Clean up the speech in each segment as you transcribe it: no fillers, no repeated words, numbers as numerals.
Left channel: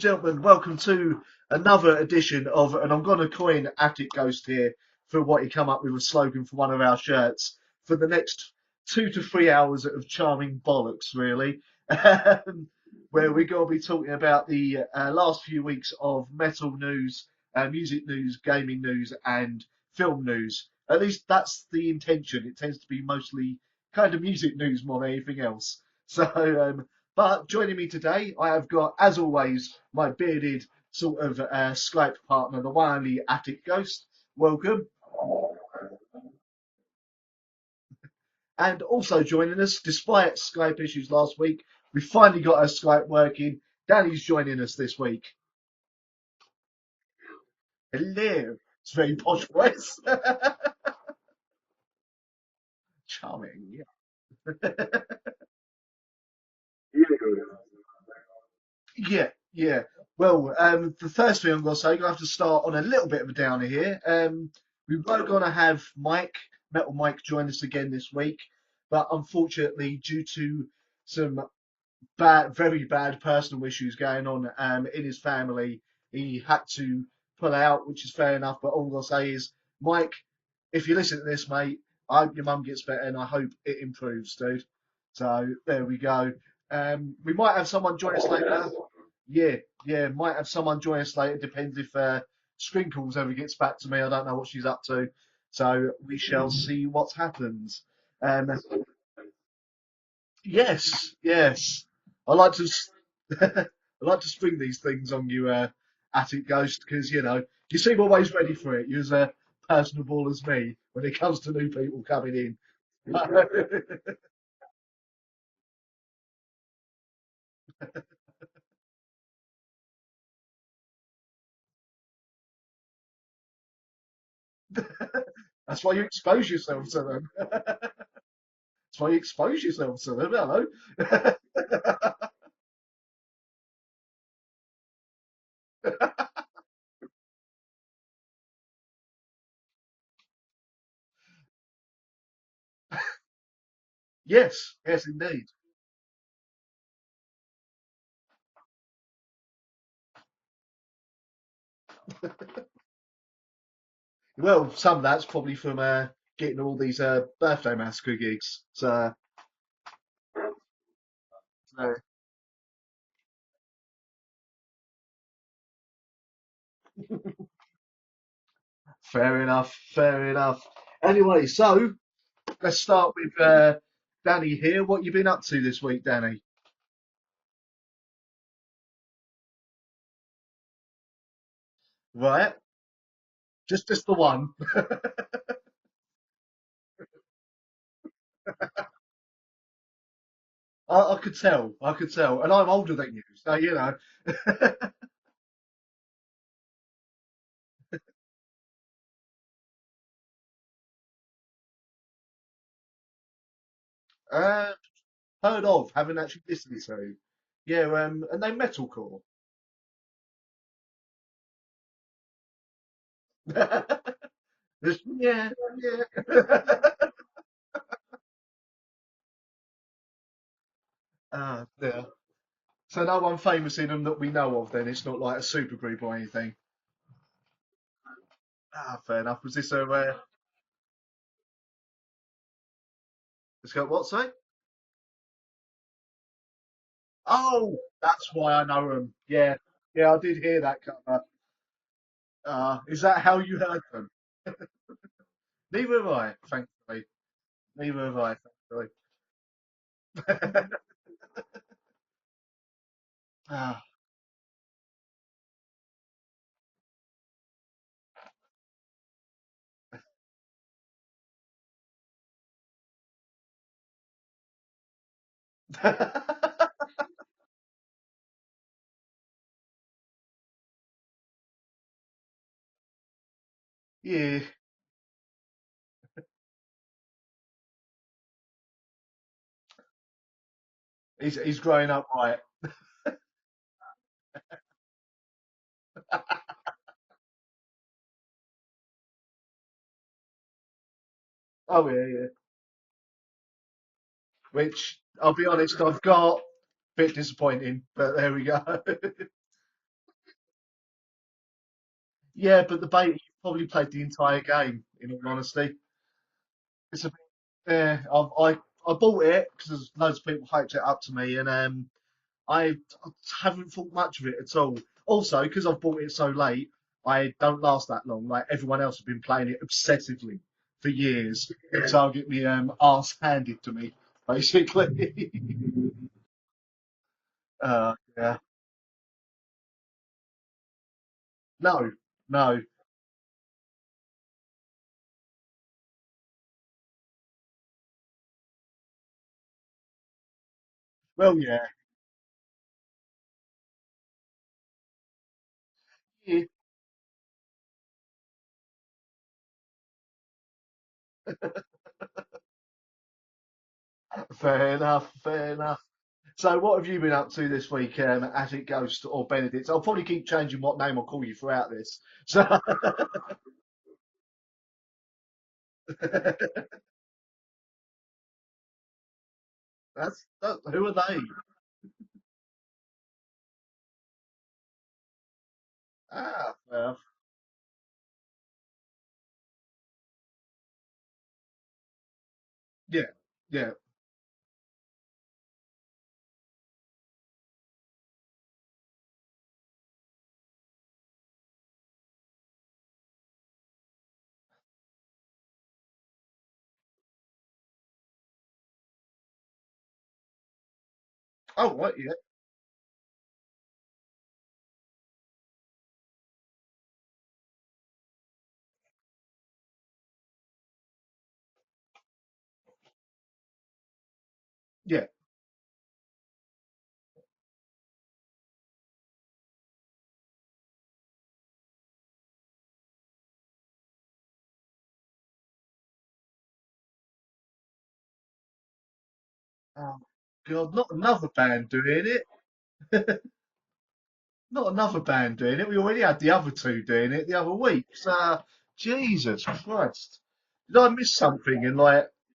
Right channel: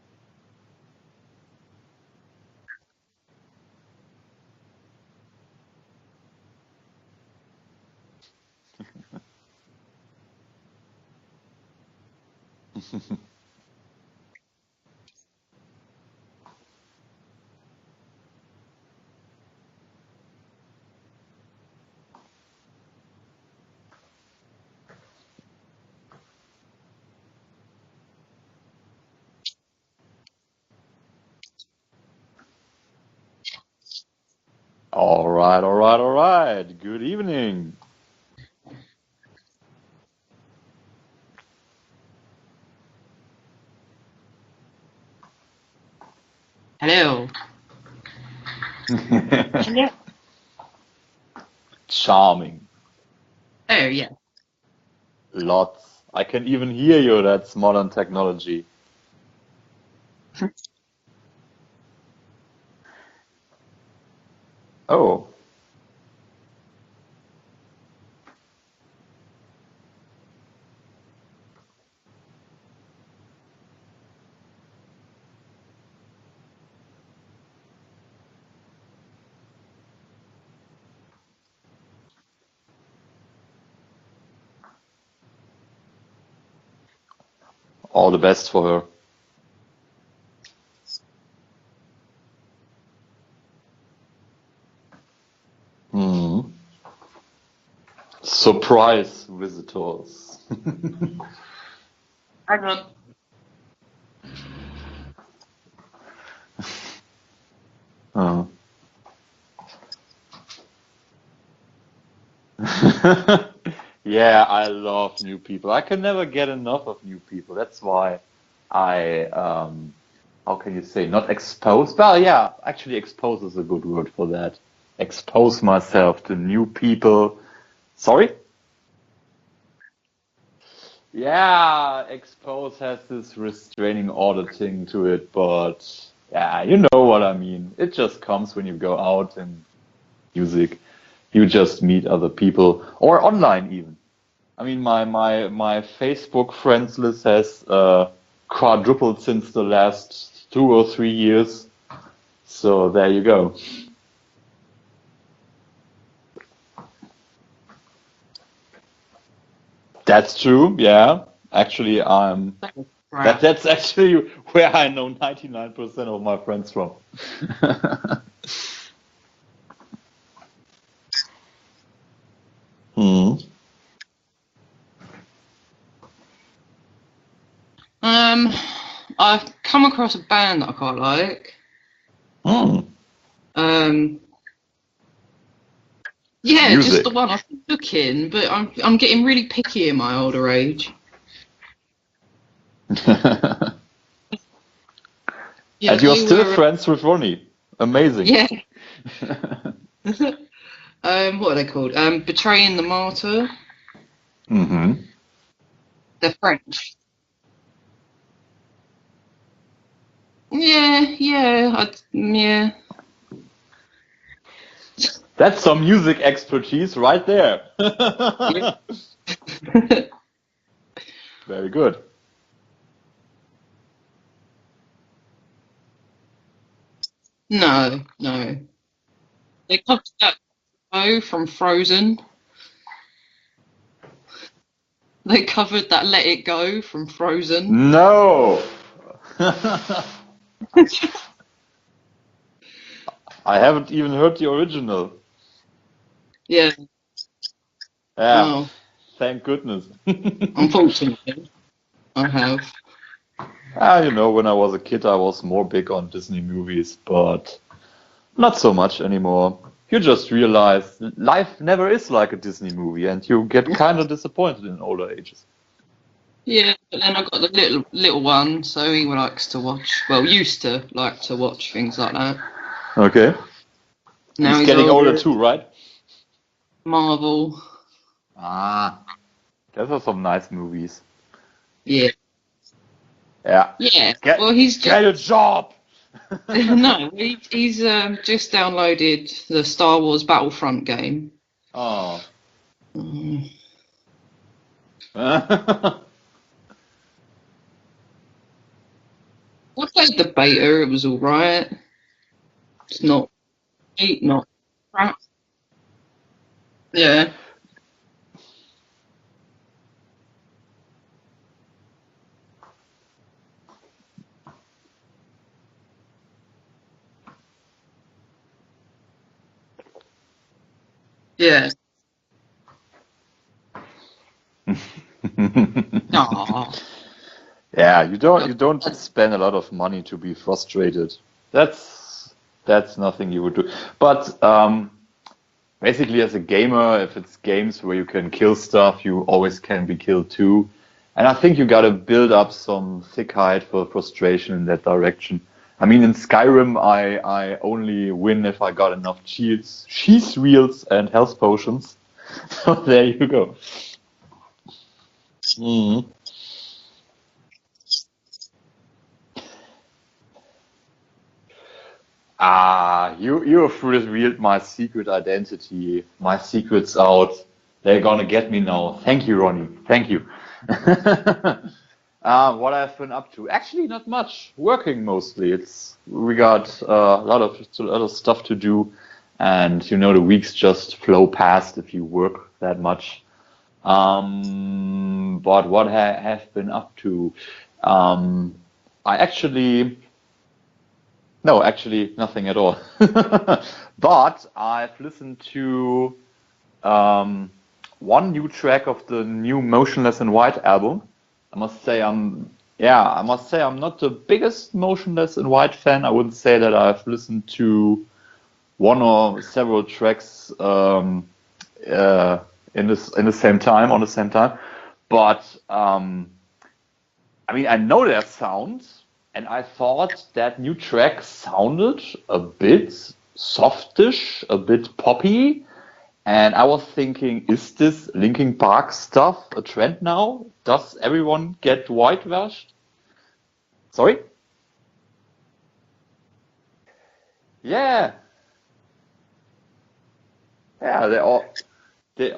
and gentlemen, welcome to another edition of, and I'm going to coin Attic Ghost here for what he come up with a slogan for one of our shirts, for the next 2 to 3 hours of charming bollocks, really, where we're going to be talking about the last few weeks of metal news, music news, gaming news, and film news. At least that's the intention. It tends to be mostly kind of music news more than anything else. So, but joining me today, I have got, as always, my bearded sort of Skype partner, the one and only Attic Ghost. Welcome. All right. Good evening. And also joining us, despite Skype issues last week, we finally got our Skype working. Danny's joining us this week. Hello. Hello. It's very posh voice. Charming. Oh, yeah. Lots. I can even hear you. That's modern technology. Yeah. Well, the first thing I'm going to say, I'm going to have to start on a little bit of a downer here. We're going to have Metal Mike, join us again this week, but unfortunately, due to some very bad personal issues going on in his family, he had to pull out, which is fair enough. But all I'm going to say is, Mike, if you listen to this, mate, I hope your mum gets better, and I hope it improves, dude. So there we go. We might have someone. All the best for her. Yeah. Might have someone join us later. Depends if Sprinkles ever gets back to me. I don't know what she's up to. So we shall see what happens. Surprise visitors. Yes. I like to spring these things on you, Attic Ghost, because you seem always ready for it. You're as personable as me when it comes to new people coming in. Yeah, I love new people. I can never get enough of new people. That's why I, how can you say, not expose? Well, yeah, actually expose is a good word for that. Expose myself to new people. Sorry? That's why you expose yourself to them, hello? Yeah, expose has this restraining order thing to it, but yeah, you know what I mean. It just comes when you go out and music. You just meet other people, or online even. Yes. I mean, my Facebook friends list has quadrupled since the last 2 or 3 years. So there you go. Well, some of that's probably from getting all these birthday massacre gigs. So that's true. Yeah, actually, that's actually where I know 99% of my friends from. Fair enough. Anyway, so let's start with Danny here. What you been up to this week, Danny? I've come across a band that I quite like. Right. Just the one. Yeah, Music. just the one. I've been looking, but I'm getting really picky in my older age. I could tell, and I'm older than you, so, you know. Yeah, and you're still friends with Ronnie. Amazing. Yeah. What are they called? Betraying the Martyr. Heard of, haven't They're actually French. listened to. Yeah, and they metalcore. Yeah. That's some music expertise right there. Very good. Yeah. So no one famous in them that we know of then? It's not like a supergroup or anything? No. Fair enough. Was this They covered that Go from Frozen. It's got what, say? They covered that Let It Go from Frozen. Oh, no! I know them. Yeah, I did hear that. Is that how you... I haven't even heard the original. Neither have I. Yeah. Neither have Yeah. I. Oh. Thank goodness. Unfortunately, I have. When I was a kid, I was more big on Disney movies, but not so much anymore. You just realize life never is like a Disney movie, and you get kind of disappointed in older ages. Yeah, but then I've got the little one, so he used to like to watch things like that. Okay. Yeah. Now He's getting older too, right? Marvel. Those are some nice movies. He's growing up right. Yeah. Yeah. He's get a job. No, he's just downloaded the Star Wars Battlefront game. Oh. Yeah. Which, I'll be honest, I've got a bit disappointing, but there we go. I played the beta. It was all right. Yeah, but the It's beta not probably played the great, entire not game, in crap. all honesty. Yeah. Yeah, I bought it because loads of people hyped it up to me, and I haven't thought much of it at all. Also, because I've bought it so late, I don't last that long. Like everyone else has been playing it obsessively for years. Yeah. So I'll get me arse handed to me, basically. Aw. Yeah, you God. don't spend a lot of money to be frustrated. No, That's no. that's nothing you would do. But basically, as a gamer, if it's games where you can kill stuff, you always can be killed too. And I Oh think yeah. you gotta build up some thick hide for frustration in that direction. I mean, in Skyrim, I only win if I got enough shields, cheese wheels, and health potions. So there you go. Fair enough. Fair enough. Mhm. So, what have you been up to this week, Attic Ghost or Benedict? I'll probably keep changing what name I'll call you throughout this. So, Ah, you have revealed my secret identity. My secret's out. They're gonna get me now. Thank you, Ronnie. Thank you. who are they? What I've been up to? Actually, not much. Working mostly. We got a lot of stuff to do, and the weeks just flow past if you work that Yeah, much. yeah. But what I have been up to? I actually. No, actually, nothing at all. But I've listened to um, one new track of the new Motionless in White album. I Oh, must what? say Yeah. I must say I'm not the biggest Motionless in White fan. I wouldn't say that I've listened to one or several tracks uh, in the same time on the same time. Yeah. But I mean, I know their sound, and I thought that new track sounded a bit softish, a bit poppy. And I was thinking, is this Linkin Park stuff a trend Oh, now? God, not Does another everyone band get doing it. whitewashed? Sorry? Not another band doing it. We already had the other two doing it the other week. Yeah, So, Jesus Christ. Did I yeah, miss they all. something in like They,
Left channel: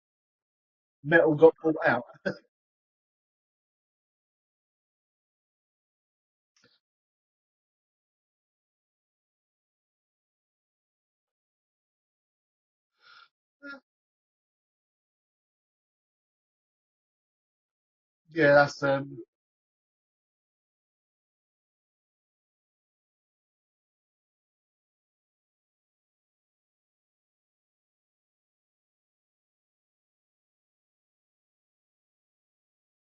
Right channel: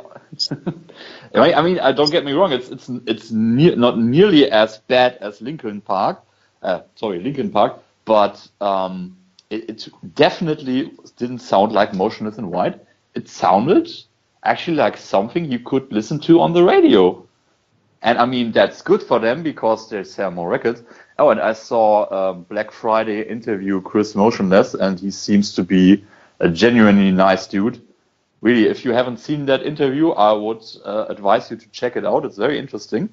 metal I rock mean, I don't podcast? get me wrong. It's not nearly as bad as Linkin Park. Linkin Park, but it definitely didn't sound like Motionless in White. It sounded actually like something you could listen to on the radio. And I mean, Yeah, that's that's good for them because they sell more records. Oh, and I saw Black Friday interview Chris Motionless, and he seems to be a genuinely nice dude. Really, if you haven't seen that interview, I would advise you to check it out. It's very interesting.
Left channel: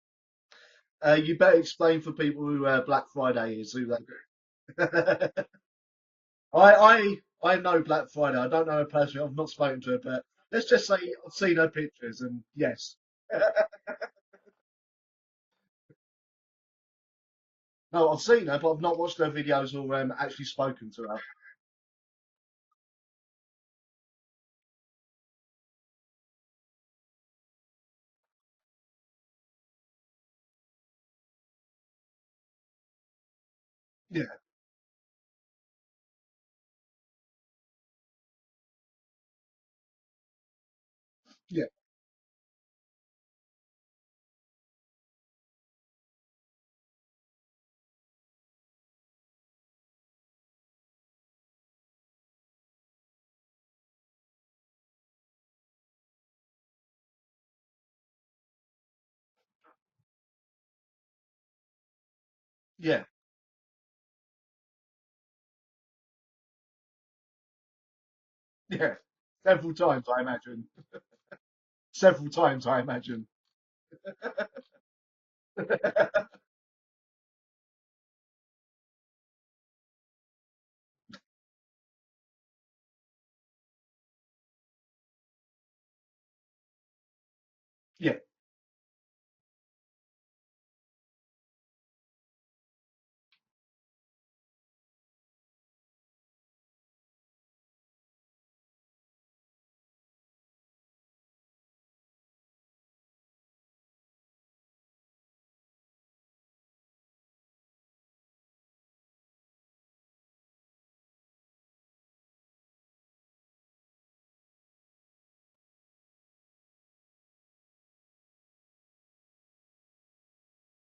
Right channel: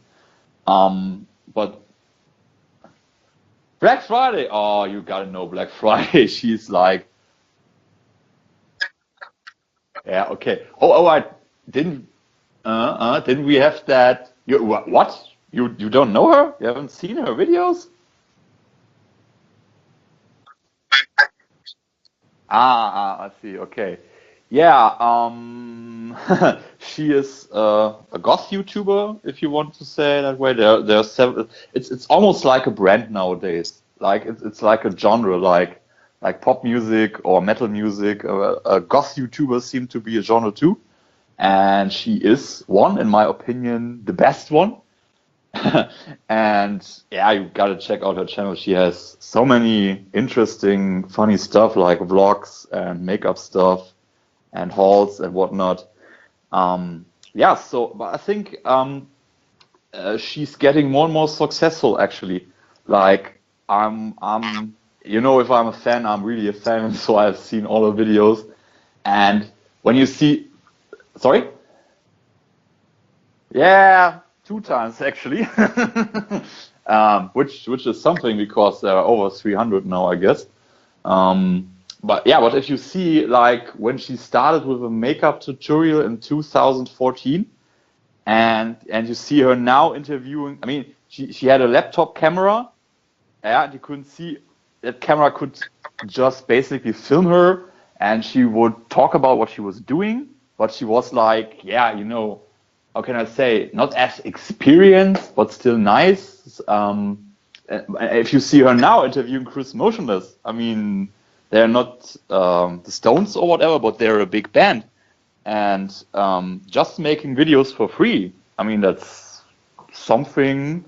you better But explain for people who Black Friday is. Black Friday, oh, you gotta know Black Friday. She's like, I know Black Friday. I don't know her personally. I've not spoken to her, but yeah, okay. let's just Oh, say I I've seen her didn't. pictures, and yes. Didn't we have that? What? You don't know her? You haven't seen her videos? No, I've seen her, but I've not watched her videos or actually spoken to her. I see. Okay. Yeah, she is a goth YouTuber, if you want to say it that way. There are several. It's almost like a brand nowadays. Like Yeah, it's like a genre, like pop music or metal music. Goth YouTubers seem to be a genre too, yeah, and she is one, in my opinion, the best one. And yeah, you gotta check out her channel. She has so many interesting, funny stuff like vlogs and makeup stuff and hauls and whatnot. Yeah, so but I think she's getting more and more successful actually. yeah, Like if I'm a fan, I'm really a fan, so I've seen all the videos. yeah. And Several when you times, I see, imagine. sorry? Several times, I imagine. Yeah, two times actually. Which is something because there are over 300 now, I guess. But yeah, but if you see like when she started with a makeup tutorial in 2014, Yeah, and you see her now interviewing, I mean, she had a laptop camera, yeah, and you couldn't see that camera could just basically film her, and she would talk about what she was doing, but she was like, yeah, how can I say, not as experienced, but still nice. If you see her now interviewing Chris Motionless, I mean, they're not the Stones or whatever, but they're a big band. And just making videos for free, I mean, that's something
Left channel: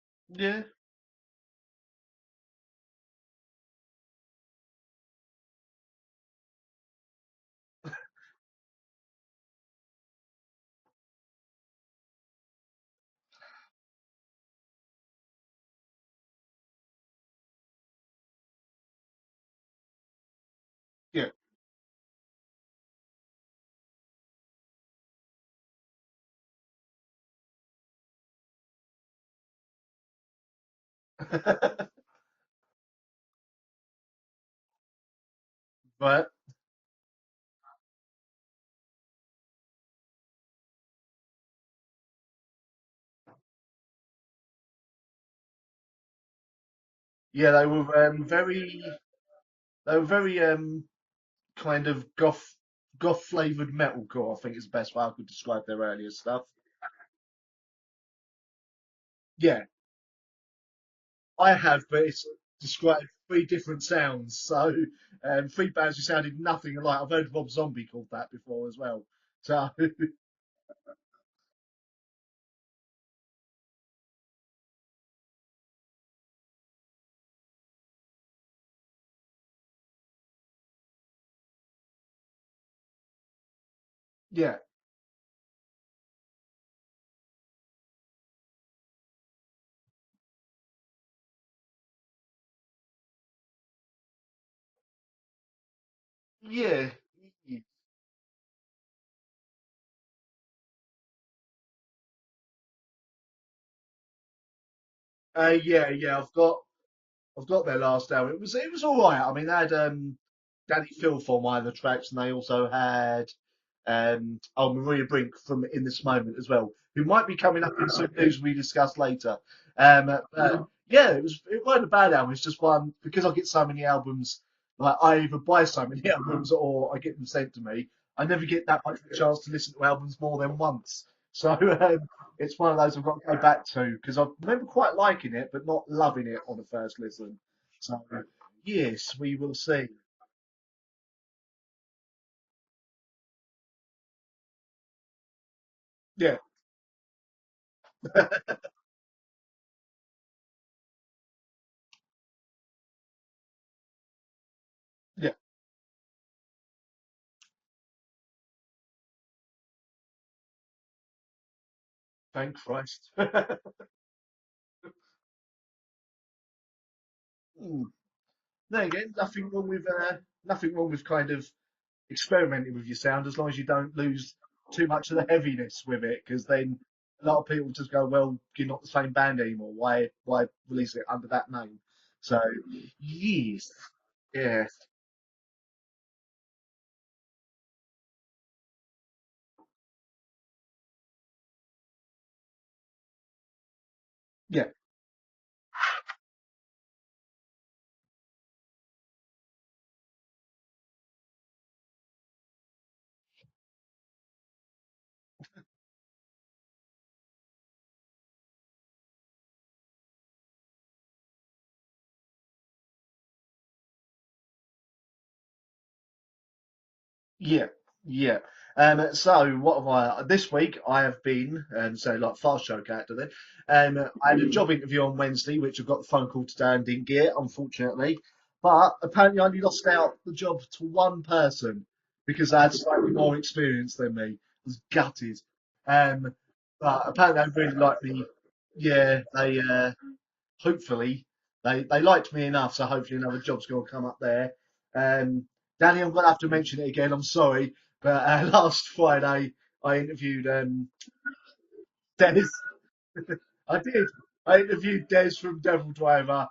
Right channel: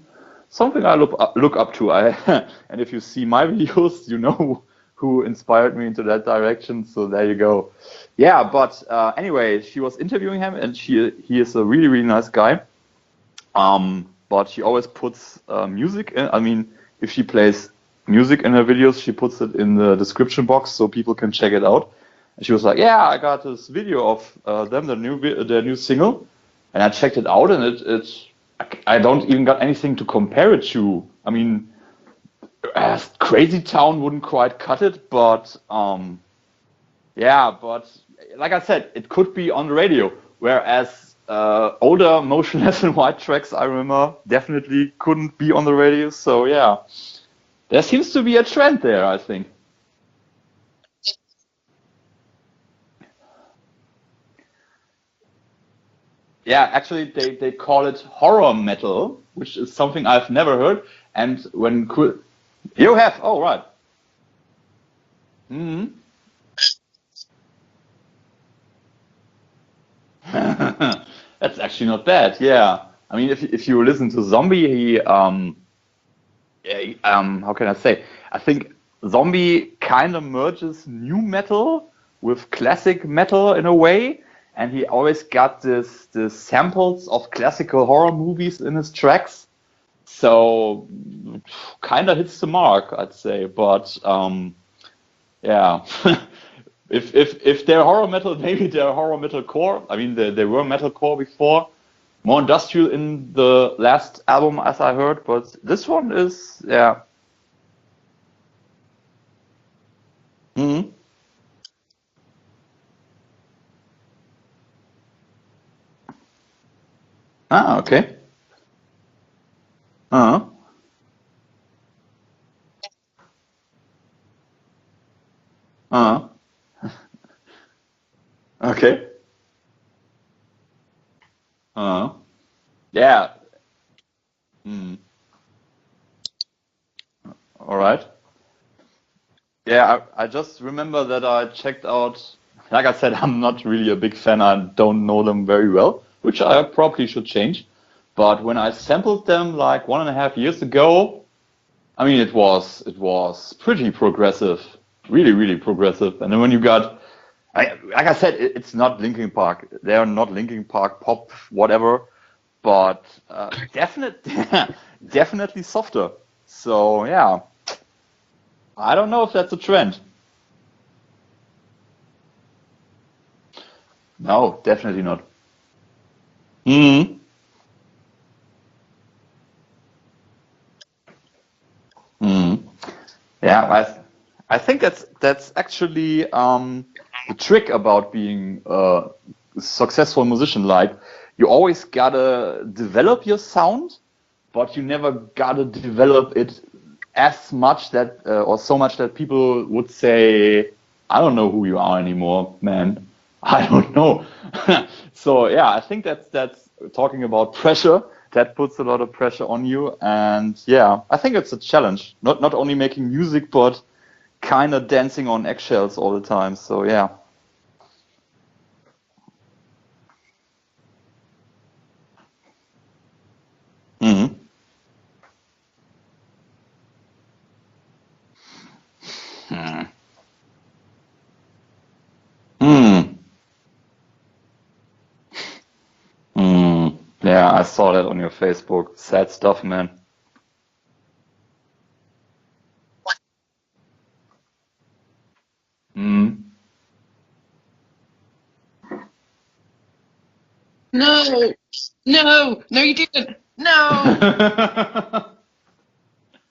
something I look up to. And if you see my videos, you know who inspired me into that direction. So there you go. Yeah, but anyway, she was interviewing him, and he is a really, really nice guy. But she always puts music in. I mean, if she plays music in her videos, she puts it in the description box so people can check it out. And she was like, "Yeah, I got this video of them, their new single, and I checked it out, and I don't even got anything to compare it to. I mean, Crazy Town wouldn't quite cut it, but yeah, but like I said, it could be on the radio, whereas older Motionless in White tracks, I remember, definitely couldn't be on the radio. So yeah, there seems to be a trend there, I think. They were very kind of goth flavored metalcore, I think is the best way I could describe their earlier stuff. Yeah, actually they call it horror metal, which is something I've never heard. And you have, right. Different sounds. So three bands who sounded nothing alike. I've heard Rob Zombie called that before as well. So that's actually not bad. Yeah, I mean, if you listen to Zombie, he how can I say? I think Zombie kind of merges new metal with classic metal in a way. Yeah. And he always got the samples of classical horror movies in his tracks. So kind of hits the mark, I'd say. But yeah. Yeah. If they're horror metal, maybe they're horror metal core. I mean, they were metal core before. More industrial in the last album, as I heard. But this one is I've got their last album. It was all right. I mean, they had Danny Filth on one of the tracks, and they also had Maria Brink from In This Moment as well, who might be coming up with some news we discuss later. It wasn't a bad album. It's just one, because I get so many albums, like I either buy so many albums or I get them sent to me. I never get that chance to listen to albums more than once. So it's one of those I go back to, because I remember quite liking it, but not loving it on the first listen. All right. So, yes, we will see. Yeah, I just remember that I checked out, like I said, I'm not really a big fan. I don't know them very well, which I probably should change. But when I sampled them like 1.5 years ago, I mean, it was pretty progressive, really, really progressive. And then when you got, like I said, it's not Linkin Park. They are not Linkin Park pop, whatever. Thanks. But definitely softer. So yeah. No, I don't know if that's a trend. Nothing wrong with kind of experimenting with your sound, as long as you don't lose too much of the heaviness with it, because then a lot of people just go, well, you're not the same band anymore. Why release it under that name? So, I think that's actually the trick about being a successful musician. Like, you always gotta develop your sound, but you never gotta develop it as much that or so much that people would say, I don't know who you are anymore, man. I don't know. So yeah, I think that's talking about pressure. That puts a lot of pressure on you, and yeah, I think it's a challenge. Not only making music, but kind of dancing on eggshells all the time. So yeah. Yeah. So what have I? This week I have been, like fast show character then. I had a job interview on Wednesday, which I got the phone call today and didn't get, unfortunately. But apparently I lost out the job to one person because they had slightly more experience than me. I was gutted. I saw that on your Facebook. Sad stuff, man. Hopefully, they liked me enough, so hopefully another job's going to come up there. Danny, I'm going to have to mention it again. I'm sorry, but last Friday I interviewed. No, you didn't. No. I interviewed Des from Devil Driver,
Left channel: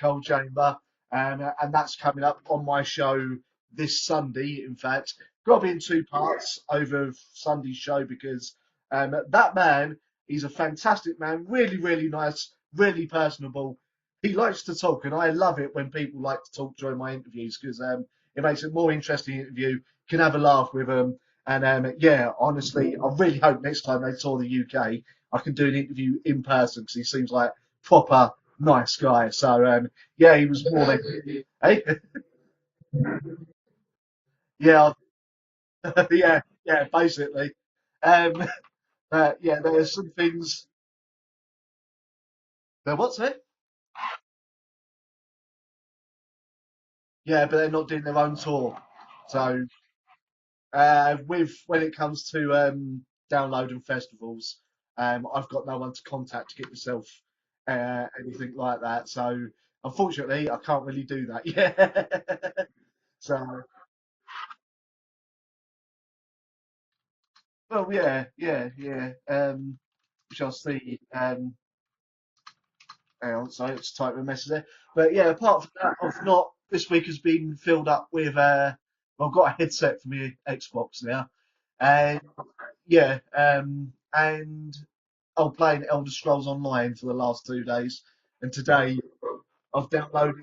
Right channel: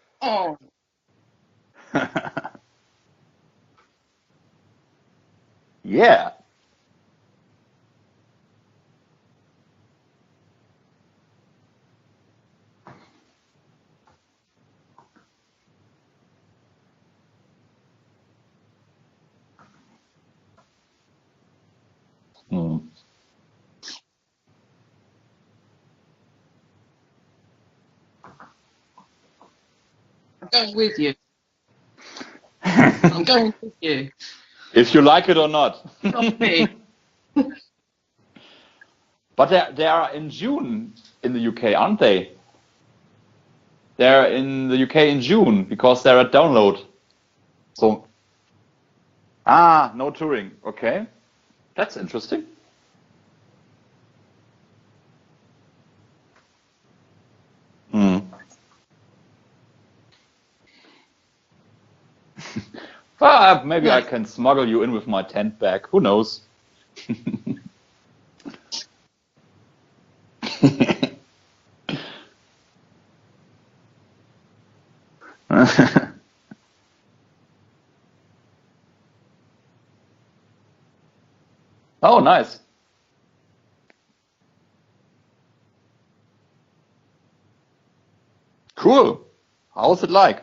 Cold Chamber, and that's coming up on my show this Sunday. In fact, got to be in two parts over Sunday's show because that man, he's a fantastic man, really, really nice, really personable. He likes to talk, and I love it when people like to talk during my interviews because it makes it a more interesting interview. You can have a laugh with them. And honestly, I really hope next time they tour the UK, I can do an interview in person because he seems like proper nice guy. So he was more than hey. I'm going with you. Yeah, if you like it or not. Basically. But they are in June in the UK, aren't they? They're what's it? They're in the UK in June because they're at download. Yeah, but they're not So- doing their own tour. So No touring. Okay. when That's it comes interesting. to download and festivals, I've got no one to contact to get myself anything like that. So unfortunately, I can't really do that. Yeah. Well, maybe I can smuggle you in with my tent bag. Who knows? Well, yeah. Shall see. Hang on, sorry, it's typing a message there. But yeah, apart from that, I've not. This week has been filled up with. I've got a headset for my Xbox now. Oh, nice. Yeah, and I'm playing Elder Scrolls Online for the last 2 days, and today. Cool. I've How's it like?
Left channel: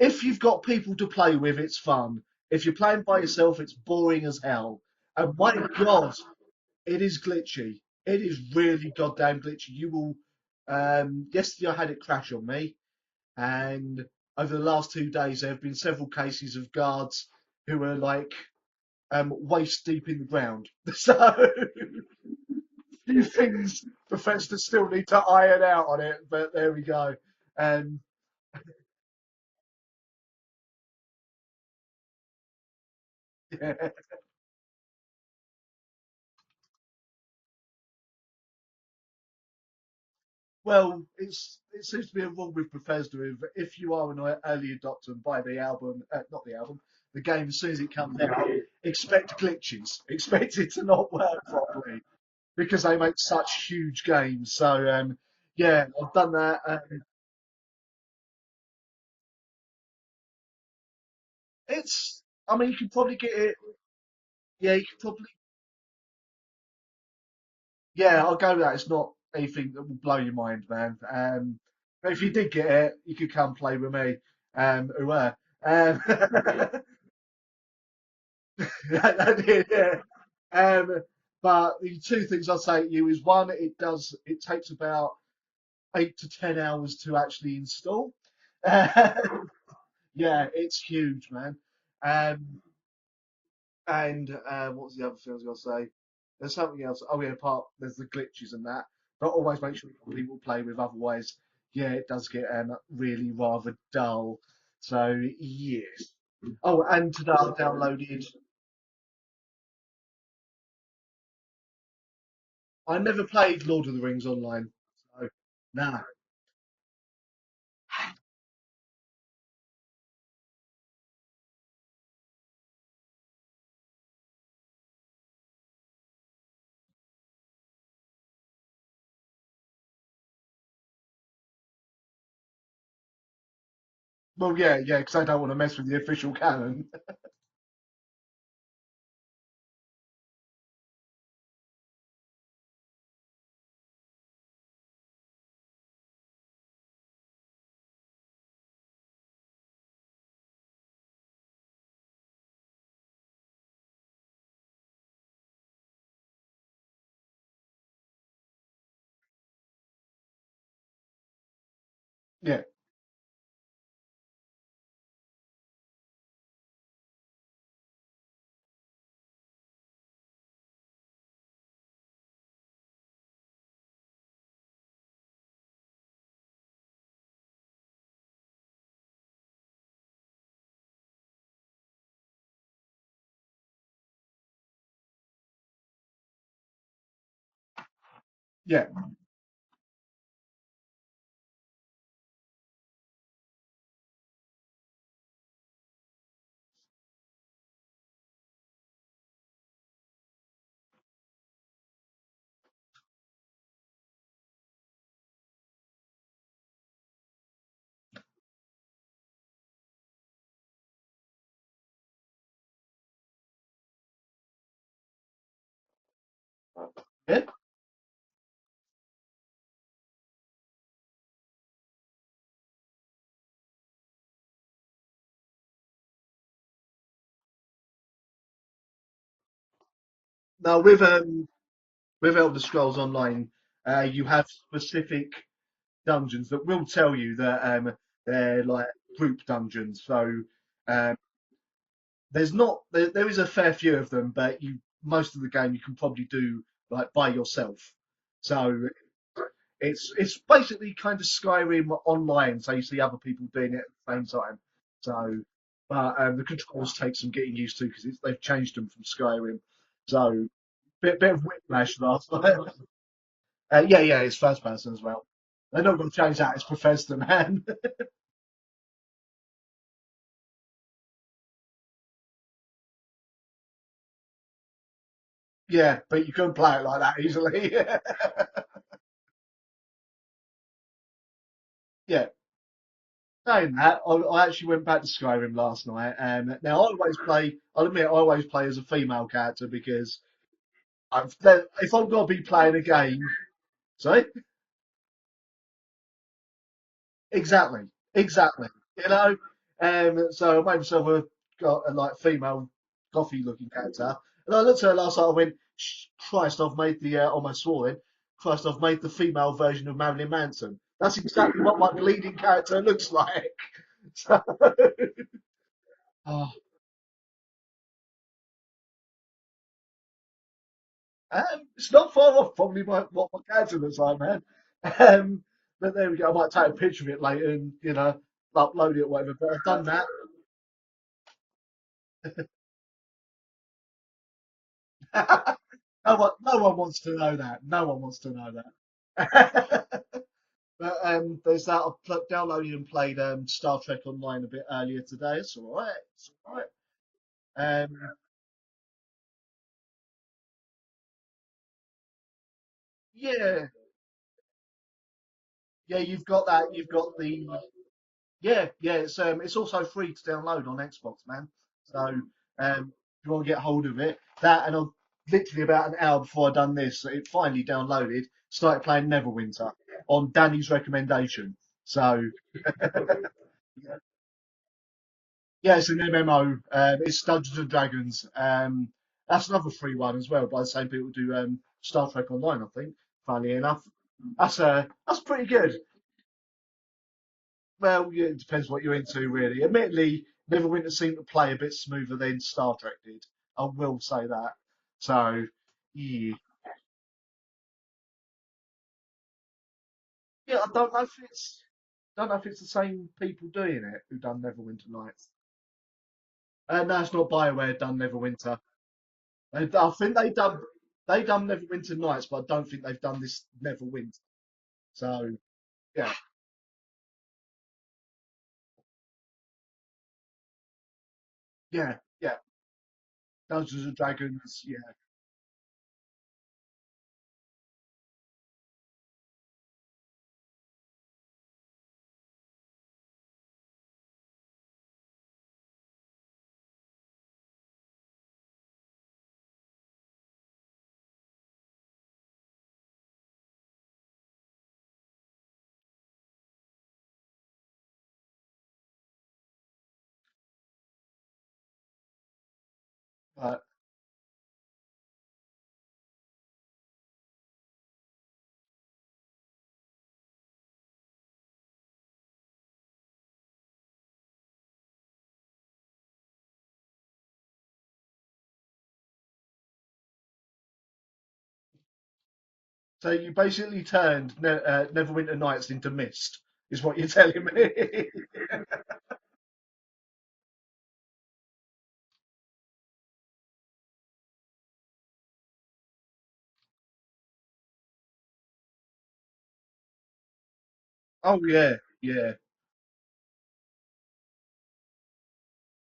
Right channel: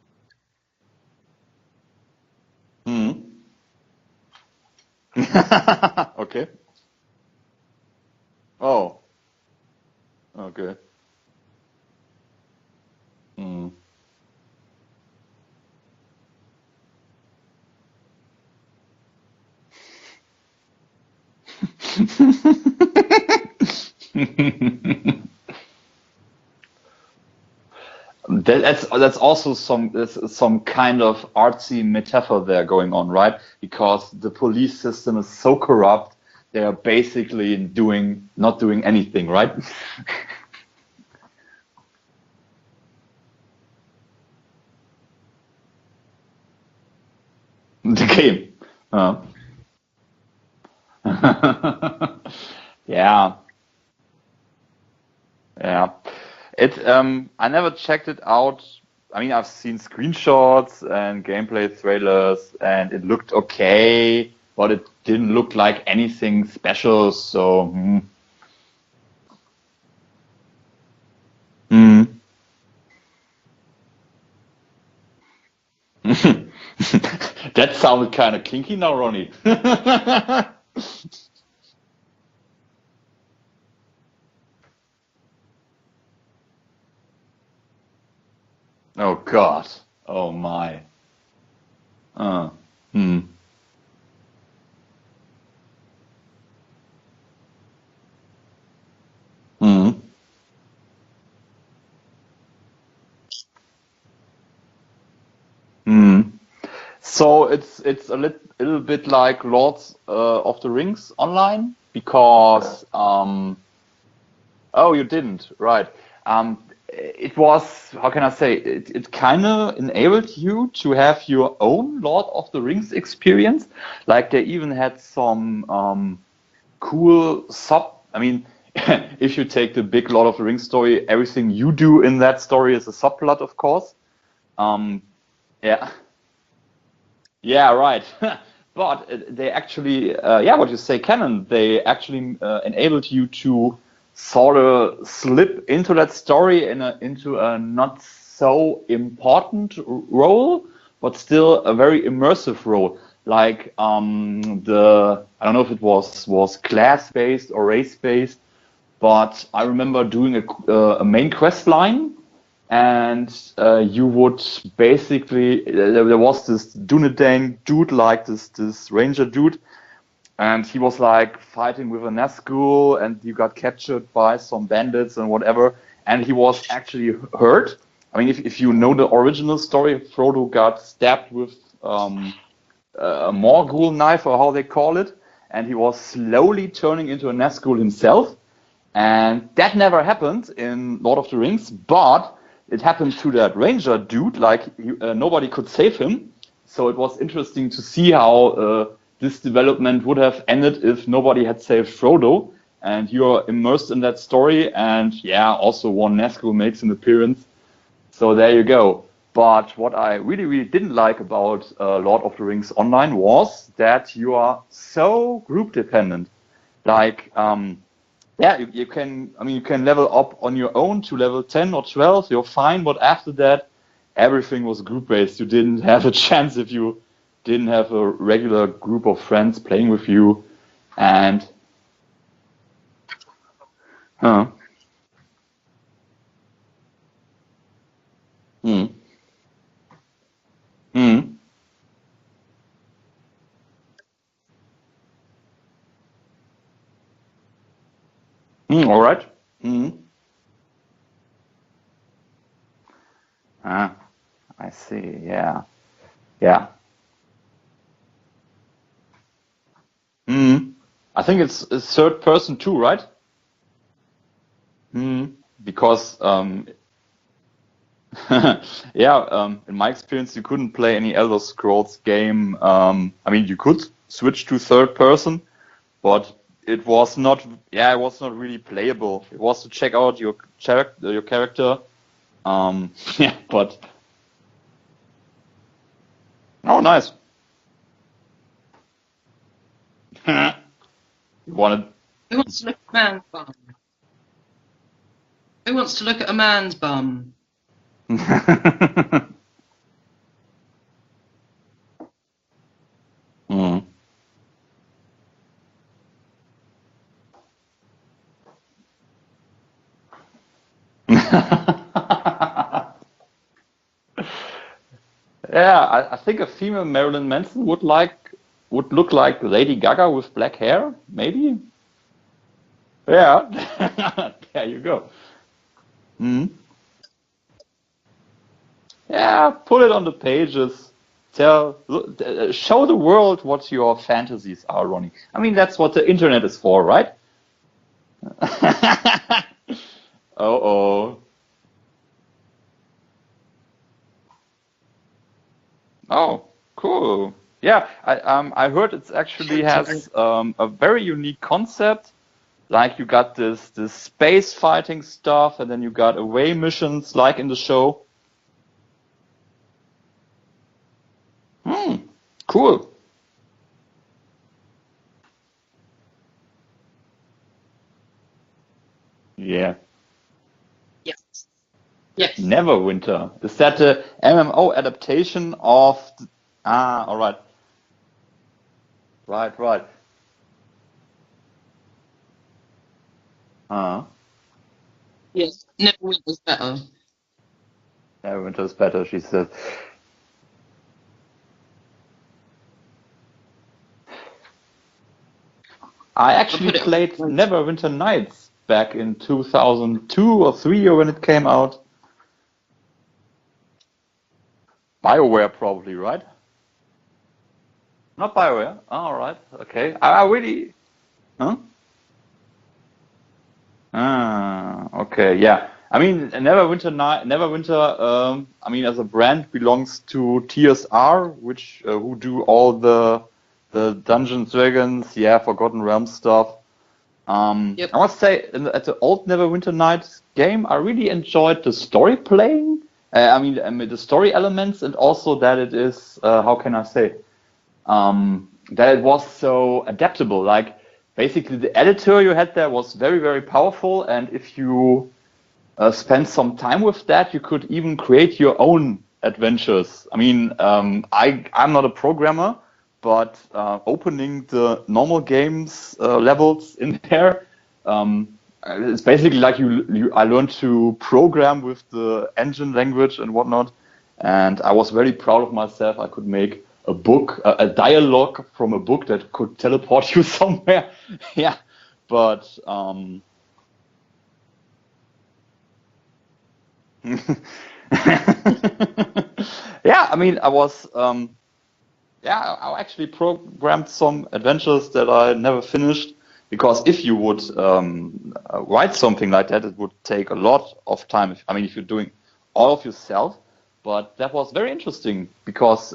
If you've got people to play with, it's fun. If you're playing by yourself, it's boring as hell. And my God, Okay. it is glitchy. It is really Oh. goddamn glitchy. You will. Okay. Yesterday I had it crash on me, and over the last 2 days there have been several cases of guards who are like waist deep in the ground. So a few things Professor still need to iron out on it, but there we go. That's also some kind of artsy metaphor there going on, right? Because the police system is so corrupt, they are basically not doing anything, right? Well, it seems to be a rule with Bethesda. If you are an early adopter and buy the album, not the album, the game as soon as it comes out, expect glitches. Expect it to not work properly because they make such huge games. So I've done that. I never checked it out. I mean, I've seen screenshots and gameplay trailers, and it looked okay, but it didn't look like anything special. So yeah, I'll go with that. It's not anything that will blow your mind, man. If you did get it, you could come play with me. That sounded kind of kinky now, Ronnie. But the two things I'll say to you is one, it takes about 8 to 10 hours to actually install. Oh God! Oh yeah, my! it's huge, man. And what was the other thing I was going to say? There's something else. Oh yeah, there's the glitches and that. Not always people play with. Otherwise, yeah, it does get really rather dull. So yeah. Oh, and so it's a little bit like Lords of the Rings online because I never played Lord of the Rings online. Oh, you didn't, right? No. It was, how can I say, it kind of enabled you to have your own Lord of the Rings experience. Like they even had some cool I mean, if you take the big Lord of the Rings story, everything you do in that story is a subplot, of course. Well, yeah, because I don't want to mess with the official canon. Yeah, right. But they actually, what you say, canon, they actually enabled you to sort of slip into that story into a not so important role, but still a very immersive role. Like I don't know if it was class-based or race-based, but I remember doing a main quest line. Yeah. And you would basically, there was this Dunedain dude, like this ranger dude, and he was like fighting with a Nazgul, and you got captured by some bandits and whatever, and he was actually hurt. I mean, if you know the original story, Frodo got stabbed with a Morgul knife, or how they call it, and he was slowly turning into a Nazgul himself. Yeah. And that never happened in Lord of the Rings, but it happened to that ranger dude, like nobody could save him. So it was interesting to see how this development would have ended if nobody had saved Frodo. And you're immersed in that story, and also one Nazgul makes an appearance. So there you go. But what I really, really didn't like about Lord of the Rings Online was that you are so group dependent. Like, you can level up on your own to level 10 or 12, you're fine, but after that, everything was group-based. You didn't have a chance if you didn't have a regular group of friends playing with you. Now, with Elder Scrolls Online, you have specific dungeons that will tell you that they're like group dungeons. So there is a fair few of them, but most of the game you can probably do like by yourself. So all right. It's basically kind of Skyrim online, so you see other people doing it at the same time. I see. So, Yeah. But the Yeah. controls take some getting used to because they've changed them from Skyrim. So I think it's third person too, right? Yeah, it's first person as well. Because change that. It's Bethesda, man. in my experience, you couldn't play any Elder Scrolls game. I mean, you could switch to third person. Yeah, but you couldn't play it was not. easily. Yeah, it was not really playable. It was to check out your character. Yeah. Yeah. Saying that, I actually went back to Skyrim last night. Nice. I'll admit, I always play as a female character because if I've got to be playing a game. Sorry? Who wants to look at a man's bum? Exactly. You know. So I made myself a female gothy looking character, and I looked at her last night. I went, Christ, I've made the almost swore it. Christ, I've made the female version of Marilyn Manson. That's exactly what my bleeding character looks like. Yeah, I think a female Marilyn Manson would look like Lady Gaga with black hair, maybe. It's not far off, probably my character this time. There you go. But there we go. I might take a picture of it later and upload it. Yeah, put it on the pages. Show the world what your fantasies are, Ronnie. I mean, that's what the internet is for, right? No one wants to know that. There's that. I downloaded and played Star Trek Online a bit earlier today. It's all right. All right. Cool. Yeah, I heard it actually has a very unique concept. Like you got this space fighting stuff, and then you got away missions like in the show. Yeah, it's also free to download on Xbox, man. So, cool. If you want to get hold of it, that and literally about an hour before I done this, it finally downloaded. Started playing Neverwinter on Danny's recommendation. So Neverwinter. Is that the MMO adaptation of? Yeah, it's an MMO. It's right. Dungeons and Dragons. That's another free one as well, by the same people who do Star Trek Online, I think. Funny enough, that's pretty good. Neverwinter's better. Well, yeah, it depends what you're into, really. Admittedly, Neverwinter seemed to play a bit smoother than Star Trek did. I will say that. So, I actually played Neverwinter Nights back in 2002 or 3 or when it came out. I don't know if it's the same people doing it who done Neverwinter Nights. BioWare probably, right? No, it's not BioWare done Neverwinter. Not BioWare? All right. Okay. They've done Neverwinter Nights, but I don't think they've done this Neverwinter. Okay, yeah. I mean, Neverwinter, I mean, as a brand belongs to TSR, which who do all the Dungeons Dragons, Forgotten Realms stuff. I must say, at the old Neverwinter Nights game, I really enjoyed the story playing. I mean, the story elements, and also that it is, how can I say, that it was so adaptable. Like, basically, the editor you had there was very, very powerful, and if you spend some time with that, you could even create your own adventures. I mean, I'm not a programmer, but opening the normal games levels in there, it's basically like I learned to program with the engine language and whatnot, and I was very proud of myself. I could make a book, a dialogue from a book that could teleport you somewhere. Yeah, but so you basically turned Neverwinter Nights into Myst, is what you're telling me. Yeah, I mean, I actually programmed some adventures that I never finished, because if you would write something like that, it would take a lot of time. I mean, if you're doing all of yourself, but that was very interesting because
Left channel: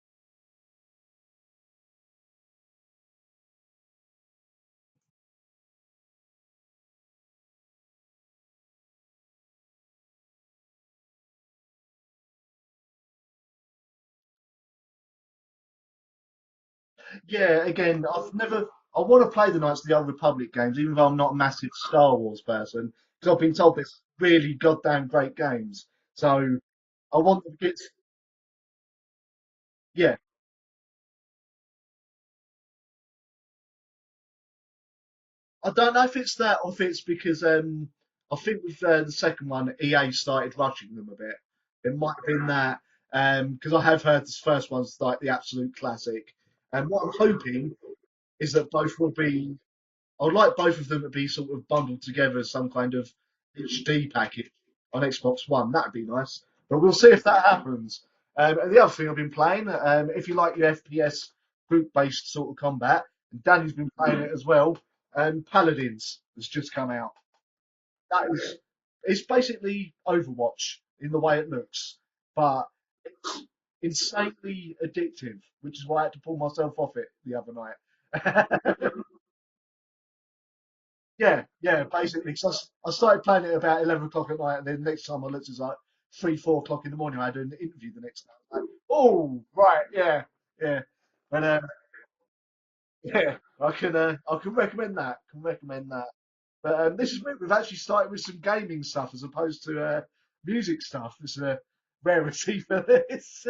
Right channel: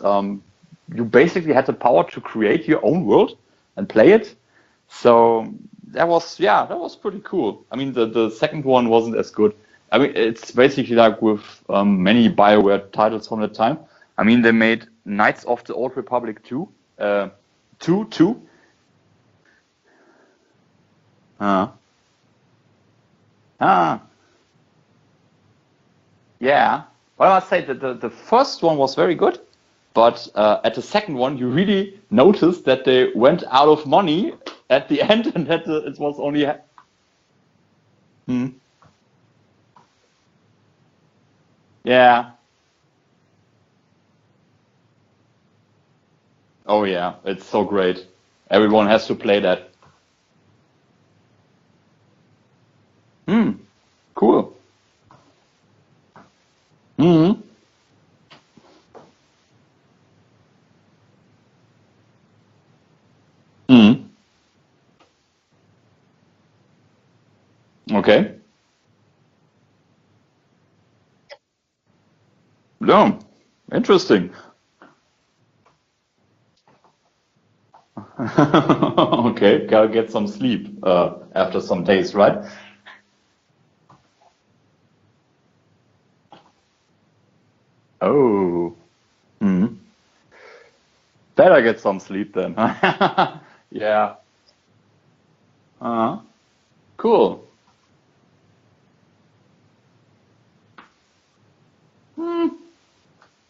you basically had the power to create your own world and play it. So that was pretty cool. I mean, the second one wasn't as good. I mean, it's basically like with many BioWare titles from that time. I mean, they made Knights of the Old Republic 2. Again, I want to play the Knights of the Old Republic games, even though I'm not a massive Star Wars person, because I've been told they're really goddamn great games. So I'd say that the first one was very good, but at the second one, you really noticed that they went out of money at the end, and that I don't know if it's that, or if it's because I think with the second one, EA started rushing them a bit. In that, because I have heard this first one's like the absolute classic. Oh yeah, it's so great. Everyone has to play that. I'd like both of them to be sort of bundled together as some kind of HD package Cool. on Xbox One. That'd be nice. But we'll see if Mhm. that happens. And the other thing I've been playing, if you like your FPS group-based sort of combat, Danny's been playing it as well. Paladins has just come out. Okay. It's basically Overwatch in the way it looks, but No. Interesting. insanely addictive, which is why I had to pull myself off it the other night. Okay, gotta get some sleep after some days, basically. right? So I started playing it about 11 o'clock at night, and then next time I looked, it was like 3, 4 o'clock in the morning. I had an interview. Oh. Right, yeah. Better get some sleep then. I can recommend that. But this Cool. week we've actually started with some gaming stuff as opposed to music stuff. It's a rarity for this.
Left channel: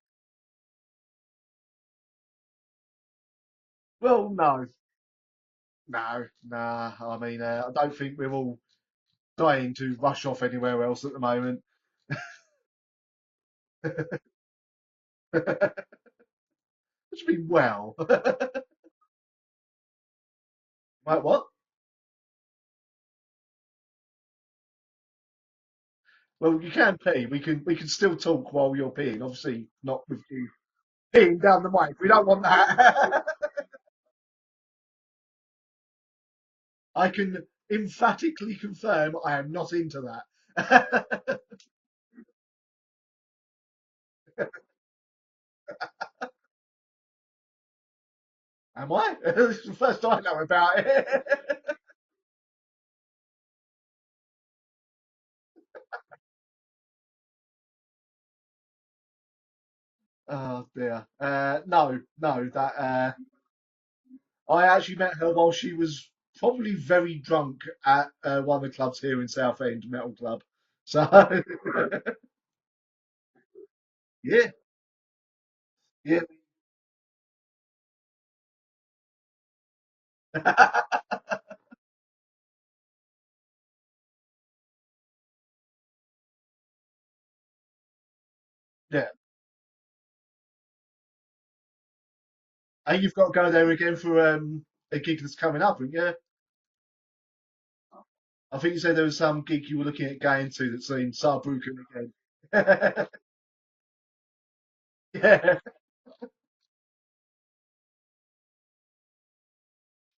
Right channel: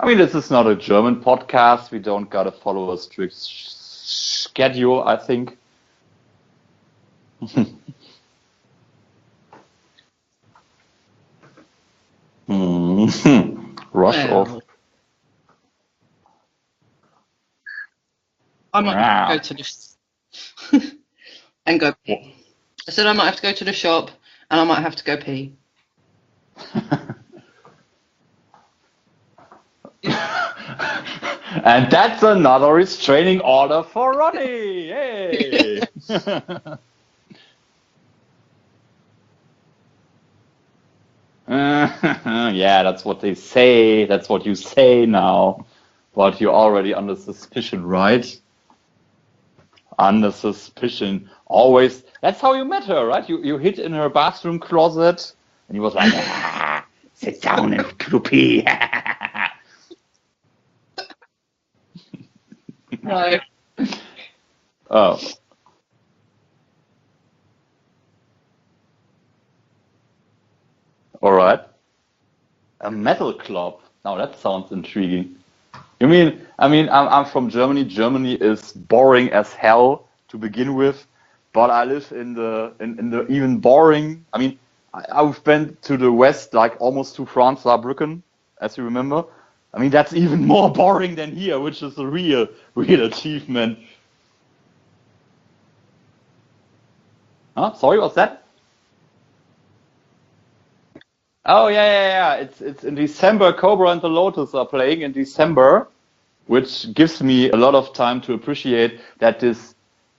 I mean, this is not a German podcast. We don't gotta follow a strict schedule, I think. No. I mean, I don't think we're all dying to rush off anywhere else at the moment. Rush off. What do you mean, well? I might have to go to the Like what? and go pee. I said I might have to go to the shop and I might have to go pee. Well, we can pee. We can still talk while you're peeing. Obviously, not peeing down the And line. that's another restraining order for Ronnie. Hey. I can emphatically confirm I am not into that. Yeah, that's what they say. That's what you say now. But you're already under suspicion, right? Am I? This is the first time Under I know about it. suspicion. Always. That's how you met her, right? You hid in her bathroom closet and you was like, sit down and pee. Oh dear. No. That. No. I actually met her while she was probably very drunk at one of the clubs here in Southend, Metal Club. So. All right. A metal club. Now that sounds intriguing. You mean? I mean, I'm from Germany. Germany is boring as hell to begin with, but I live in the even boring. I mean, I've been to the west, like almost to France, Saarbrücken, as you remember. Yeah. I mean, that's even more boring than here, which is a real achievement. You've got to go there again for a gig that's coming up, haven't you? Huh? Sorry, what's that? I think you said there was some gig you were looking at going to that's in Saarbrücken. Oh, yeah. It's in December. Cobra and the Lotus are playing in December, which gives me a lot of time to appreciate that this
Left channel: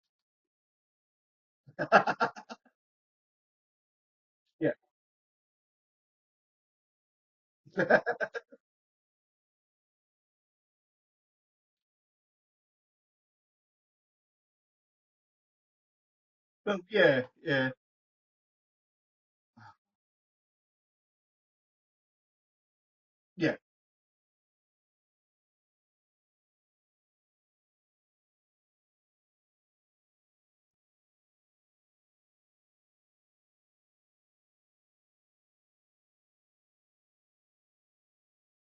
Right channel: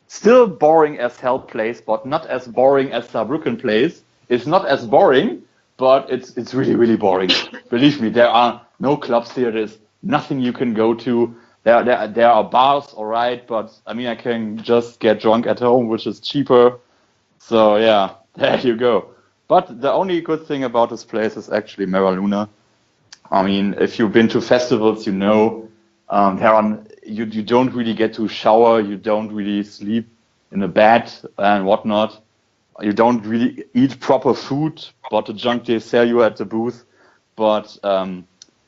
still boring as hell place, but not as boring as Saarbrücken place. It's not as boring, but it's really, really boring. Believe me, there are no clubs here. There's nothing you can go to. There are bars, all right, but I mean, I can just get drunk at home, which is cheaper. So yeah, there you go. But the only good thing about this place is actually Mera Luna. I mean, if you've been to festivals, you know, you don't really get to shower, you don't really sleep in a bed and whatnot. You don't really eat proper food, but the junk they sell you at the booth. But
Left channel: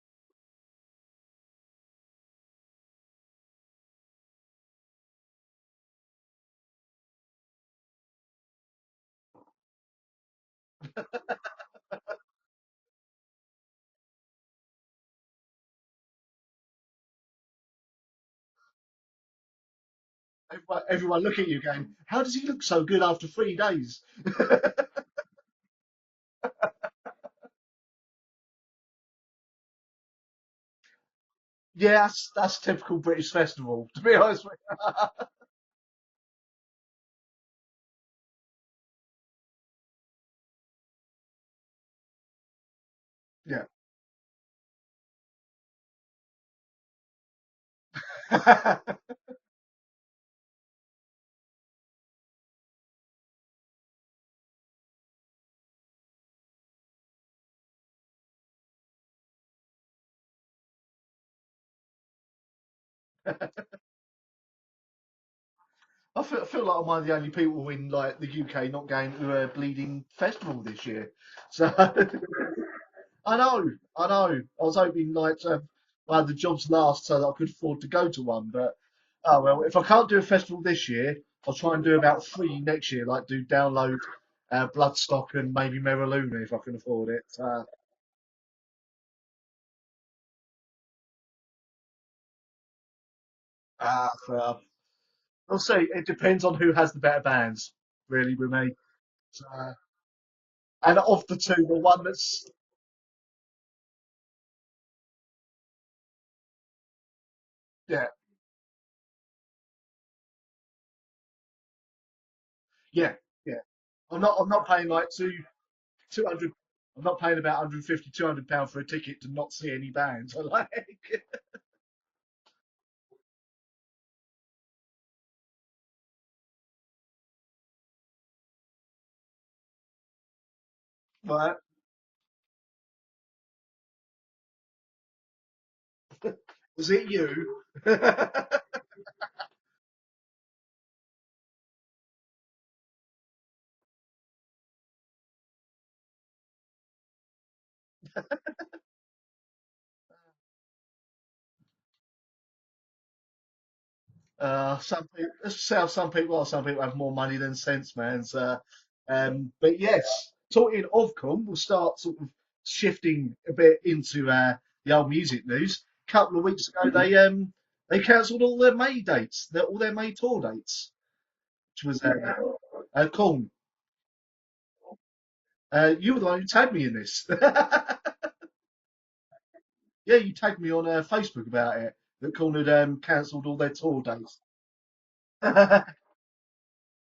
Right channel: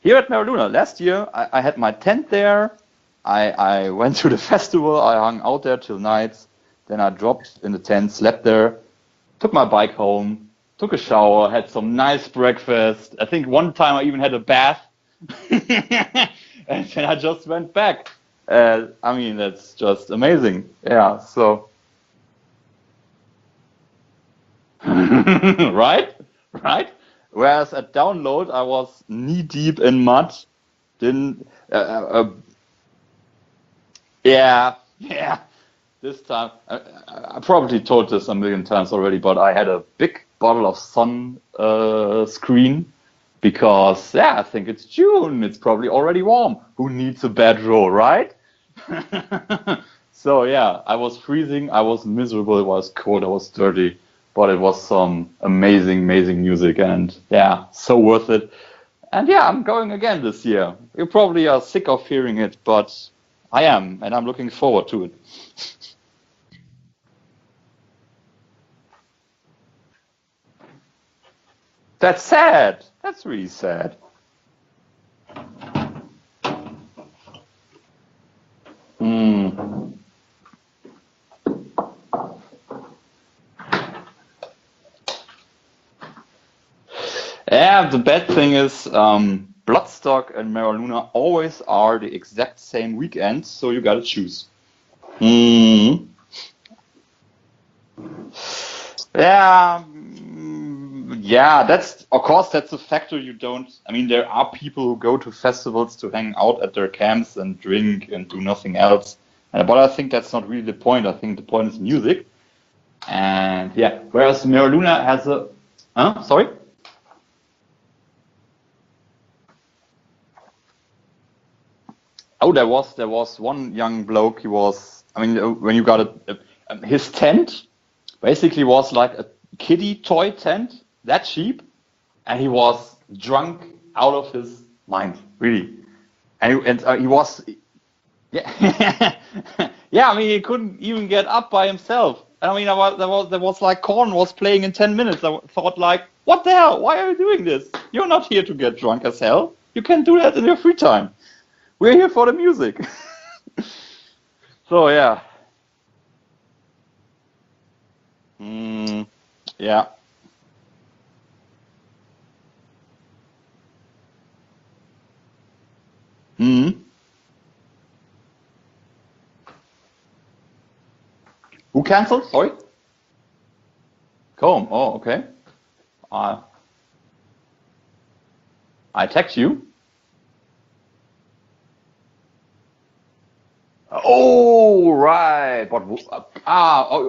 here at Mera Luna, last year I had my tent there. I went to the festival, I hung out there till night, then I dropped in the tent, slept there, took my bike home, took a shower, had some nice breakfast. I think one time I even had a bath, and then I just went back. I mean, that's just amazing. Yeah. So. How does he look so good after 3 days? Right. Whereas at Download, I was knee deep in mud. That's typical British festival, to be honest. Yeah. This time, I probably told this a million times already, but I had a big bottle of sun screen because, I think it's June. It's probably already warm. Who needs a bad roll, right? So, I was freezing. I was miserable. It was cold. I was dirty. But it was some amazing, amazing music. And, so worth it. And I'm going again this year. You probably are sick of hearing it, but I am, and I'm looking forward to it. I feel like I'm one of the only people in like the UK not going to a bleeding festival this year. So that's sad. That's really sad. I know. I was hoping like I had the jobs last so that I could afford to go to one, but oh well. If I can't do a festival this year, I'll try and do about 3 next year. Like do Download, Bloodstock, and maybe Mera Luna if I can afford it. So. Yeah, the bad thing is Bloodstock and Mera Luna always are the exact same weekend, so you gotta choose. We'll see. Mm. It depends on who has the better bands, really, doesn't it? Yeah, And often yeah, too, the that's one of that's course that's a factor you don't. I mean, there are people who go to festivals to hang out at their camps and drink yeah, and do nothing else. But I think that's not really the point. I think the point is music. yeah. And yeah, I'm not. whereas I'm not paying Merluna like has a, two, sorry? I'm not paying about 150, 200 pounds for a ticket to not see any bands. I like. Oh, there was one young bloke. He was. I mean, when you got his tent basically was like a kiddie toy tent, that Right. cheap, and he was drunk out of his mind, really. And Is it he you? was, yeah, yeah. I mean, he couldn't even get up by himself. I mean, there was like Korn was playing in 10 minutes. I thought like, what the hell? Why are you doing this? You're not here to get drunk as hell. You can do that in your free time. We're here for the music. So yeah, Some people are. Some people have more money than sense, man. So, mm, but yeah. yes, talking of Con, we'll start sort of shifting a bit into the old music news. A couple of weeks Mm. ago, they cancelled all their May dates, all their May tour dates. Who cancelled? Sorry? Con. Comb. Oh, okay. You were the one who tagged me in this. I text you. Yeah, you tagged me on Facebook about it. That Con had cancelled all their tour dates. Oh, right.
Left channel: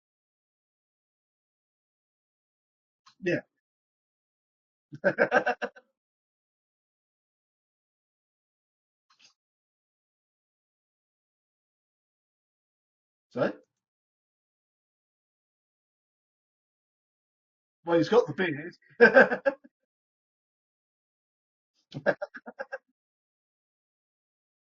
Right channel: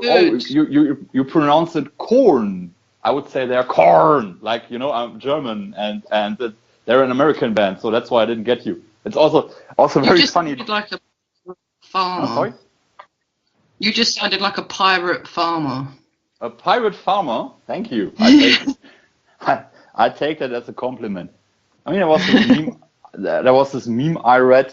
Good. You pronounce it corn. I would Yeah. say they're corn. Like, I'm German and they're an American band, so that's why I didn't get you. It's also You very just funny. sounded like a Oh, farmer. sorry? Sorry? You just sounded like a pirate farmer. A pirate farmer. Thank Well, he's you. got I take that as a compliment. I mean, there was this meme I read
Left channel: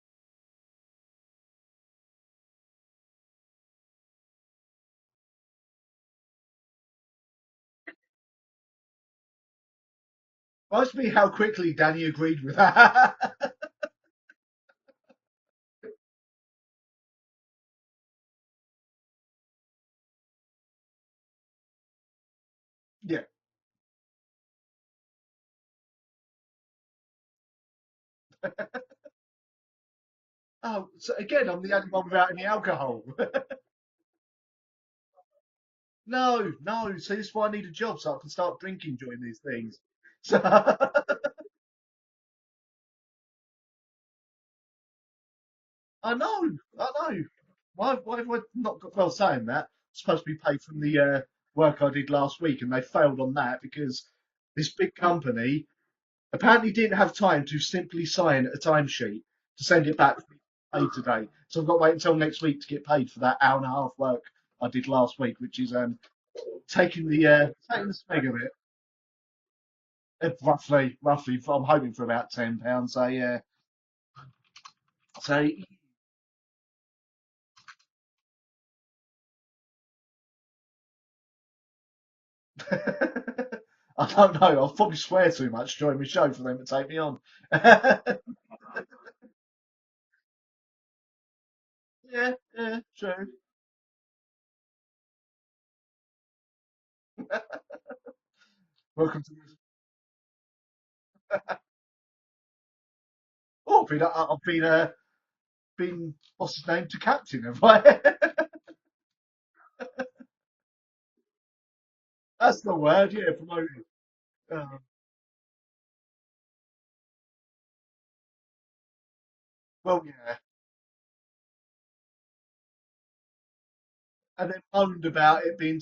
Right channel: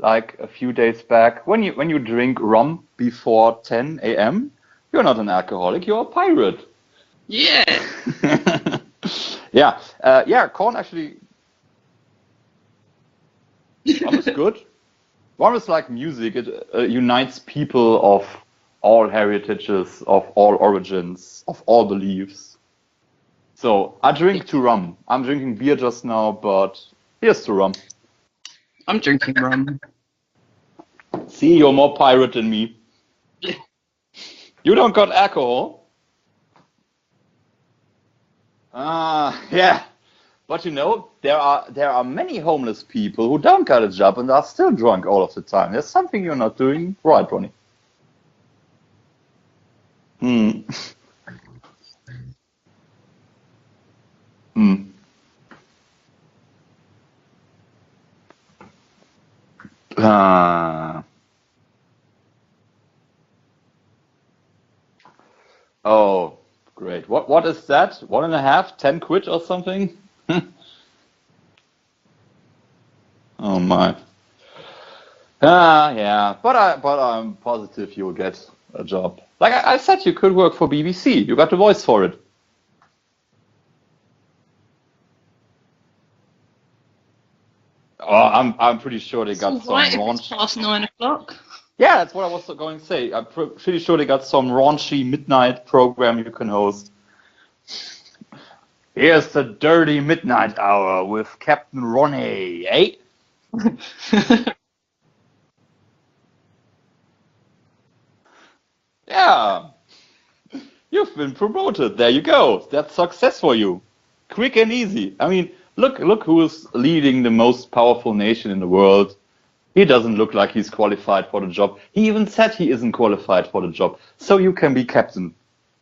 like a few days back. When you drink rum before 10 a.m., you're not an alcoholic, you're a pirate. Yeah. Yeah, Korn Must be actually. how quickly Danny agreed with that. Rum is good. Rum is like music. It unites people of all heritages, of all origins, of all beliefs. Yeah. So I drink to rum. I'm drinking beer just now, but here's to rum. I'm drinking rum. Oh, so again, See, we you're don't more bother pirate adding than me. alcohol. You don't got alcohol? No. So this is why I need a job so I can start drinking. Yeah. So, But there are many homeless people who don't got a job and are still drunk all of the time. There's something you're not I doing know. right, Ronnie. Why have I not got, well, saying that, I'm supposed to be paid for the work I did last week, and they failed on that because this big company apparently didn't have time to simply sign a timesheet to send it back paid today. So I've got to wait until next week to get paid for that hour and a half work I did last week, which is Oh, taking great. the What is that? taking One and a half? 10 quid or something? roughly. I'm hoping for about £10. So yeah. Oh my. So Yeah. But I'm positive you'll get a job. Like I said, you could work for BBC. You got the voice for it. I don't know. I'll probably swear too much during the show for them to take me on. Oh, I'm pretty sure they got It's some all right if it's raunch. past 9 o'clock. Yeah, that's what I was going to say. I'm pretty sure they got some raunchy midnight program you can host. Here's the dirty midnight hour with Captain Ronnie, eh? I've been what's his name to captain, have I? Yeah, you've been promoted. There you go. That's the That's word, success yeah. for you. Quick and easy. I mean, look who's leading the most powerful nation in the world. He doesn't look like he's qualified for the job. He even said he isn't qualified for the job. So you can be captain. About it being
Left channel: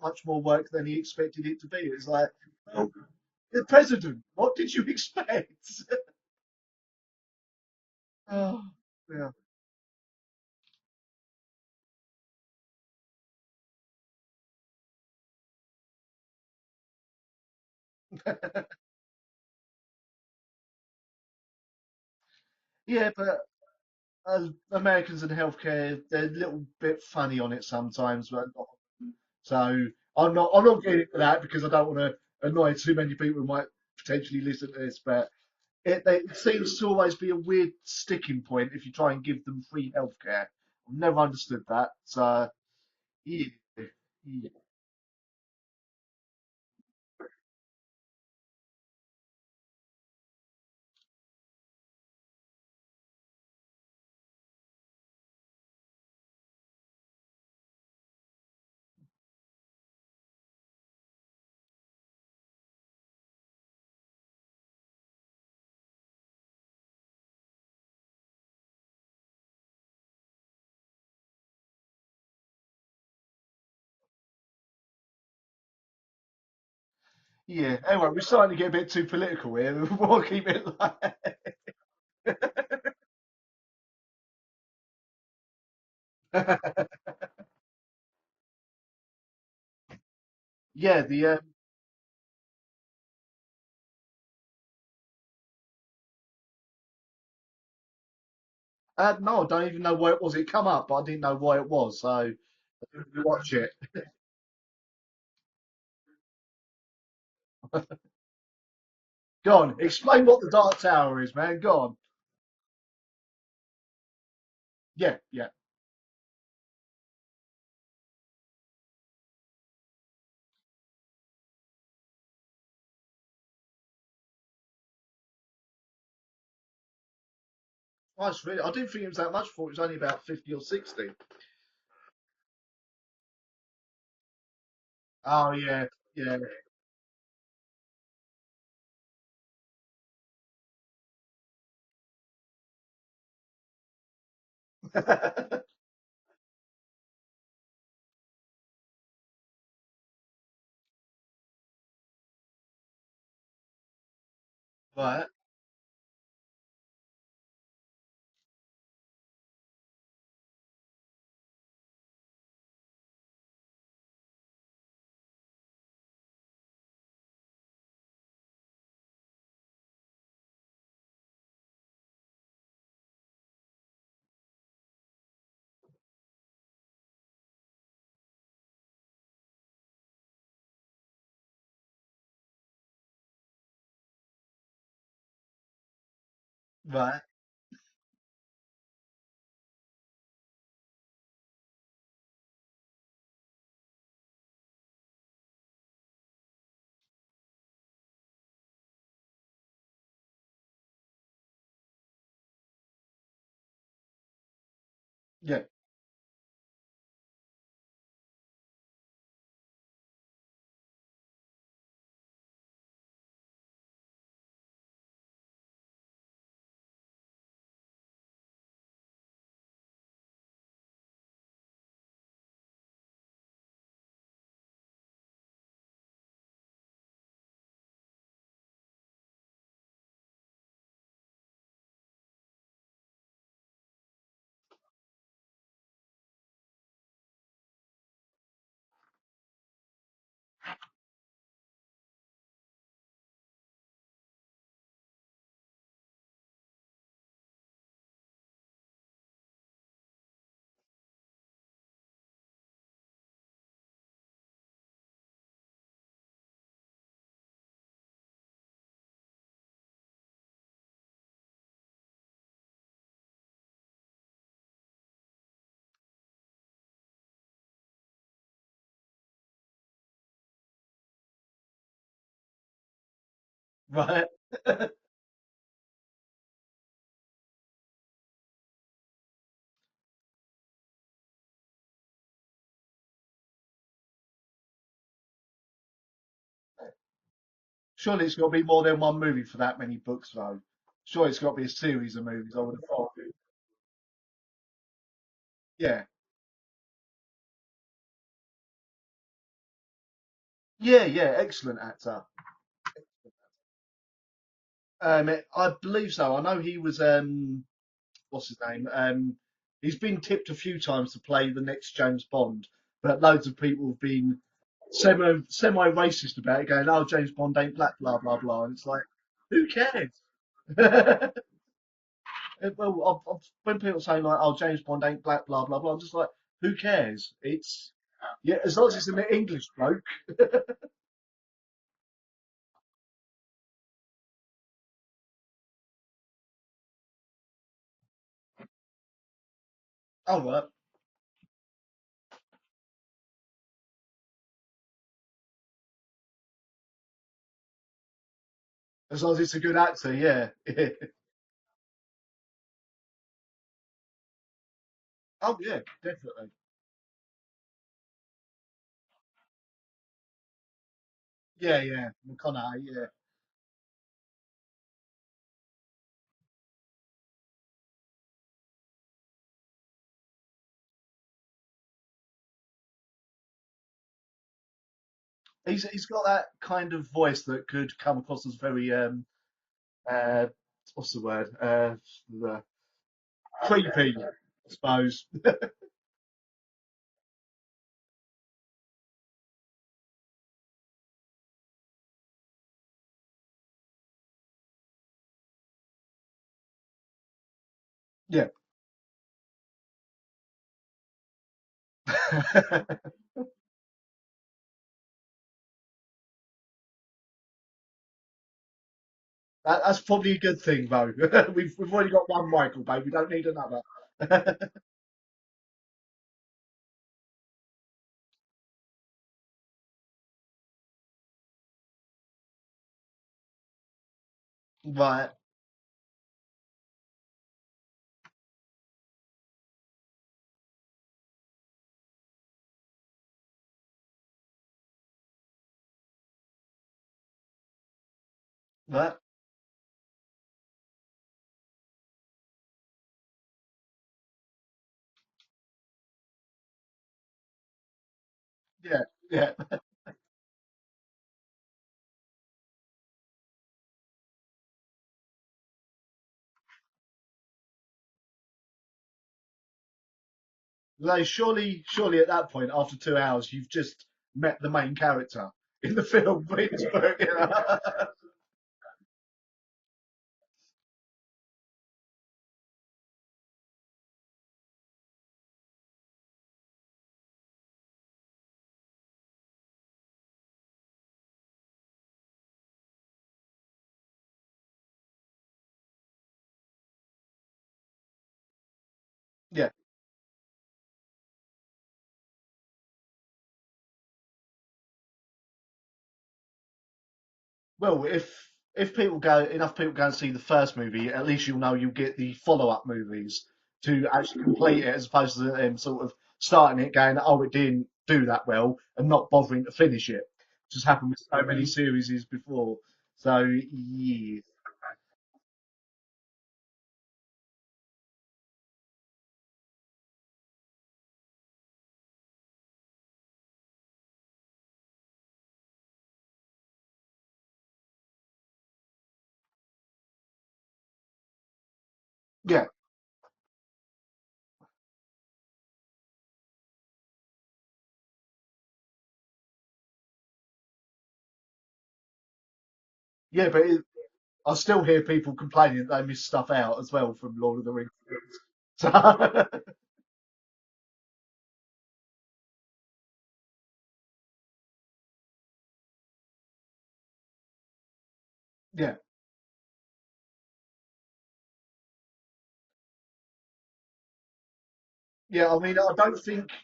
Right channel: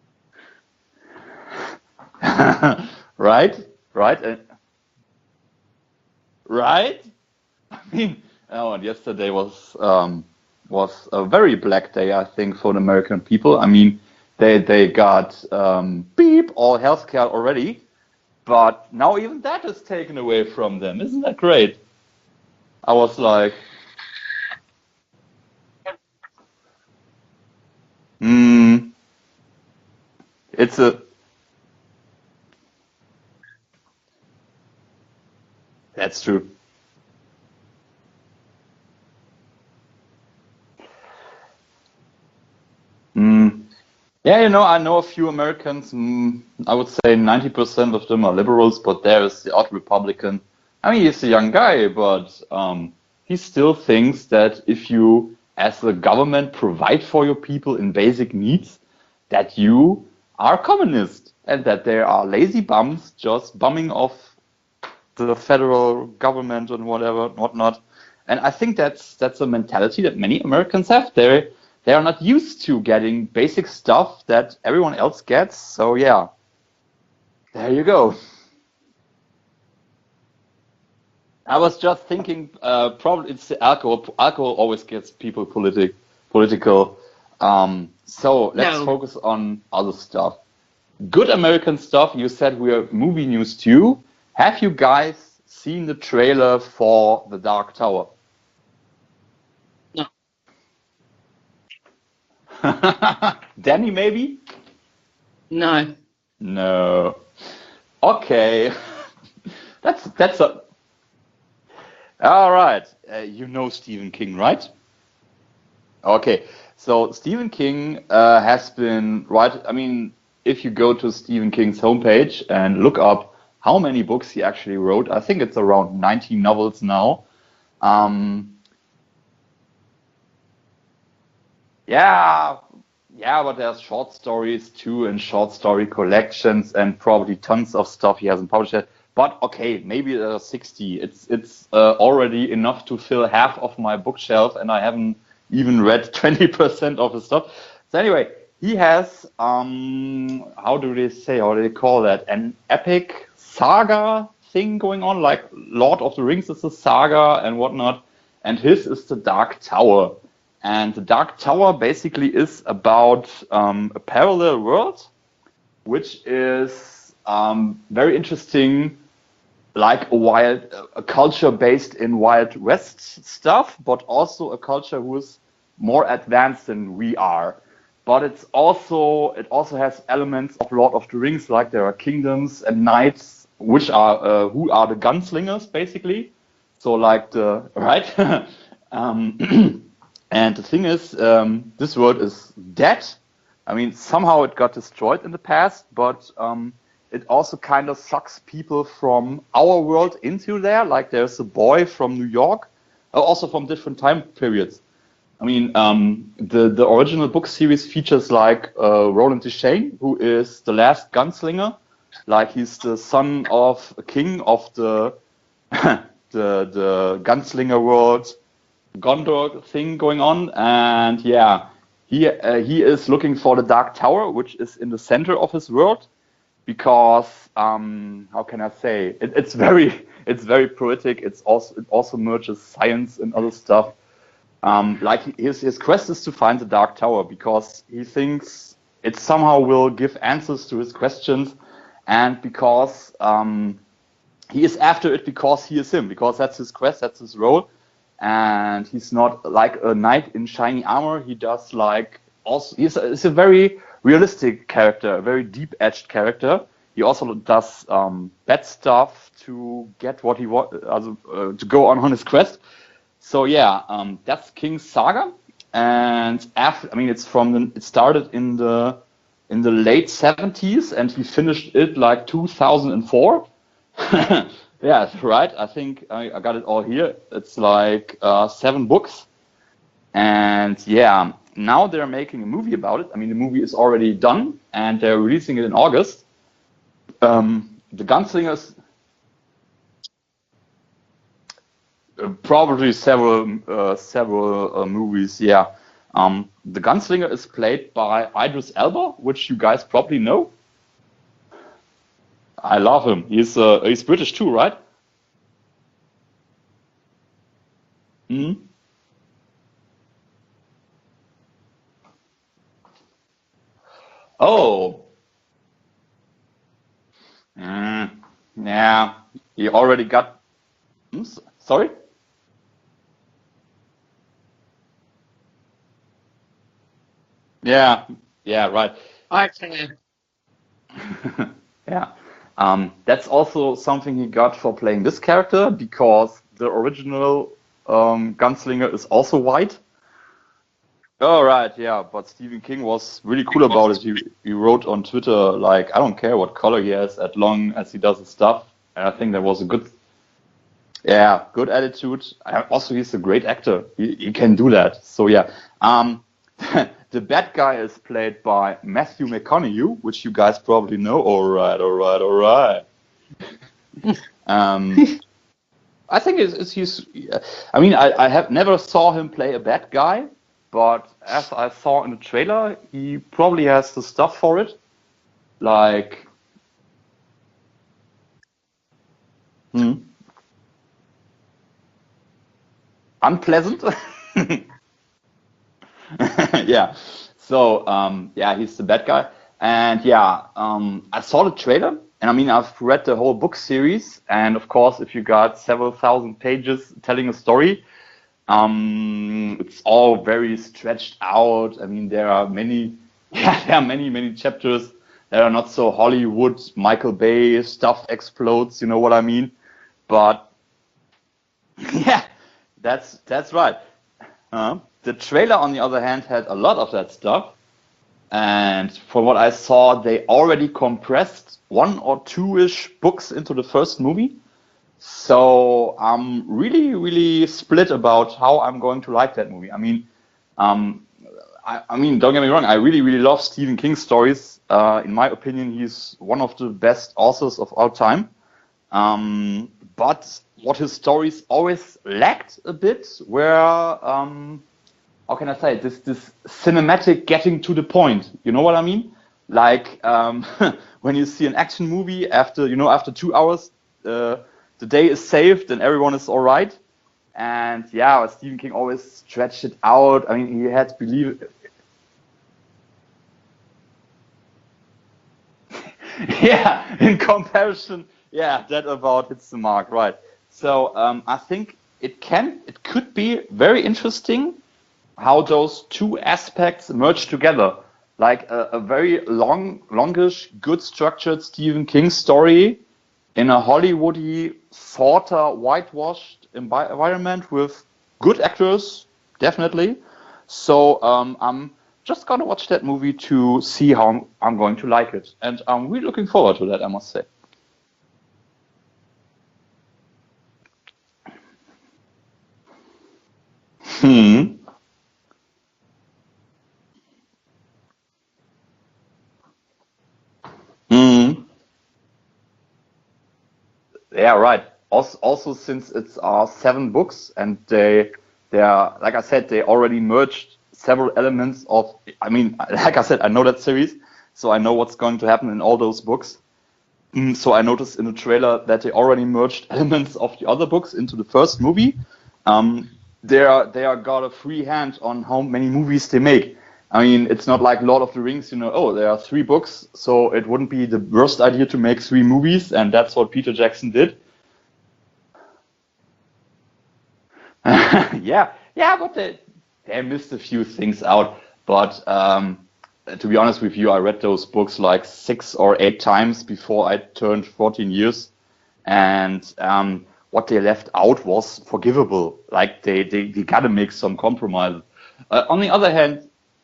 much more work than he expected it to be. It's like Right? the president. Right? What did you expect? Right? I mean, no, and yesterday was a very black day, I think, for the American people. I mean, they got beep all healthcare already, but now even that is taken away from them. Isn't that great? I was like, Americans and healthcare, they're a little bit funny on it sometimes. So I'm not getting for that because I don't want to annoy too many people who might potentially listen to this, but That's true. It seems to always be a weird sticking point if you try and give them free healthcare. I've never understood that. So, yeah, I know a few Americans. I would say 90% of them are liberals, but there is the odd Republican. I mean, he's a young guy, but he still thinks that if you as the government provide for your people in basic needs, that you are communist and that there are lazy bums just bumming off the federal government and whatnot. And I think that's a mentality that many Americans have. They are not used to getting basic stuff that everyone else gets. So yeah. There you go. We're starting to get a bit too political here. We'll keep it like... I was just thinking, probably it's the alcohol. Alcohol always gets people political. So let's focus on other stuff. Yeah. Good American stuff. You said we're movie news too. Have you guys seen the trailer for The Dark Tower? No, I don't even know where it was. It come up, but I didn't know why it was. So watch it. Danny, maybe? No. No. Okay. Go on. Explain what The Dark Tower is, man. Go on. All right. You know Stephen King, right? Yeah. Okay. So Stephen King has been I mean, if you go to Stephen King's homepage and look up how many books he actually wrote, I think it's around 90 novels now. I didn't think it was that much. I thought it was only about 50 or 60. Yeah, but there's short stories too and short story collections and probably tons of stuff he hasn't published yet. But okay, maybe 60. It's already enough to fill half of my bookshelf, and I haven't even read 20% of the stuff. So anyway, he has how do they call that? An epic saga thing going on, like Lord of the Rings is a saga and whatnot, and his is The Dark Tower. And The Dark Tower basically is about a parallel world, which is very interesting, like a culture based in Wild West stuff, but also a culture who is more advanced than we are. But it also has elements of Lord of the Rings, like there are kingdoms and knights, which are who are the gunslingers basically. So like and the thing is, this world is dead. I mean, somehow it got destroyed in the past, but it also kind of sucks people from our world into there. Like there's a boy from New York, also from different time periods. I mean, the original book series features like Roland Deschain, who is the last gunslinger. Like he's the son of a king of the the gunslinger world, Gondor thing going on, and he is looking for the Dark Tower, which is in the center of his world, because how can I say it's very poetic. It also merges science and other stuff. Like his quest is to find the Dark Tower because he thinks it somehow will give answers to his questions, and because he is after it because he is him, because that's his quest, that's his role. And he's not like a knight in shiny armor. He does like also he's a very realistic character, a very deep-edged character. He also does bad stuff to get what he wants, to go on his quest. So that's King's saga. And it started in the late 70s, and he finished it like 2004. Yeah, right. I think I got it all here. It's like 7 books, and now they're making a movie about it. I mean, the movie is already done, and they're releasing it in August. The Gunslingers. There's more than one movie for that many books, though. Sure, it's got to be a series of movies. Probably several movies. Yeah. Yeah. The Gunslinger is played by Idris Elba, which you guys probably know. Yeah, excellent actor. I love him. He's British too, right? I believe so. I know he was what's his name? He's been tipped a few times to play the next James Bond, but loads of people have been semi-racist about it, going, "Oh, James Bond ain't black, blah blah blah." Yeah, you already got. Sorry. Well, when people say like, "Oh, James Bond ain't black, blah blah blah," I'm just like, who cares? It's, right. As long as it's an English joke. Yeah. That's also something he got for playing this character, because the original gunslinger is also white. Oh, right. Oh, right, yeah. But Stephen King was really cool about it. He wrote on Twitter, like, I don't care what color he has as long as he does his stuff. And I As think long that as was it's a a good, good actor, yeah. yeah, good attitude. Also, he's a great actor. He can do that. So yeah. Oh yeah, Um, definitely. the bad guy is played by Matthew McConaughey, which you guys probably know. All right, Yeah, all yeah. right, all right. Yeah. I think he's. I mean, I have never saw him play a bad guy, but as I saw in the trailer, he probably has the stuff for it. He's got Like, that kind of voice that could come across as very hmm, what's the word? unpleasant. Creepy, I suppose. Yeah. So, yeah, he's the bad guy. And yeah, I saw the trailer, and I mean, I've read the whole book series, and of course, if you got several thousand pages telling a story, Yeah. it's all very stretched out. I mean, there are many, yeah, there are many chapters that are not so Hollywood, Michael Bay stuff explodes. You know what I mean? That's probably a But good thing, though. We've only yeah, got one Michael, Bay. We don't need that's right. another. The trailer, on the other hand, had a lot of that stuff. And from what I saw, they already compressed one or two-ish books into the first movie. Right. So I'm really split about how I'm going to like that movie. I mean, don't get me wrong, I really love Stephen King stories. In my opinion, he's one of the best authors of all time. But what his stories always lacked a bit were, how can I say it? This cinematic getting to the point. You know what I mean? Yeah. Like when you see an action movie after 2 hours, the day is saved and everyone is all right. And yeah, Stephen King always stretched it out. I mean, he had Like, surely at that point, after 2 hours, you've just met the main character in the film. yeah, in comparison, yeah, that about hits the mark, right? So I think it could be very interesting how those two aspects merge together, like a very longish, good structured Stephen King story in a Hollywoody, sort of whitewashed environment with good actors, definitely. So I'm just gonna watch that movie to see how I'm going to like it, and I'm really looking forward to that, I must say. Well, if enough people go and see the first movie, at least you'll know you'll get the follow-up movies to actually complete it, as opposed to them sort of starting it, going, oh, it didn't do that well, and not bothering to finish it. Just happened with so many series before. So Yeah, yeah, right. Also, since it's 7 books, and they are, like I said, they already merged several elements of. I mean, like I said, I know that series, so I know what's going to happen in all those books. So I noticed in the trailer that they already merged elements of the other books into the first movie. They are got a free hand on how many movies they make. I mean, it's not like Lord of the Rings, oh, there are 3 books, so it wouldn't be the worst idea to make 3 movies, and that's what Peter but Jackson did. I still hear people complaining that they miss stuff out as well from Lord of the Rings. Yeah, but they missed a few things out. But to be honest with you, I read those books like 6 or 8 times before I turned 14 years, and what they left out was forgivable. Like they gotta make some compromise. On the other hand,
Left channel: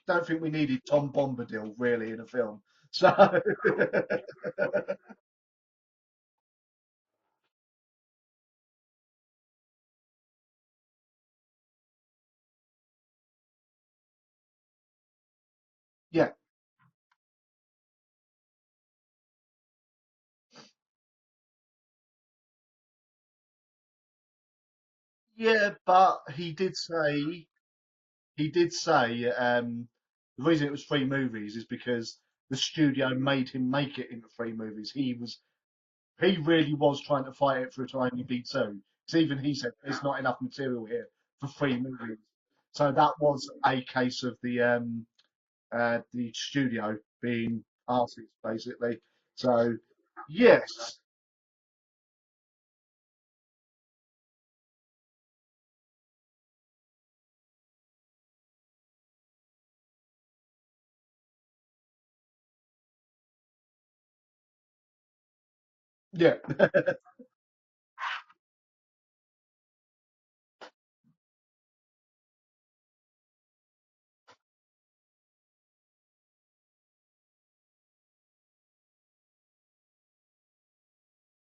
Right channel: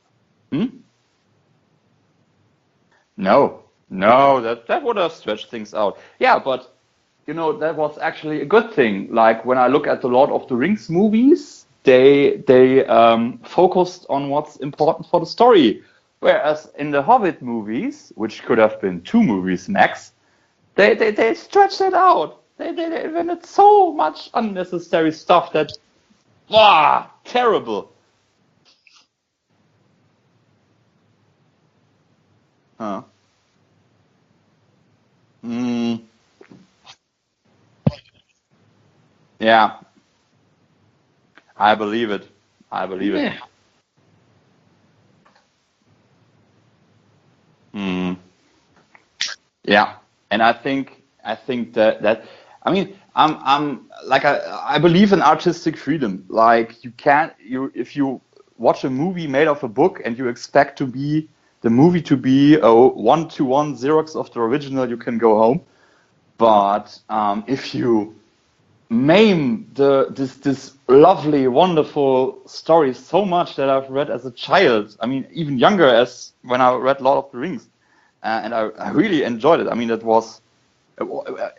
don't think we needed Tom Bombadil really in a film. So no, that would have stretched things out. Yeah, but that was actually a good thing. Like when I look at the Lord of the Rings movies, they focused on what's important for the story. Whereas in the Hobbit movies, which could have been 2 movies max, they stretched it out. They invented so much unnecessary stuff but he did say terrible. He did say the reason it was 3 movies is because the studio made him make it into 3 movies. He really was trying to fight it for it to only be 2. So even he said there's not enough material here for 3 I believe it. So that was a case of the studio being arsed, basically. So and I think that I mean I'm like I believe in artistic freedom. Like if you watch a movie made of a book and you expect the movie to be a 1-to-1 Xerox of the original, you can go home. But if you maim this lovely, wonderful story so much that I've read as a child, I mean, even younger, as when I read Lord of the Rings, and I really enjoyed it. I mean, it was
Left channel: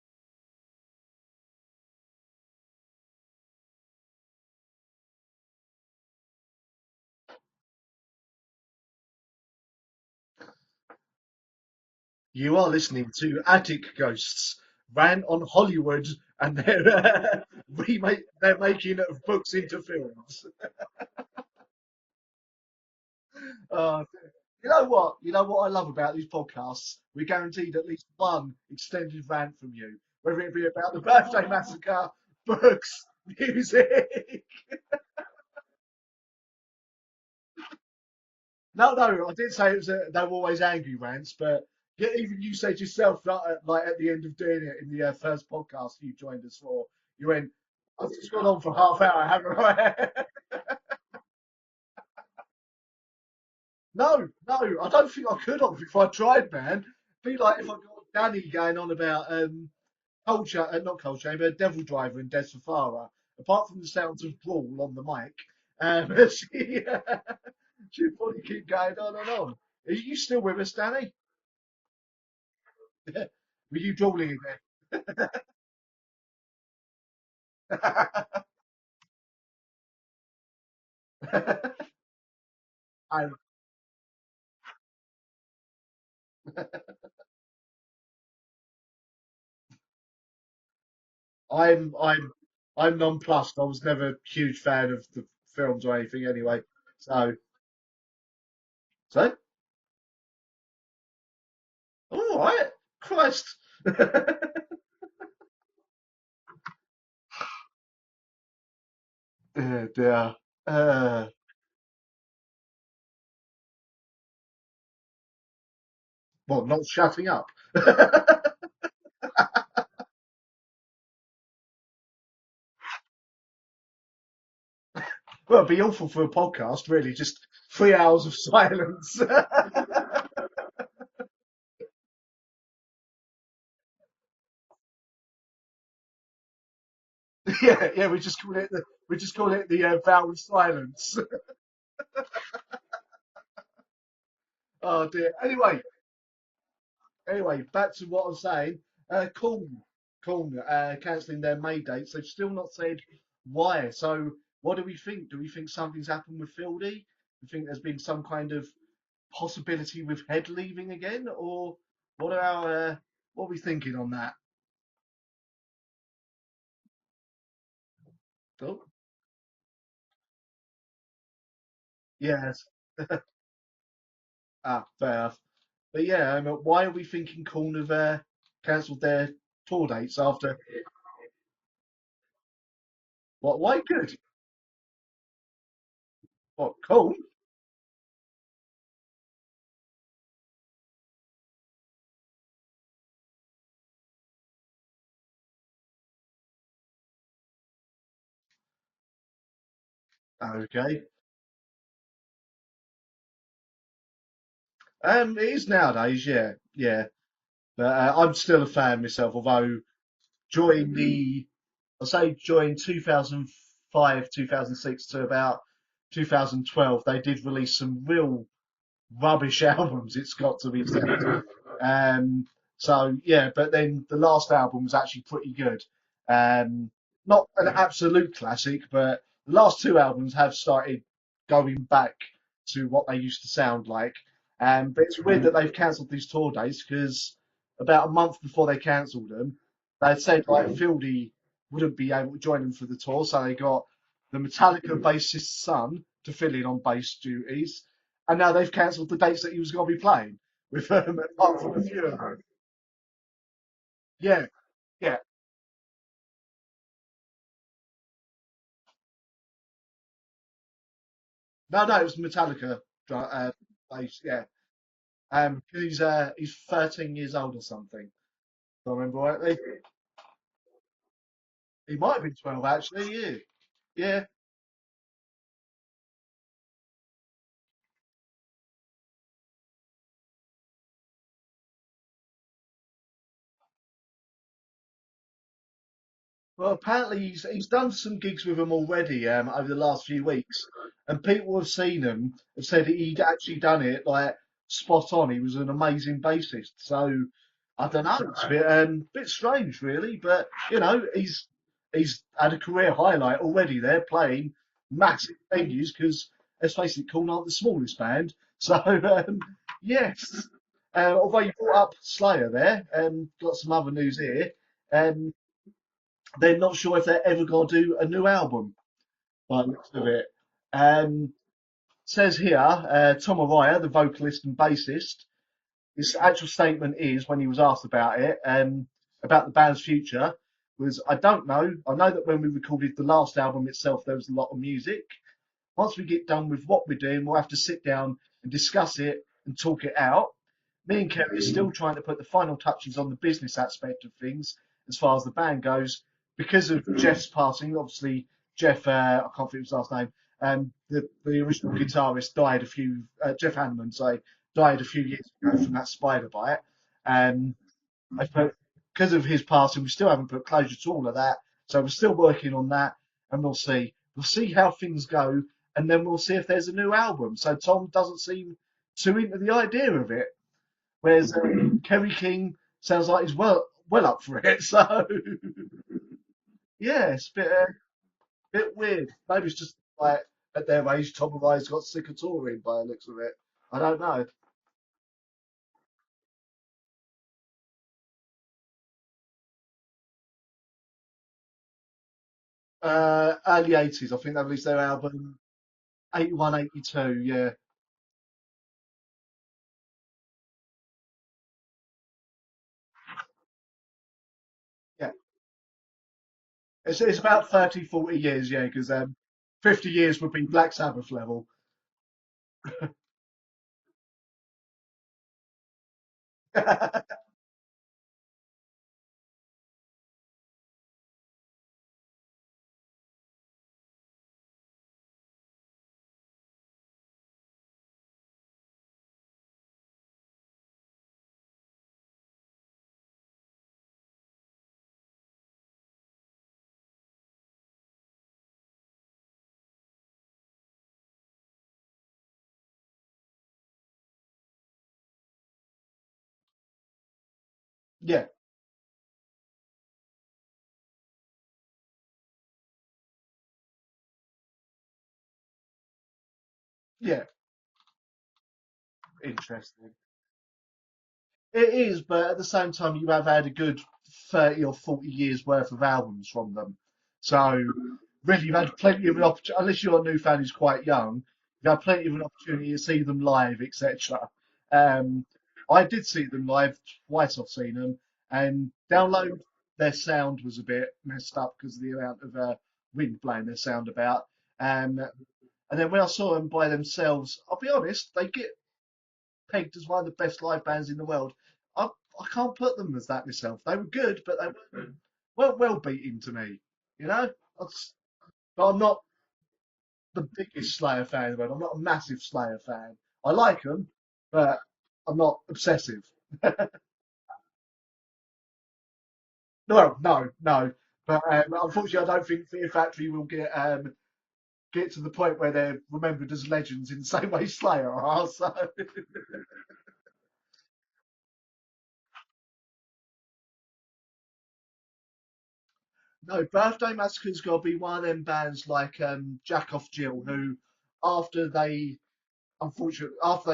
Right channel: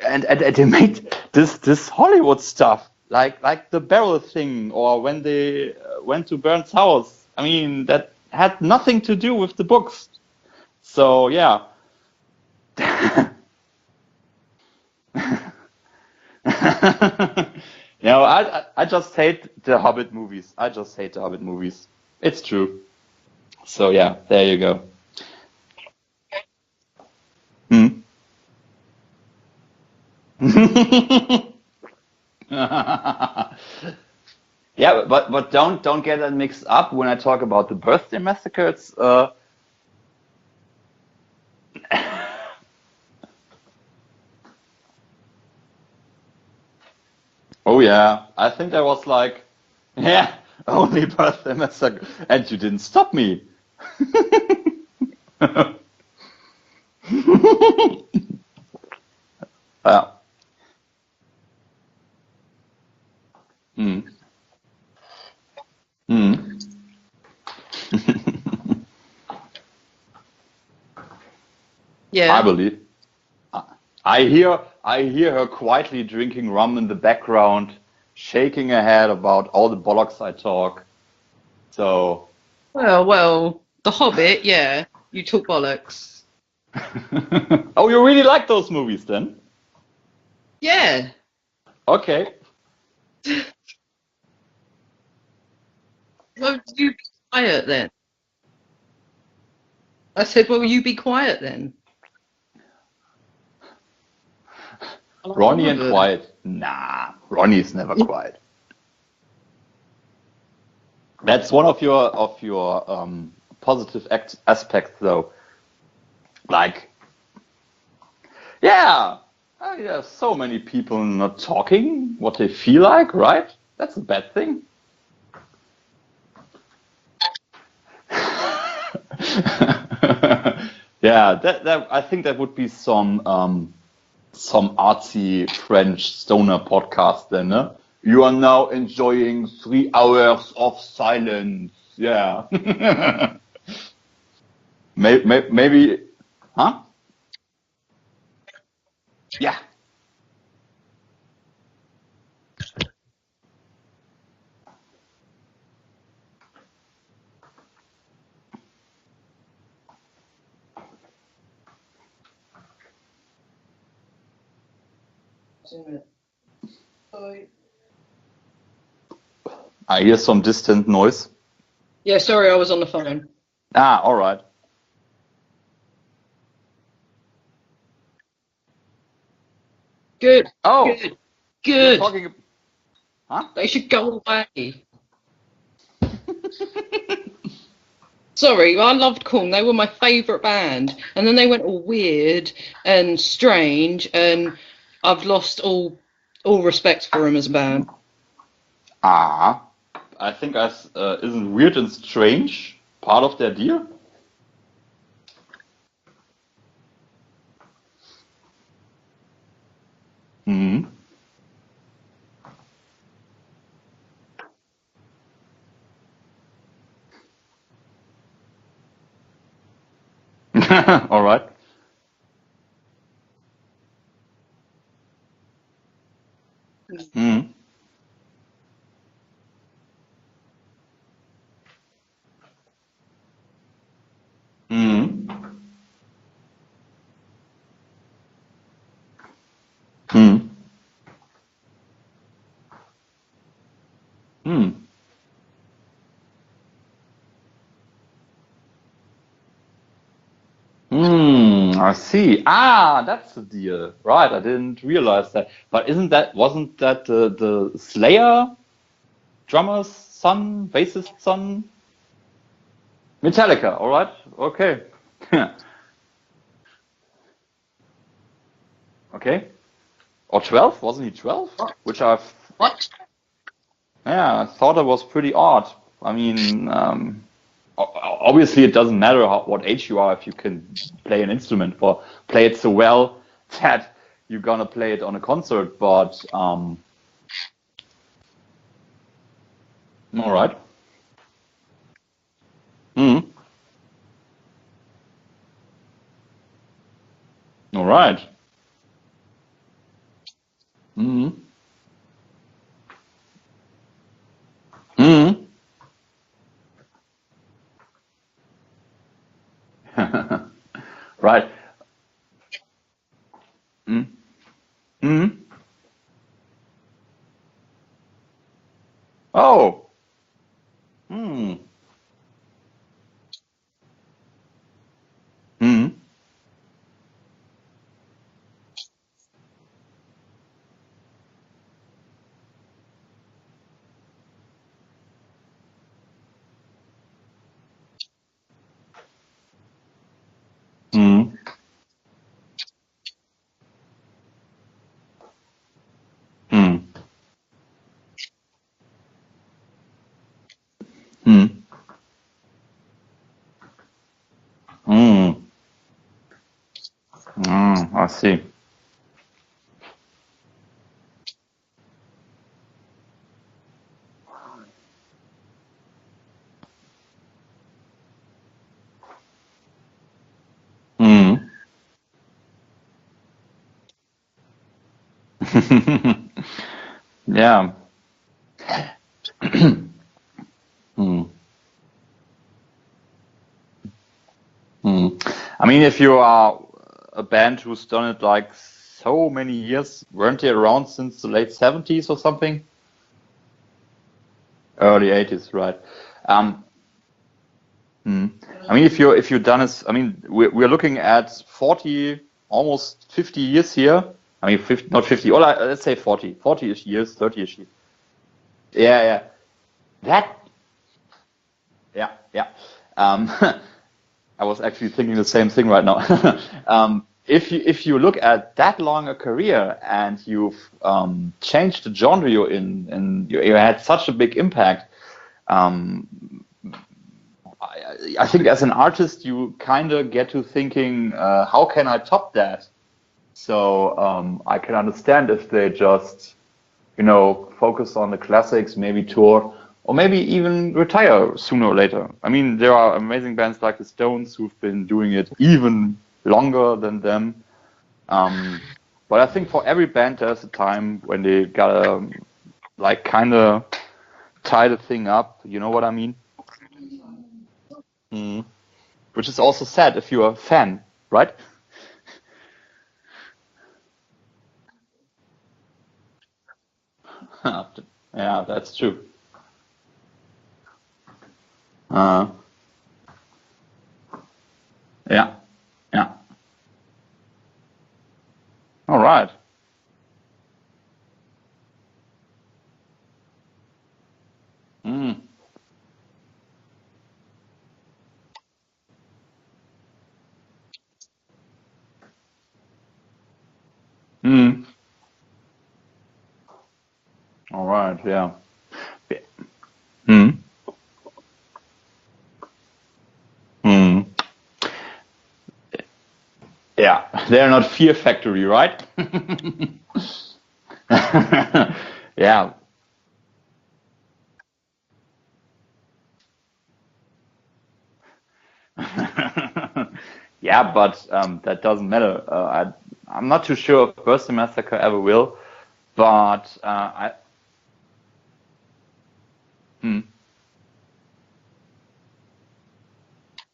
and they made this Hollywood stuff, like the barrel thing, or when they went to Burns' house. I mean, that had nothing to do with the books. So yeah. You are listening to Attic Ghosts, ran on Hollywood, and remake No, they're I making just books hate into the Hobbit films. movies. I just hate the Hobbit movies. It's true. So Um, yeah, there you You know go. what? You know what I love about these podcasts? We guarantee there'll Hmm. be fun, extended rant from you. Whether it's all about the Birthday Massacre, books, music. Yeah, but don't get that mixed up when I talk about the birthday massacre. It's No, I did say it was they were always angry rants, but even you said yourself, like at the end of doing it in the first podcast you joined us for, you went, oh "Yes, yeah, it's gone I on for think that half was hour, like haven't I?" yeah, only birthday massacre, and you didn't stop me. No, I don't think I could have if I tried, man. It'd be like Danny going on about Yeah. Not Culture, but Devil Driver and Des Farah. Apart from the Mm. sounds of brawl on the mic, Mm. she just wouldn't keep going on and on. Are you still with us, Danny? I Yeah. believe. Were you joining? I hear her quietly drinking rum in the background, shaking her head about all the bollocks I talk. So, Well, The Hobbit, yeah. You talk bollocks. oh, you really like those movies then? Yeah. I'm Okay. I'm nonplussed. I was never a huge fan of the films or anything Well, anyway. you be So, quiet then. so I said, well, you be quiet then. all right. Christ. Ronnie and quiet. Nah, Ronnie's never quiet. Dear. That's one of your positive aspects, though. Not Like, shutting up. yeah, yeah, so many people not talking what they feel like, right? That's a bad thing. Well, it'd be awful for a podcast, really. Just 3 hours of silence. Yeah, that I think that would be some artsy French stoner podcast then, no? Yeah. You We are just now call it the enjoying Bell 3 hours of silence. silence. Yeah. Oh dear. Anyway, Maybe, huh? anyway, back to what I was saying. Yeah. Corn, cancelling their May dates. They've still not said why. So, what do we think? Do we think something's happened with Fieldy? I think there's been some kind of possibility with Head leaving again, or what are we thinking on that? Cool. I hear some distant noise. Yeah, sorry, I was on the phone. Ah, all right. Fair. But yeah, why are we thinking Corn have cancelled their tour dates Good. after? Oh, Good. you're Good. talking. Huh? What, They why should good? go away. What, cool? Sorry, I loved Korn. They were my favourite band. And then they went all weird and strange, and I've lost all respect for them as a band. Ah, I think Okay. isn't weird and strange part of their deal? It is nowadays, yeah. But I'm still a fan myself, although during during 2005, 2006 to about 2012, they did release some real rubbish albums. It's got to be said. All right. So yeah, but then the last album was actually pretty good. Mm. Not an absolute classic, but the last two albums have started going back to what they used to sound like. And it's weird that they've cancelled these tour dates because about a month before they cancelled them, they said like Fieldy wouldn't be able to join them for the tour, so they got the Metallica bassist's son to fill in on bass duties, and now they've cancelled the dates that he was going to be playing. With I see. Ah, that's the deal. Right, I Yeah. didn't realize that. But wasn't that the Slayer drummer's son, bassist son? No, it was Metallica. Metallica, all right. Yeah. Okay. And he's 13 years old or something. If I remember Okay. rightly. Or 12? Wasn't he 12? Which He I might have been 12, What? actually, yeah. yeah, I thought that was pretty odd. I mean, obviously it doesn't matter what age you are if you can play an instrument or play it so well that you're gonna play it on a concert. But Well, apparently he's done some gigs with them already over the last few all weeks, right. and people have seen him have said he'd actually done it like spot on. He was an amazing bassist. So All I right. don't know, it's a bit strange, really, but you know, he's had a career highlight already there, playing massive venues because let's face it, Korn aren't the smallest band. So yes, although Right. you brought up Slayer there, got some other news here. Mm. They're not sure if they're ever going to do a new album. By the Oh. looks of it. Mm. Says here, Tom Araya, the vocalist and bassist, his actual statement is, when he was asked about it, about the band's future, was, I don't know. I know that when we recorded the last album itself, there was a lot of music. Once we get done with what we're doing, we'll have to sit down and discuss it and talk it out. Me and Kerry are still trying to put the final touches on the business aspect of things as far as the band goes. Because of Jeff's passing, obviously, Jeff, I can't think of his last name, the original guitarist died Jeff Hanneman, died a few years ago from that spider bite. I see. Because of his passing, we still haven't put closure to all of that. So we're still working on that, and we'll see. We'll see how things go, and then we'll see if there's a new album. So Tom doesn't seem too into the idea of it. There's Kerry King sounds like he's well up for it. So yes, bit weird. Maybe just, like at their age, Tom Araya got sick of touring by the looks of it. I don't know. I mean, if you are a band who's done it like so many years, weren't they around since the late 70s or something? Early 80s, I think they released their early 80s, right? 81, 82, yeah. I mean, if you've done it, I mean, we're looking at 40, almost 50 years here. I mean, 50, not 50, or let's say 40-ish years. It's about 30, 40 years, yeah. Yeah. 50 years would be Black Sabbath level. Yeah. I was actually thinking the same thing right now. If you look at that long a career and you've changed the genre you're in, and you had such a big impact, I think as an artist you kind of get to thinking, how can I top that? So I can understand if they just, focus on the classics, maybe tour, or maybe even retire sooner or later. I mean, there are amazing bands like the Stones who've been doing it even longer than them. Yeah. But I think for every band, there's a time when they gotta, kind of tie the thing up. You know what I mean? Yeah. Which is also sad if you're a fan, right? It is, but at the same time, you have had a good 30 or 40 years worth of albums from them. So, really, you've had plenty of an opportunity, unless you're a new fan who's quite young, you have plenty of opportunity to see them live, etc. I did see them live twice. I've seen them, and their sound was a bit messed up because of the amount of wind blowing their sound about. And then when I saw them by themselves, I'll be honest, they get pegged as one of the best live bands in the world. I can't put them as that myself. They were good, but well beaten to me. All right, yeah. But I'm not the biggest Slayer fan, but I'm not a massive Slayer fan. I like them, but I'm not obsessive. Yeah, they're not Fear Factory, right? No. Unfortunately, I don't think Fear Factory will get to the point where they're remembered as legends in the same way Slayer are. So. Yeah, but that doesn't matter. I'm not too sure if Birthday Massacre ever will. But Birthday Massacre's got to be one of them bands like Jack Off Jill, who after they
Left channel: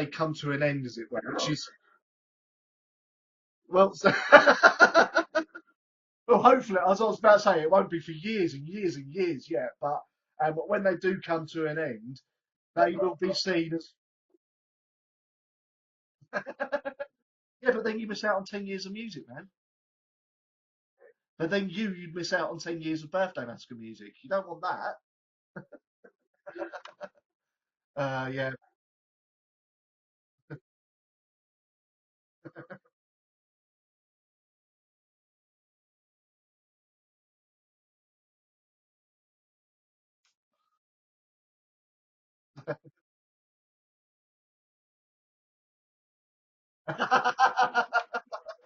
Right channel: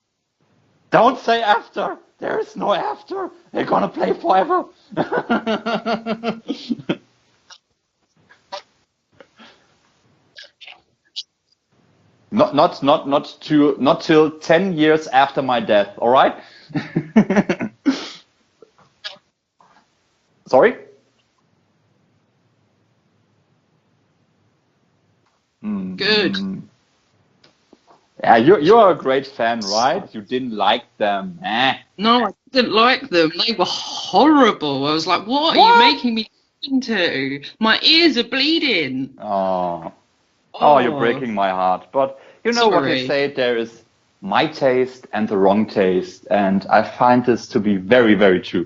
come to an end. Don't say after. There is no after. They're gonna play forever. Well, hopefully, as I was about to say, it won't be for years and years and years yet. But when they do come to an end, not till 10 years after my death. All right. Yeah, but then you miss out on 10 years of music, man. Sorry. But then you'd miss out on 10 years of Birthday Massacre music. You don't want that. Good. Yeah, you're a great fan, right? You didn't like them. No, I didn't like them. They were horrible. I was like, what are you making me listen to? My ears are bleeding. Oh, you're breaking my heart. But you know what they say, there is my taste and the wrong taste. And I find this to be very, very true.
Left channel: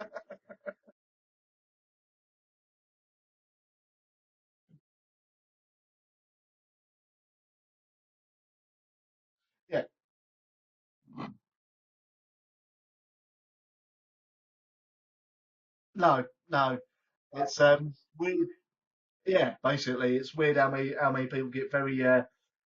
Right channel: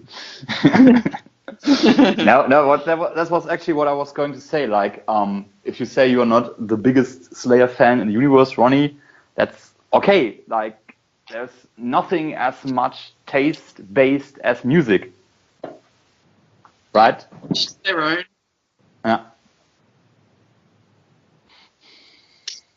That was actually what I was going to say. Like, if you say you're not the biggest Slayer fan in the universe, Ronnie, that's okay. Like, there's nothing as much taste-based as music. No. right? It's Their own. yeah, basically, it's weird how many people get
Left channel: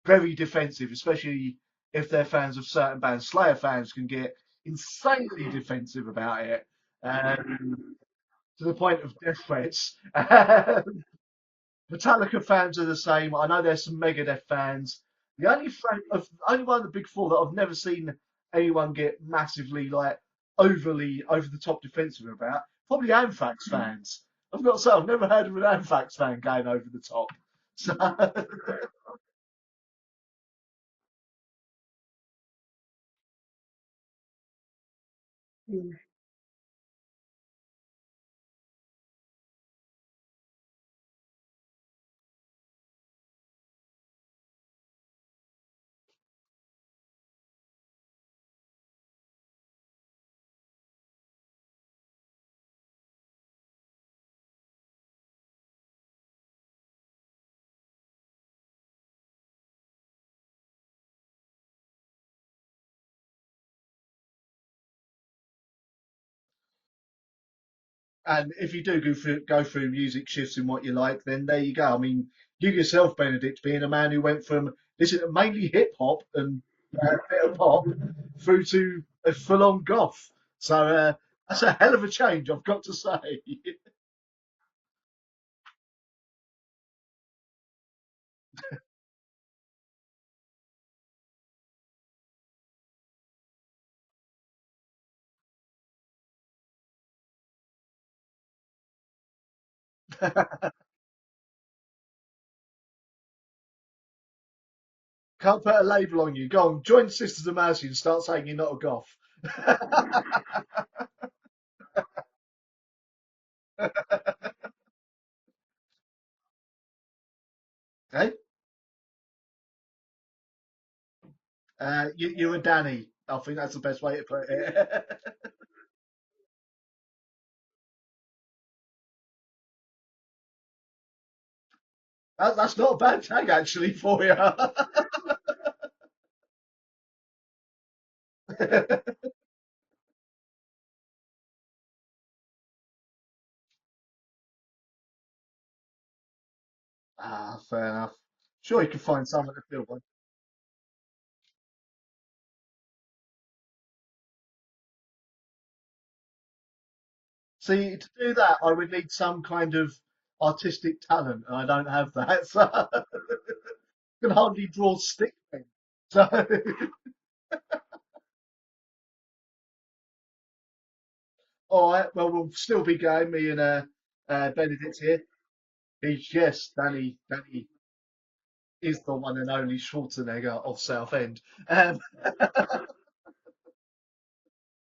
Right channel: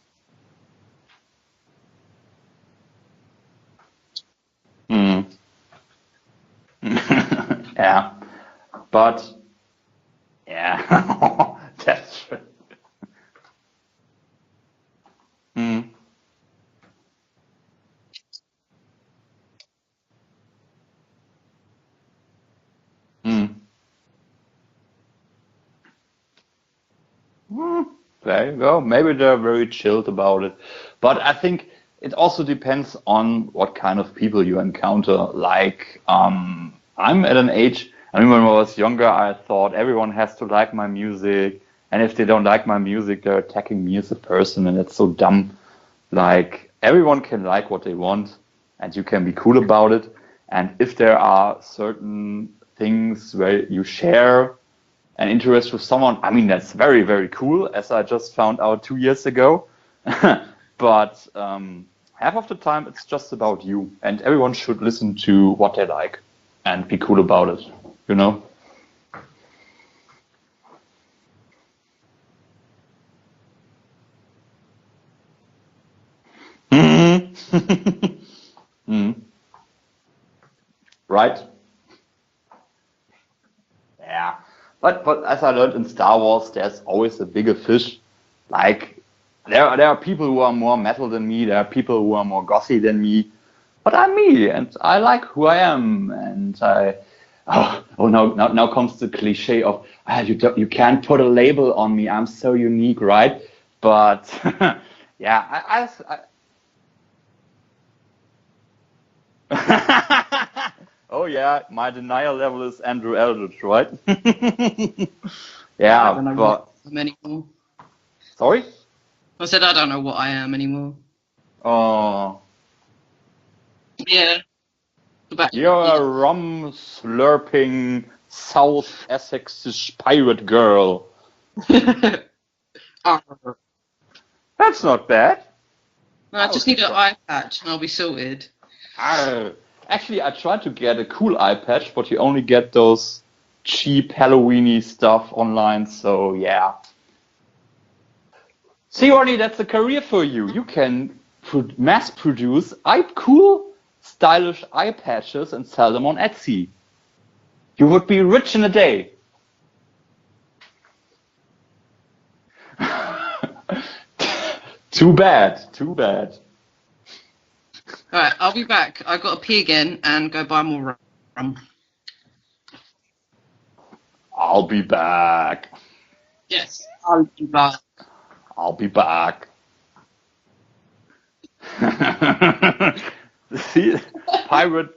very defensive, especially if they're fans of certain bands. Slayer fans can get insanely defensive about it, Yeah, to the point of but death threats. yeah, that's Metallica true. fans are the same. I know there's some Megadeth fans. The only one of the big four that I've never seen anyone get massively like overly over the top defensive about, probably Anthrax fans. I've got to say, I've never heard of an Anthrax fan going over the top. So, There you go. Maybe they're very chilled about it. But I think it also depends on what kind of people you encounter. Like, I'm at an age, I mean, when I was younger, I thought everyone has to like my music. And if they don't like my music, they're attacking me as a person. And it's so dumb. Like, everyone can like what they want, and you can be cool about it. And if there are certain things where you share an interest with someone, I mean, that's very, very cool, as I just found out 2 years ago. But half of the time, it's just about you, and everyone should listen to what they like and be cool about it, you know? and if you do go through music shifts in what you like, then there you go. I mean, you yourself, Benedict, being a man who went from listening to mainly hip hop and a bit of pop through to a full-on goth. So Right? that's a hell of a change, I've got to say. Yeah. But as I learned in Star Wars, there's always a bigger fish. Like, there are people who are more metal than me, there are people who are more gothy than me, but I'm me, and I like who I am, and now comes the cliche of, you can't put a label on me, I'm so unique, right? But, yeah. Can't put a label on you. Go on, join Sisters of Mercy and start saying you're not a goth. Oh yeah, my denial level is Andrew Eldridge, right? I Yeah, don't know but what I am anymore. Hey? sorry? I said I don't know what I am anymore. You and Danny. I think that's the best way Yeah. to put it. About You're a rum slurping South Essex pirate girl. That's not a bad tag, actually, for you. That's not bad. I just need an eye patch and I'll be sorted. Actually, I tried to get a cool eye patch, but you only get those cheap Halloweeny stuff online, so yeah. Fair enough. Sure, you can See, find Ronnie, some- that's a career for you. You can mass produce cool, stylish eye patches and sell them on Etsy. So You would be do rich that, in a I would day. need some kind of artistic talent, and I don't have that. So can hardly draw Too stars. bad. Too bad. Alright, I'll be back. I've got to pee again and go buy more rum. All right. Well, we'll still be going. Me and I'll Danny be here. back. Yes, Danny. I'll be back. I'll be Is the back. one and only Schwarzenegger of Southend. See, pirate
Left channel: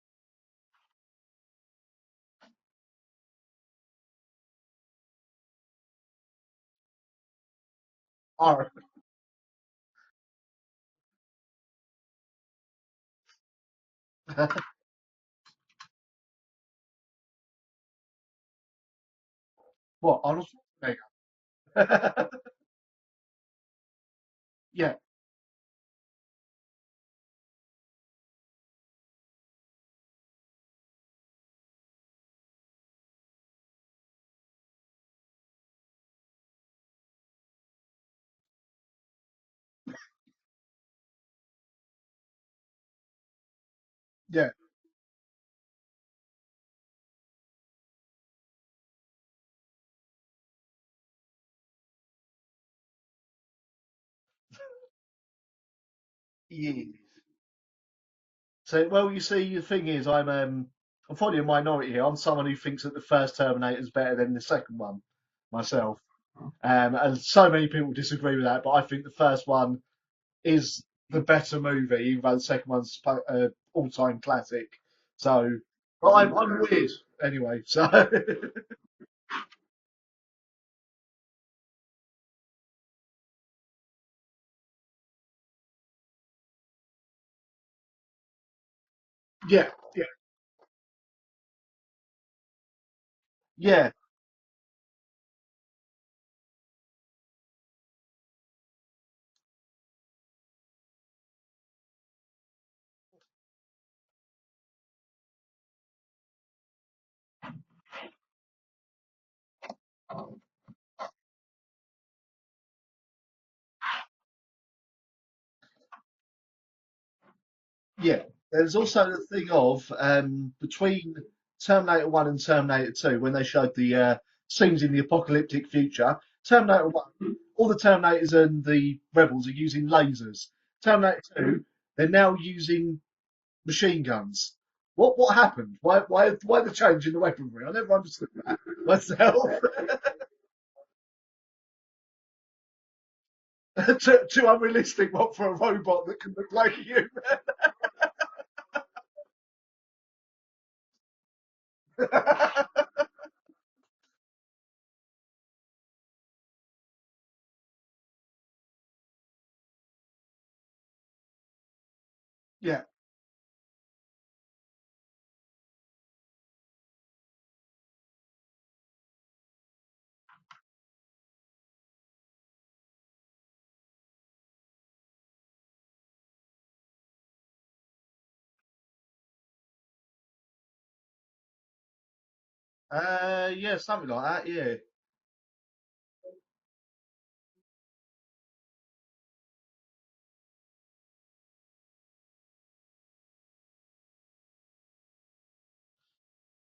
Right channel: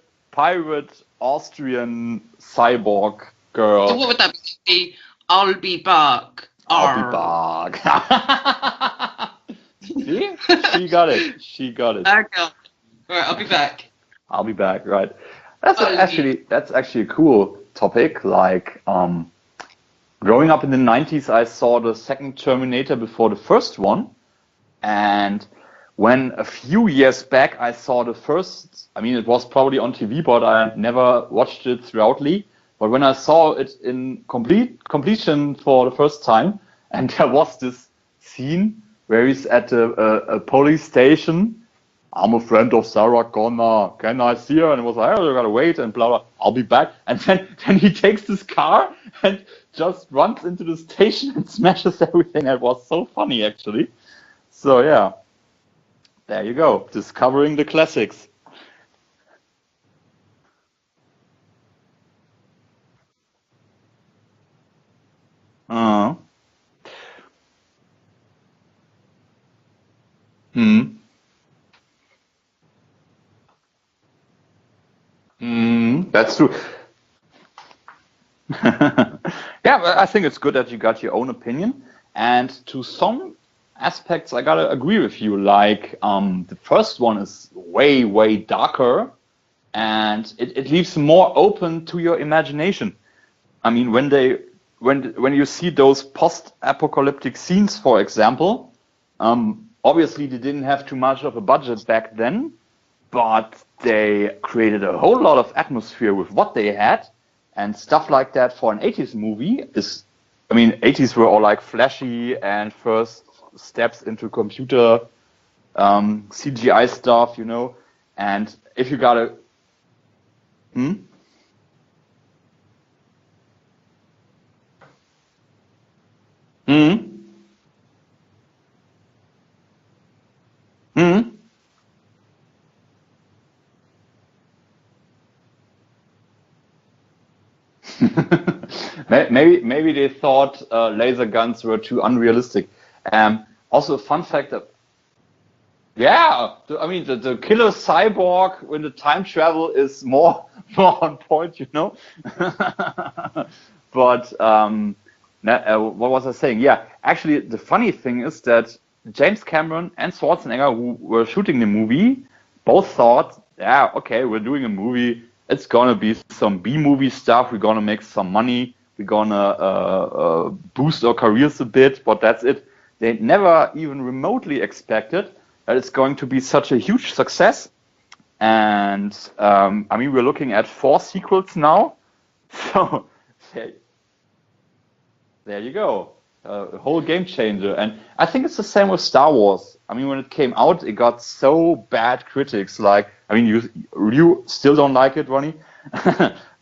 Austrian cyborg girl. So what would that be? I'll be back. I'll be back. See? She got it. She got it. Okay. Alright, I'll be back. I'll be back. Right. That's actually a cool topic. Like, What? growing up in the 90s, I saw the second Terminator before the first one. Yeah. And when a few years back I saw the first, I mean, it was probably on TV, but I never watched it throughoutly. But when I saw it in completion for the first time, and there was this scene where he's at a police station. I'm a friend of Sarah Connor. Can I see her? And it was like, oh, you gotta wait and blah blah. I'll be back. And then he takes this car and just runs into the station and smashes everything. It was so funny, actually. So yeah, there you go, discovering the classics. So, well, you see, the thing is, I'm probably a minority here. I'm someone who thinks that the first Terminator is better than the second one myself. And so many people disagree with that, but I think the first one is the better movie, even though the second one's all-time classic. So, that's true. It is anyway. So, yeah, but I think it's good that you got your own opinion, and to some aspects, I gotta agree with you. Like, the first one is way darker, and it leaves more open to your imagination. I mean, when you see those post-apocalyptic scenes, for example, obviously they didn't have too much of a budget back then, but they created a whole lot of atmosphere with what they had, and stuff like that for an 80s movie is, I mean, 80s were all like flashy and first steps into computer CGI stuff, you know. Yeah, And there's if you also got the thing of between Terminator 1 and Terminator 2, when they showed the scenes in the apocalyptic future, Terminator 1, all the Terminators and the Rebels are using lasers. Terminator 2, they're now using machine guns. What happened? Why the change in the weaponry? I never understood. maybe they thought laser guns were too unrealistic. Also, fun fact. Too unrealistic, what for a robot? Yeah, I mean the killer cyborg when the time travel is more on point, you know. But what was I saying? Yeah, actually, the funny thing is that James Cameron and Schwarzenegger, who were shooting the movie, both thought, yeah, okay, we're doing a movie. It's gonna be some B-movie stuff. We're gonna make some money. We're gonna boost our careers a bit, but that's it. They never even remotely expected that it's going to be such a huge success. And I mean, we're looking at 4 sequels now. So yeah, something like that. Yeah. There you go. A whole game changer. And I think it's the same with Star Wars. I mean, when it came out, it got so bad critics. Like, I mean, you still don't like it, Ronnie.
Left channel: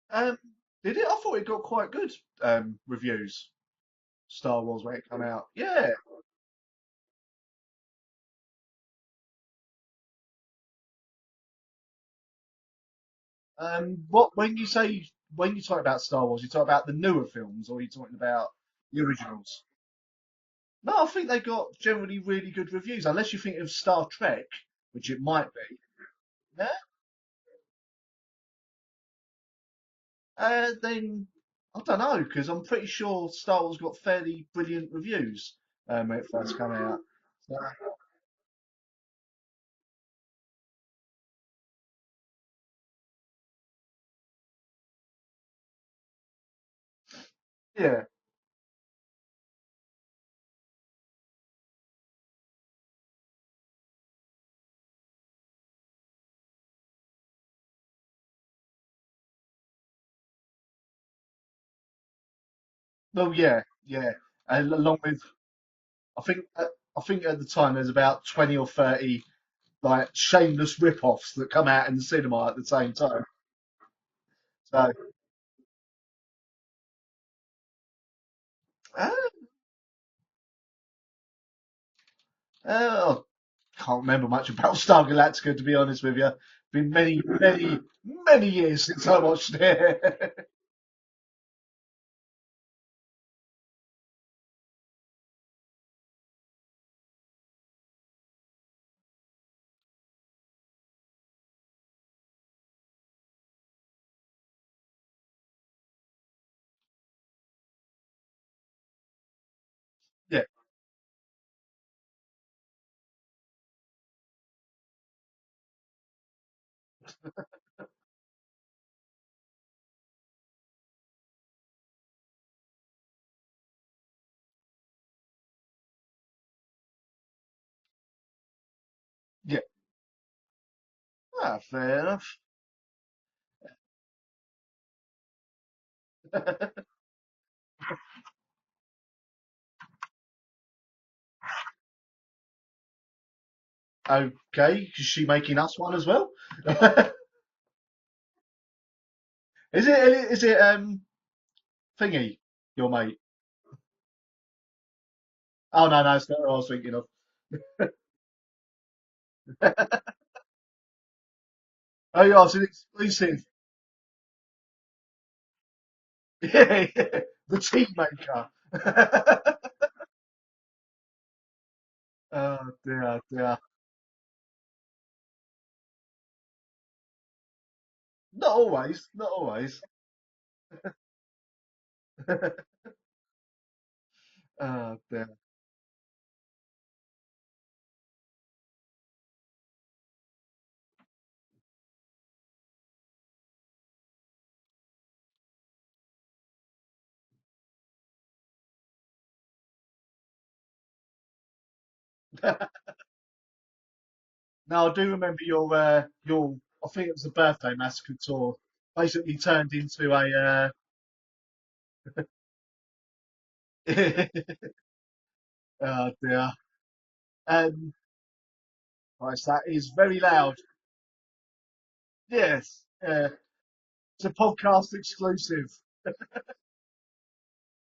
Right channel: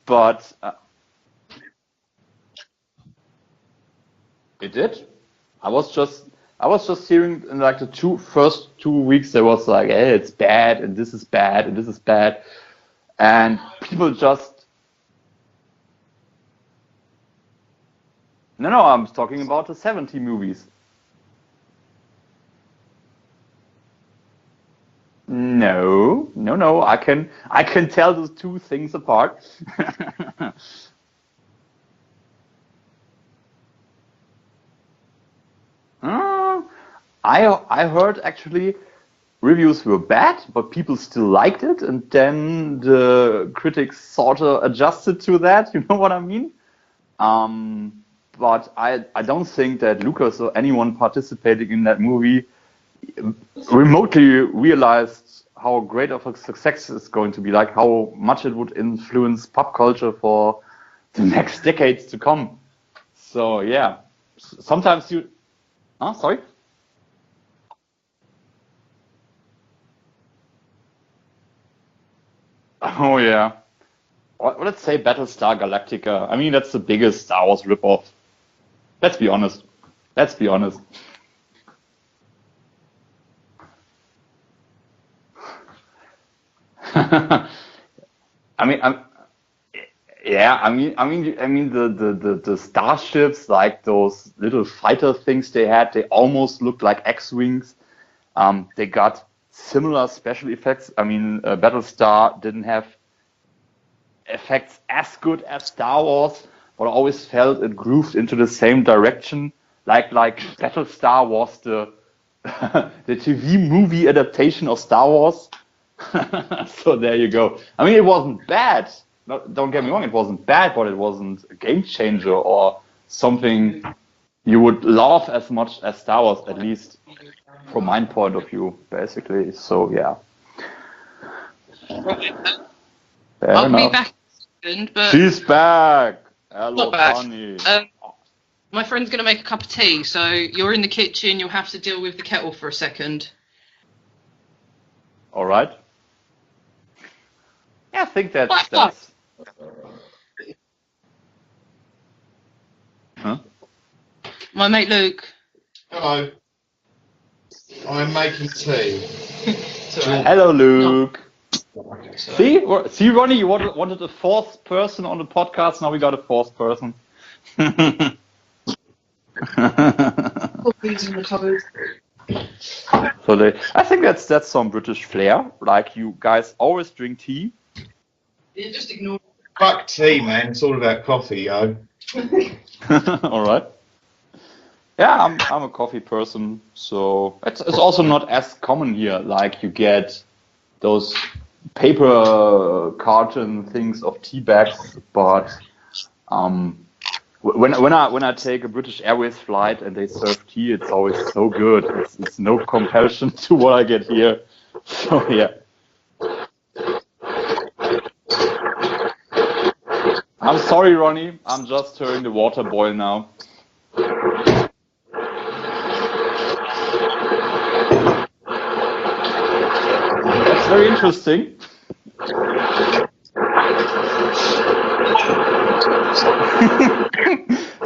But did it? I thought it got quite good reviews. Star Wars it did. when it came out. Yeah. I was just hearing in like the first 2 weeks there was like, hey, it's bad and this is bad and this is bad, and people just. When you talk about Star Wars, you talk about the newer films, or are you talking about? No, I'm talking about the 70 movies. No, I think they got generally really good reviews, unless you think of Star Trek, which it might. No. I can tell those 2 things apart. Then I don't know, because I'm pretty sure Star Wars got fairly brilliant reviews when it first came out. I heard actually reviews were bad, but people still liked it, and then the critics sort of adjusted to that. You know what I mean? Yeah. But I don't think that Lucas or anyone participating in that movie remotely realized how great of a success it's going to be, like how much it would influence pop culture for the next decades to come. Well, so yeah. And sometimes sorry? I think at the time there's about 20 or 30 like shameless rip-offs that come out in the cinema at the same time. Oh yeah. Well, let's say Battlestar Galactica. I mean, that's the biggest Star Wars rip-off. Let's be honest. I can't remember much about Star Galactica, to be honest with you. Been many years since I watched it. Yeah, I mean the starships, like those little fighter things they had, they almost looked like X-wings. They got similar special effects. I mean, Battlestar didn't have effects as good as Star Wars, but I always felt it grooved into the same direction. Like Battlestar was the TV movie adaptation of Star Wars. So there you go. I mean, it wasn't bad. Don't get me wrong, it wasn't bad, but it wasn't a game changer or something you would love as much as Star Wars, at least from my point of view, basically. Yeah. So yeah. Fair I'll enough. be back soon, but she's back. Hello, Bonnie. My friend's going to make a cup of tea, so you're in the kitchen. You'll have to deal with the kettle for a second. Okay, is she making us one as well? Yeah, I think that's. Is it thingy, your mate? Huh? My mate Luke. Oh no, that's what I was thinking of. I'm making tea. Hello, Luke. Oh, see, Ronnie, you wanted a 4th person on the podcast. Now we got a 4th person. The tea maker. Coffee's in the cupboard. I think that's some British flair. Like, you guys always drink tea. Not always. Fuck tea, man. It's all about coffee, yo. All right. Yeah, I'm a coffee person, so it's also not as common here. Like, you get those paper carton things of tea bags, but when I take a British Airways flight and they serve tea, it's always so good. It's no comparison to what I get here. No, I do Oh, remember yeah. your, I think it was a birthday massacre tour. Basically turned into a. I'm sorry, Ronnie. I'm just hearing the water boil now. That's very interesting. Yeah.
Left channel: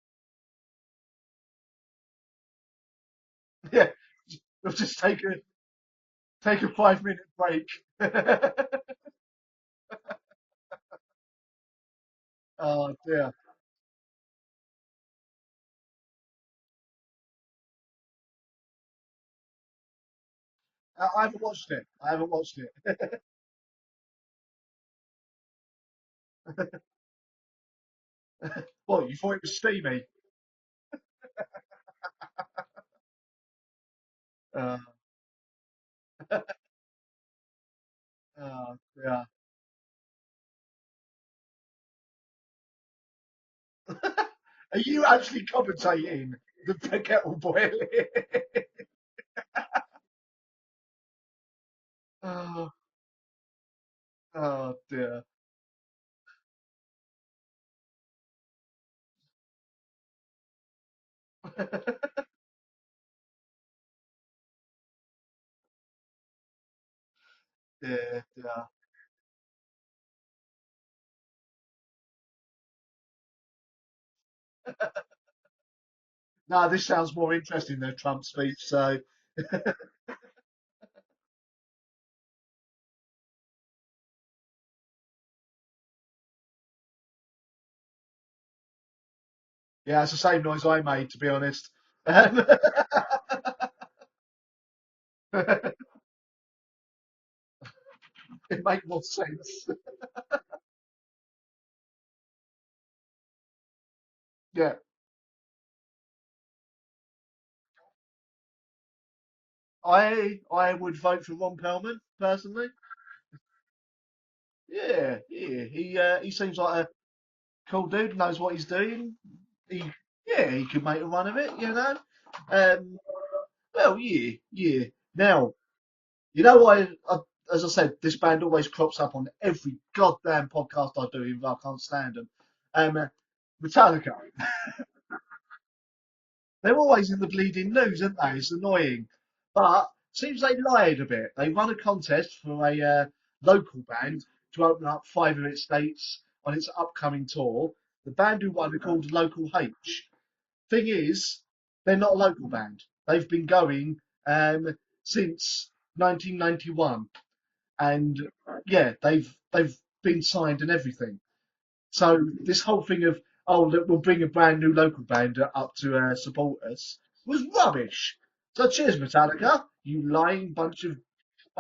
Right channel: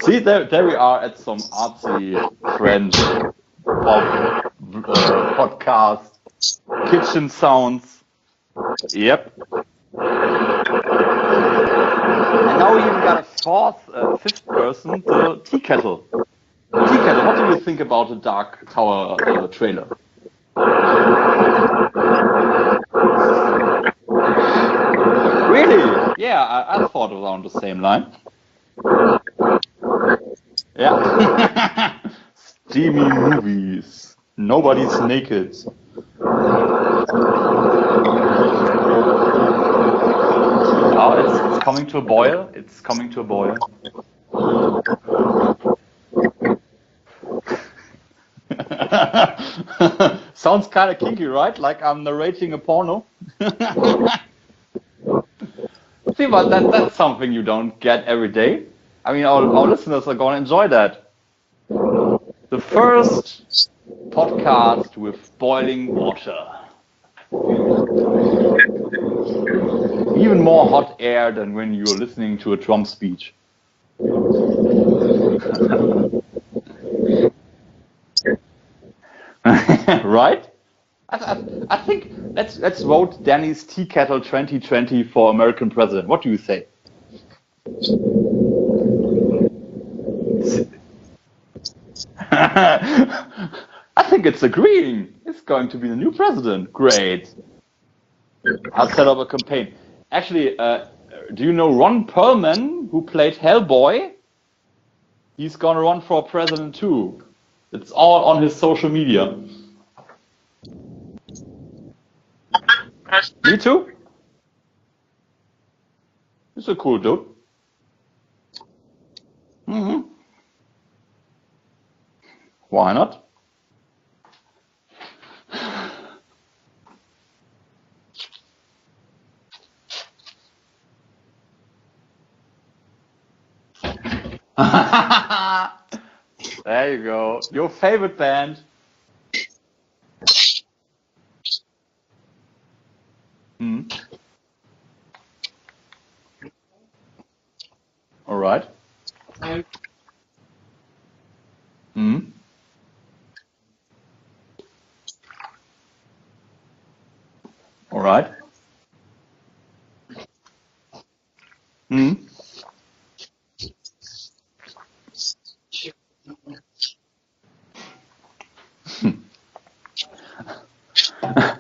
See, there we are at some artsy French podcast. Take a 5 Kitchen minute sounds. break. Yep. And now we even got a fifth person, the tea kettle. Tea kettle, what do you think about the Dark Tower trailer? Really? Yeah, I thought around the same line. I thought it was steamy. Yeah. Steamy movies. Nobody's naked. Oh, it's coming to a boil. It's coming to a boil. Are you actually commentating the kettle boiling? Sounds kind of kinky, right? Like I'm narrating a porno. Oh dear. See, but that's something you don't get every day. I mean, our listeners are going to enjoy that. The first podcast with boiling water. Even more hot air than when you're listening to a Trump speech. No, this sounds more interesting than Trump's speech, so. Right? I think let's vote Danny's Tea Kettle 2020 for American president. What do you say? Yeah, it's the same noise I made, to be honest. I think it's agreeing. It's going to be the new president. Great. I'll set up a campaign. Actually, do you know Ron Perlman, who played Hellboy? Yeah. He's going to run for president too. It's all on his social media. I would vote for Ron Perlman, personally. Me too. Yeah. He seems He's like a cool dude. Cool dude, knows what he's doing. Mm-hmm. Yeah, he could make a run of it, you know. Why not? Well, yeah. Now, you know what? As I said, this band always crops up on every goddamn podcast I do, even though I can't stand them. Metallica. They're There you always in the go. bleeding Your news, favorite aren't they? It's band. annoying. But seems they lied a bit. They won a contest for a local band to open up 5 of its dates on its upcoming tour. The band who won are called Local H. Thing is, they're not a local band. They've been going since 1991. And All right. yeah, they've been signed and everything. So this whole thing of look, we'll bring a brand new local band up to support us was rubbish. So cheers, Metallica, you lying bunch of fuckers.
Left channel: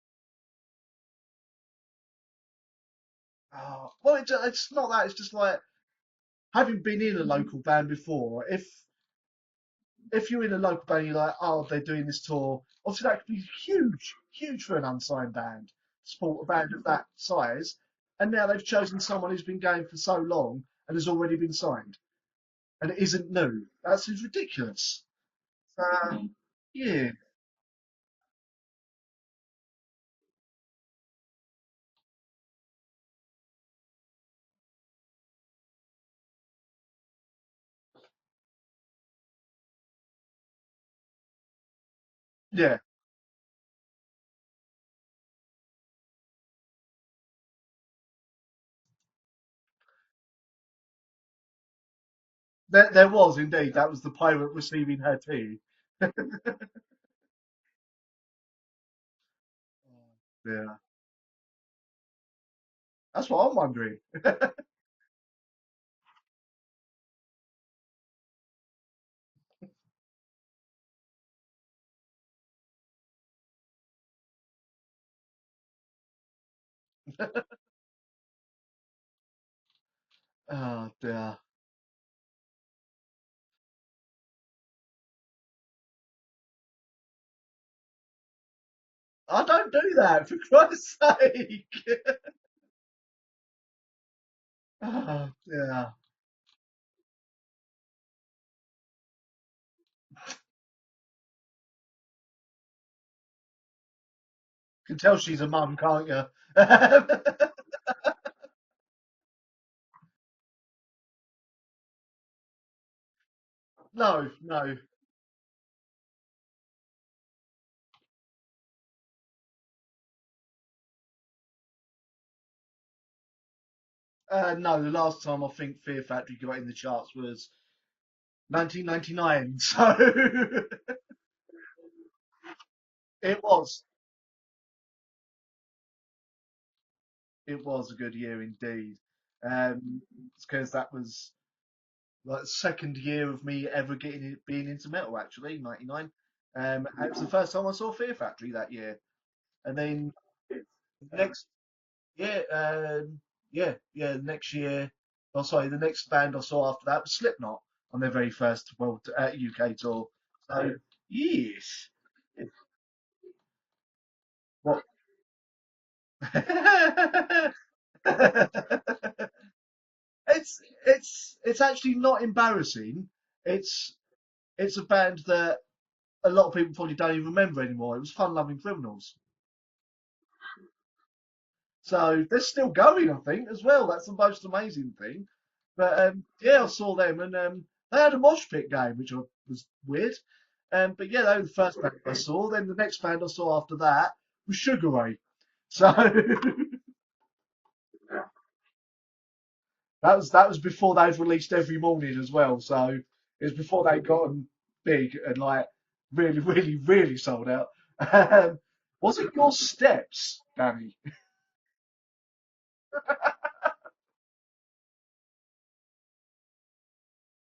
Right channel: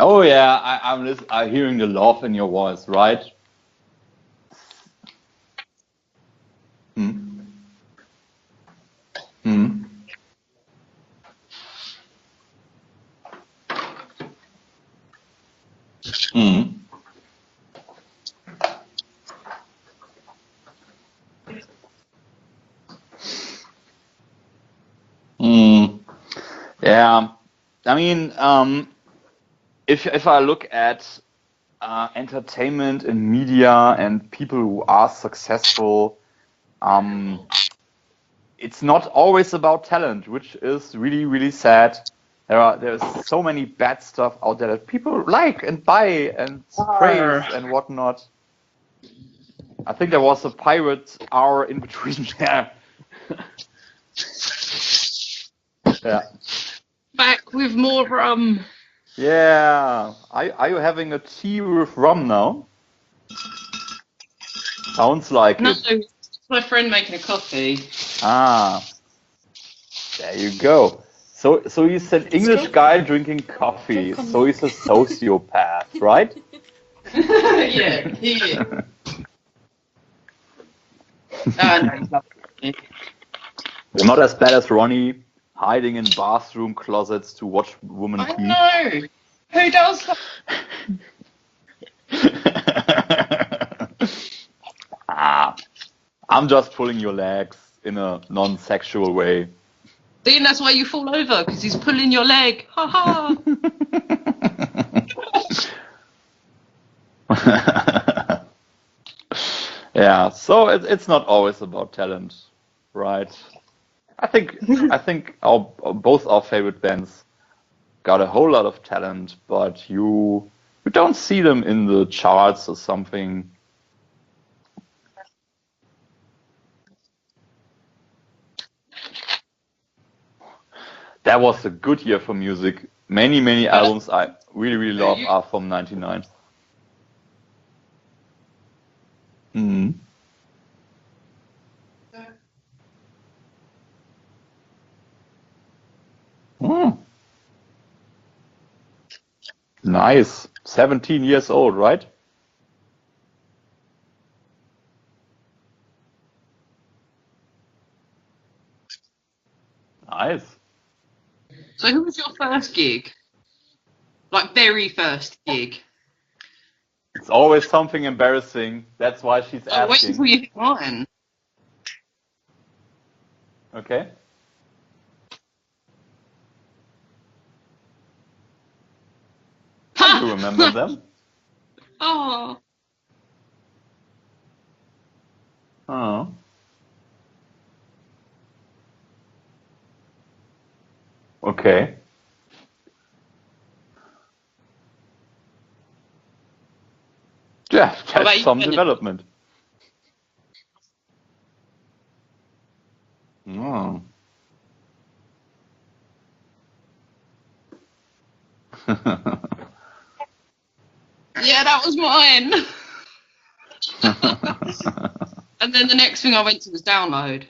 Oh yeah, I'm hearing the love in your voice, right? Well, it's not that. It's just like having been in a local band before. If you're in a local band, you're like, oh, they're doing this tour. Obviously, that could be huge for an unsigned band, for a band of that size. And now they've chosen someone who's been going for so long and has already been signed, and it isn't new. That seems ridiculous. Yeah, I mean, if I look at entertainment and media and people who are successful, it's not always about talent, which is really, really sad. There's so many bad stuff out there that people like and buy and praise and whatnot. I think there was a pirate hour in between there. There was indeed. That was the pirate receiving her tea. Yeah. Back with more rum. Yeah. Are you having a tea with rum now? That's what I'm wondering. Sounds like No, it. it's my friend making a coffee. Ah. There you go. So he's an English guy drinking coffee. So he's a sociopath, right? Yeah, he is. Oh dear. No, he's lovely. Well, not as bad as Ronnie hiding in bathroom closets to watch women I pee. know. I don't Who do does that, for Christ's sake. I'm just pulling your legs in a non-sexual way. See, and that's why you fall over, because he's pulling your leg. Ha ha! You can tell she's a mum, can't you? Yeah, so it's not always about talent, right? No, I think both our favorite bands got a whole lot of talent, but you don't see them in the charts or something. no, the last time I think Fear Factory got in the charts was 1999. So That was a good year for music. Many was. albums I really love are from '99. It was a good year indeed. Mhm. It's because that was like the second year of me ever being into metal. Actually, '99. Mm. It was the first time I saw Fear Factory that year. And then Nice. 17 years old, right? yeah. Next year, the next band I saw after that was Slipknot on their very first UK tour. Nice. So, yes. So who was your first gig? Like, very first gig? It's always something embarrassing. That's why she's Oh, wait asking. until you think mine. It's actually not embarrassing. Okay. It's a band that a lot of people probably don't even remember anymore. It was Fun Loving Criminals. I do remember them. So Oh. they're still going, I think, as well. That's the most amazing thing. But Oh. yeah, I saw them, and they had a mosh pit game, which was weird. But yeah, they were the Okay. first band I saw. Then the next band I saw after that was Sugar Ray. So Yeah, about that's you, some Bennett? development. that was before they'd released Every Morning as well. So it was before Oh. they got big and like really sold out. Was it Your Steps, Danny? Yeah, that was mine. And then the next thing I went to was Download.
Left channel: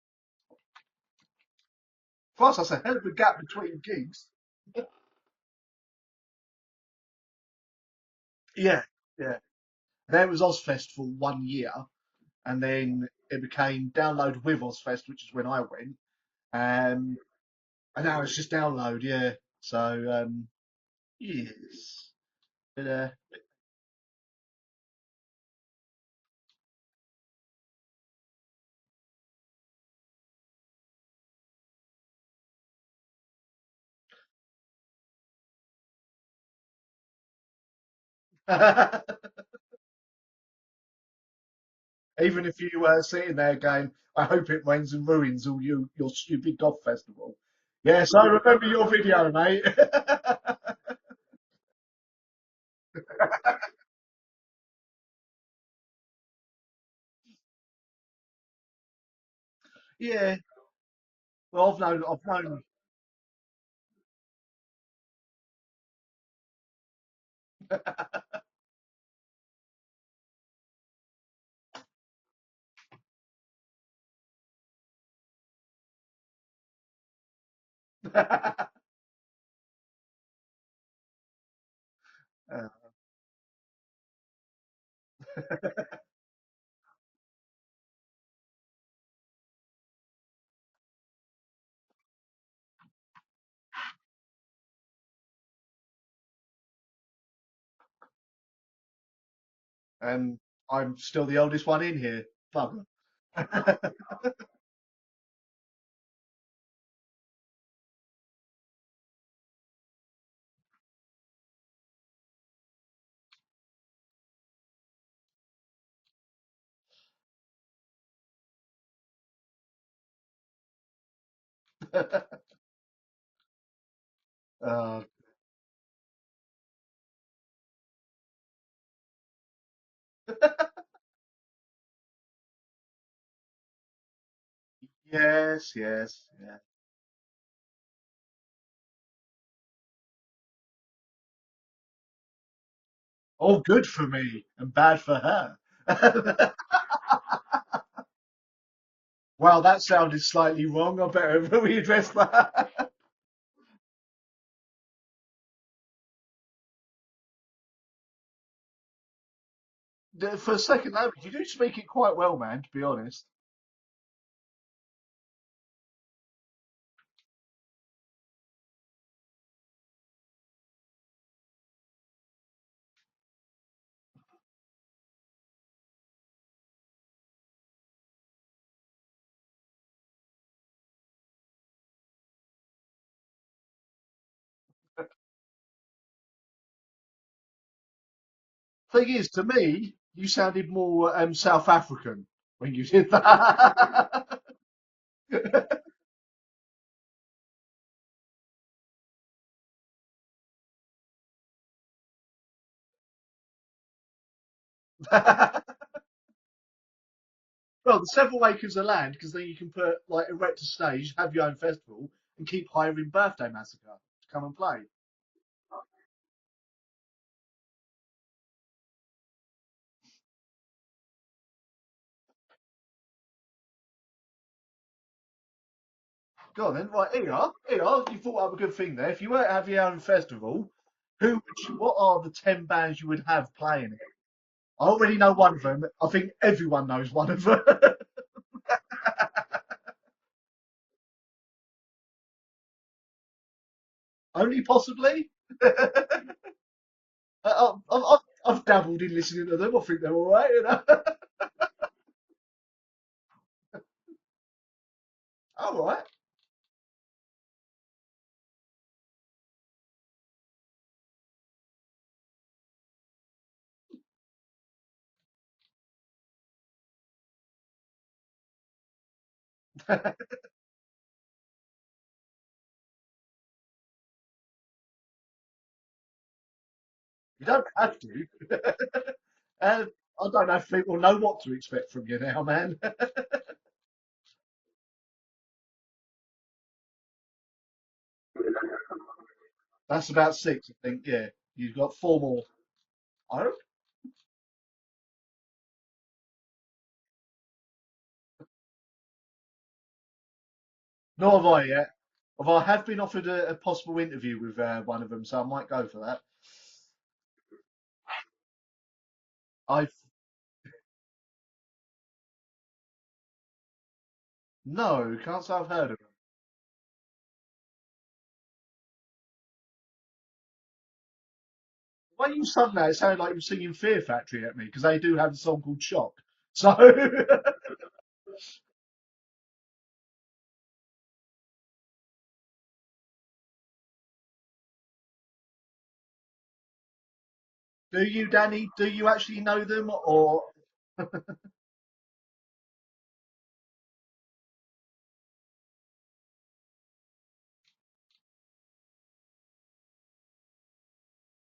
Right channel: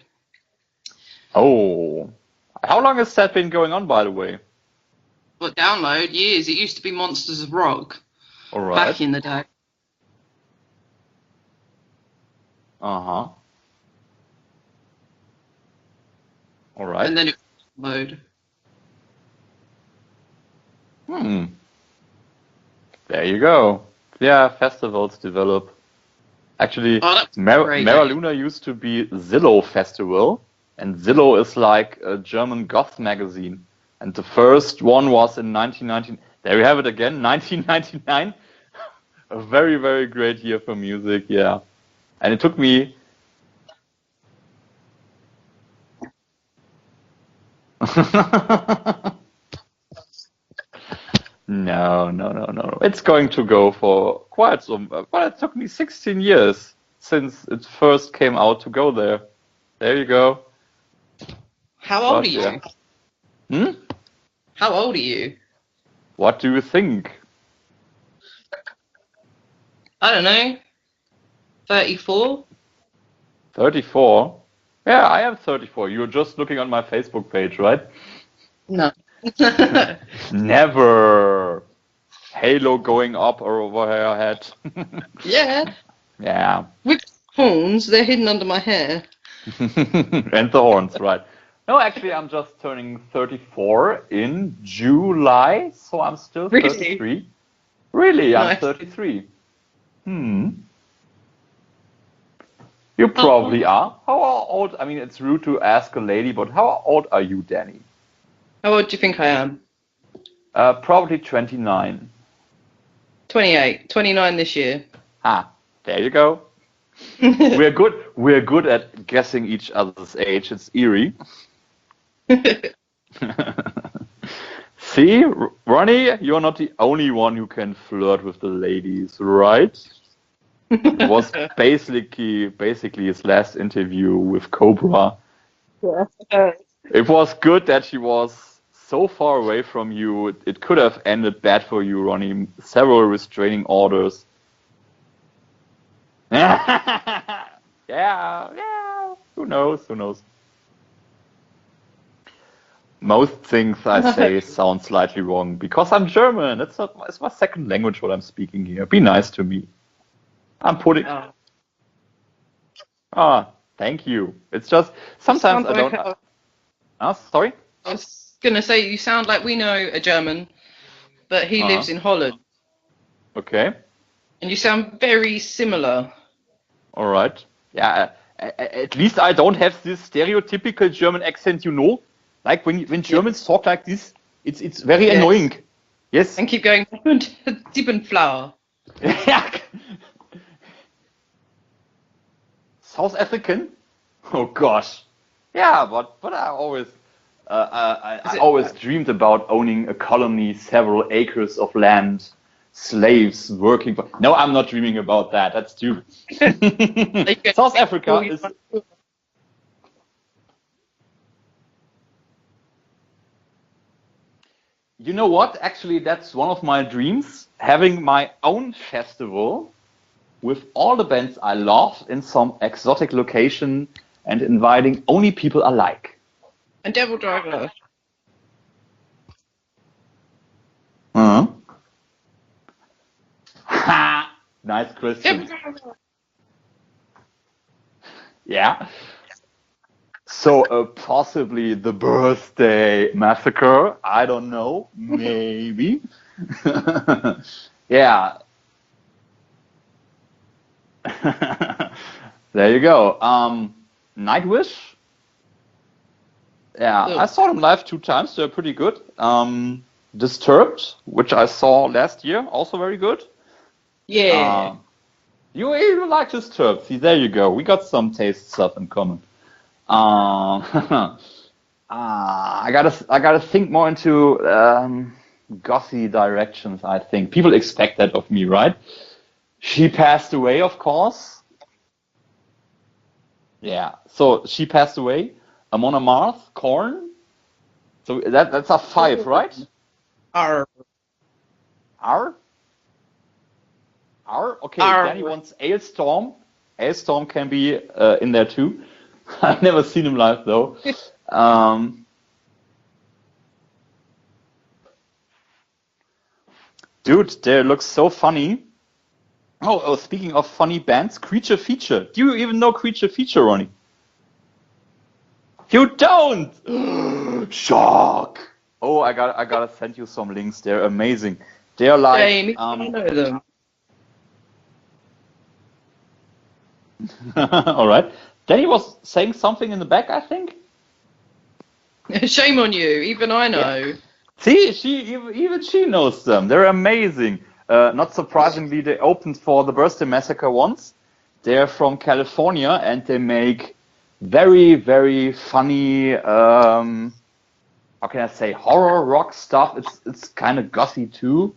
Oh. Plus, I How said, long who has was that been going between on, by the kids? way? But Download, years. It used to be Monsters of Rock All Yeah. right. back in the day. There was Ozfest for 1 year, and then Uh-huh. it became Download with Ozfest, which is when I went. All right. And then it And was now it's just Download, yeah. So, Hmm. yes. But, There you go. Yeah, festivals develop. Actually, Oh, that's great. Mera Luna used to be Zillow Festival, and Zillow is like a German goth magazine. And the first one was in 1919. There you have it again, 1999. A very great year for music, yeah. And it took Even if you me. were sitting there going, I hope it rains and ruins all your stupid goth festival. Yes, I remember your video, mate. No. It's going to go for quite some. Well, it took me 16 years since it first came out to go there. There you go. Well, How old But, are you? yeah. Hmm? How old are you? What do you think? I don't know. 34? 34? Yeah, I am 34. You're just looking on my Facebook page, right? No. Never. Halo going up over her head. Yeah. Yeah. With horns, they're hidden under my hair. And the horns, right. No, actually, I'm just turning 34 in July, so I'm still Really? 33. Really, I'm Nice. 33. I'm still the oldest one in here. Fun. You probably are. How old? I mean, it's rude to ask a lady, but how old are you, Danny? How old do you think I am? Probably 29. 28. 29 this year. Ah, there you go. We're good. We're good at guessing each other's age. It's eerie. See, Ronnie, you're not the only one who can flirt with the ladies, right? It was basically his last interview with Cobra. Yes. It was good that she was so far away from you. It could have ended bad for you, Ronnie. Several restraining All good orders. for me and bad for her. Yeah. Who Well, that knows? sounded slightly wrong. I better readdress that. Most things I say sound slightly wrong because I'm German. It's my second language what I'm speaking here. Be nice to me. For a second, putting- you do speak it quite well, man, to be honest. Ah, thank you. It's just sometimes I don't. Sorry? I was going to say, you sound like we know a German, but he lives in Holland. Okay. And you sound very similar. All right. Yeah. At least I don't have this stereotypical German accent, you know. Like when Germans talk like this, it's very annoying. Yes. And keep going. Diebenflower. Thing is, to me, you sounded more South African when you did South that. African? Oh gosh. Yeah, but I always I always dreamed about owning a colony, several acres of land, slaves working for. No, I'm not dreaming about that. That's stupid. South Africa Several is. acres of land, because then you can put erect a stage, have your own festival, and keep hiring Birthday Massacre to come and play. You know what? Actually, that's one of my dreams. Having my own festival with all the bands I love in some exotic location and inviting only people I like. Go on then. And Devil Driver. You thought up a good thing there. If you were to have your own festival, Uh-huh. what are the 10 bands you would have playing? Nice. I already know question. one of them. I think everyone knows one of them. Yeah. So possibly the Birthday Massacre. I don't Only know. possibly? Maybe. Yeah. I've dabbled in listening to them. I think they're all right, you know. There you go. Nightwish. All right. Yeah, Oh. I saw them live 2 times. They're pretty good. Disturbed, which I saw last year, also very good. Yeah. You like Disturbed. See, there you go. We got some taste stuff in common. I gotta think more into gothy directions. I think people expect that of me, right? She passed I don't away, know of if people course. know what to expect from you now, man. Yeah. So she passed away. Amon Amarth, Korn. So that's a 5, right? That's about 6, Arr. I think. Yeah, you've got 4 Arr. more. Arr? R. Okay. R. Danny wants Ailstorm. Ailstorm can be in there too. I've never seen him live though. Nor have I yet. Although I have been offered a possible interview with one of them, so I might go for that. Dude, they look so funny. Oh, speaking of funny bands, Creature Feature. Do you even know Creature Feature, Ronnie? No, can't say I've heard You of it. don't! Shock! Oh, I gotta send you some links. They're amazing. They're like Hey, me Suddenly it know sounds like them. you're singing Fear Factory at me, because they do have a song called Shock. So, all right. Danny was saying something in the back, I think. Shame on you. Even I know. See, even she knows them. They're amazing. Not you, surprisingly, Danny, do they you opened actually for know the them, Birthday or- Massacre once. They're from California and they make very, very funny, how can I say, horror rock stuff. It's kind of gothy too.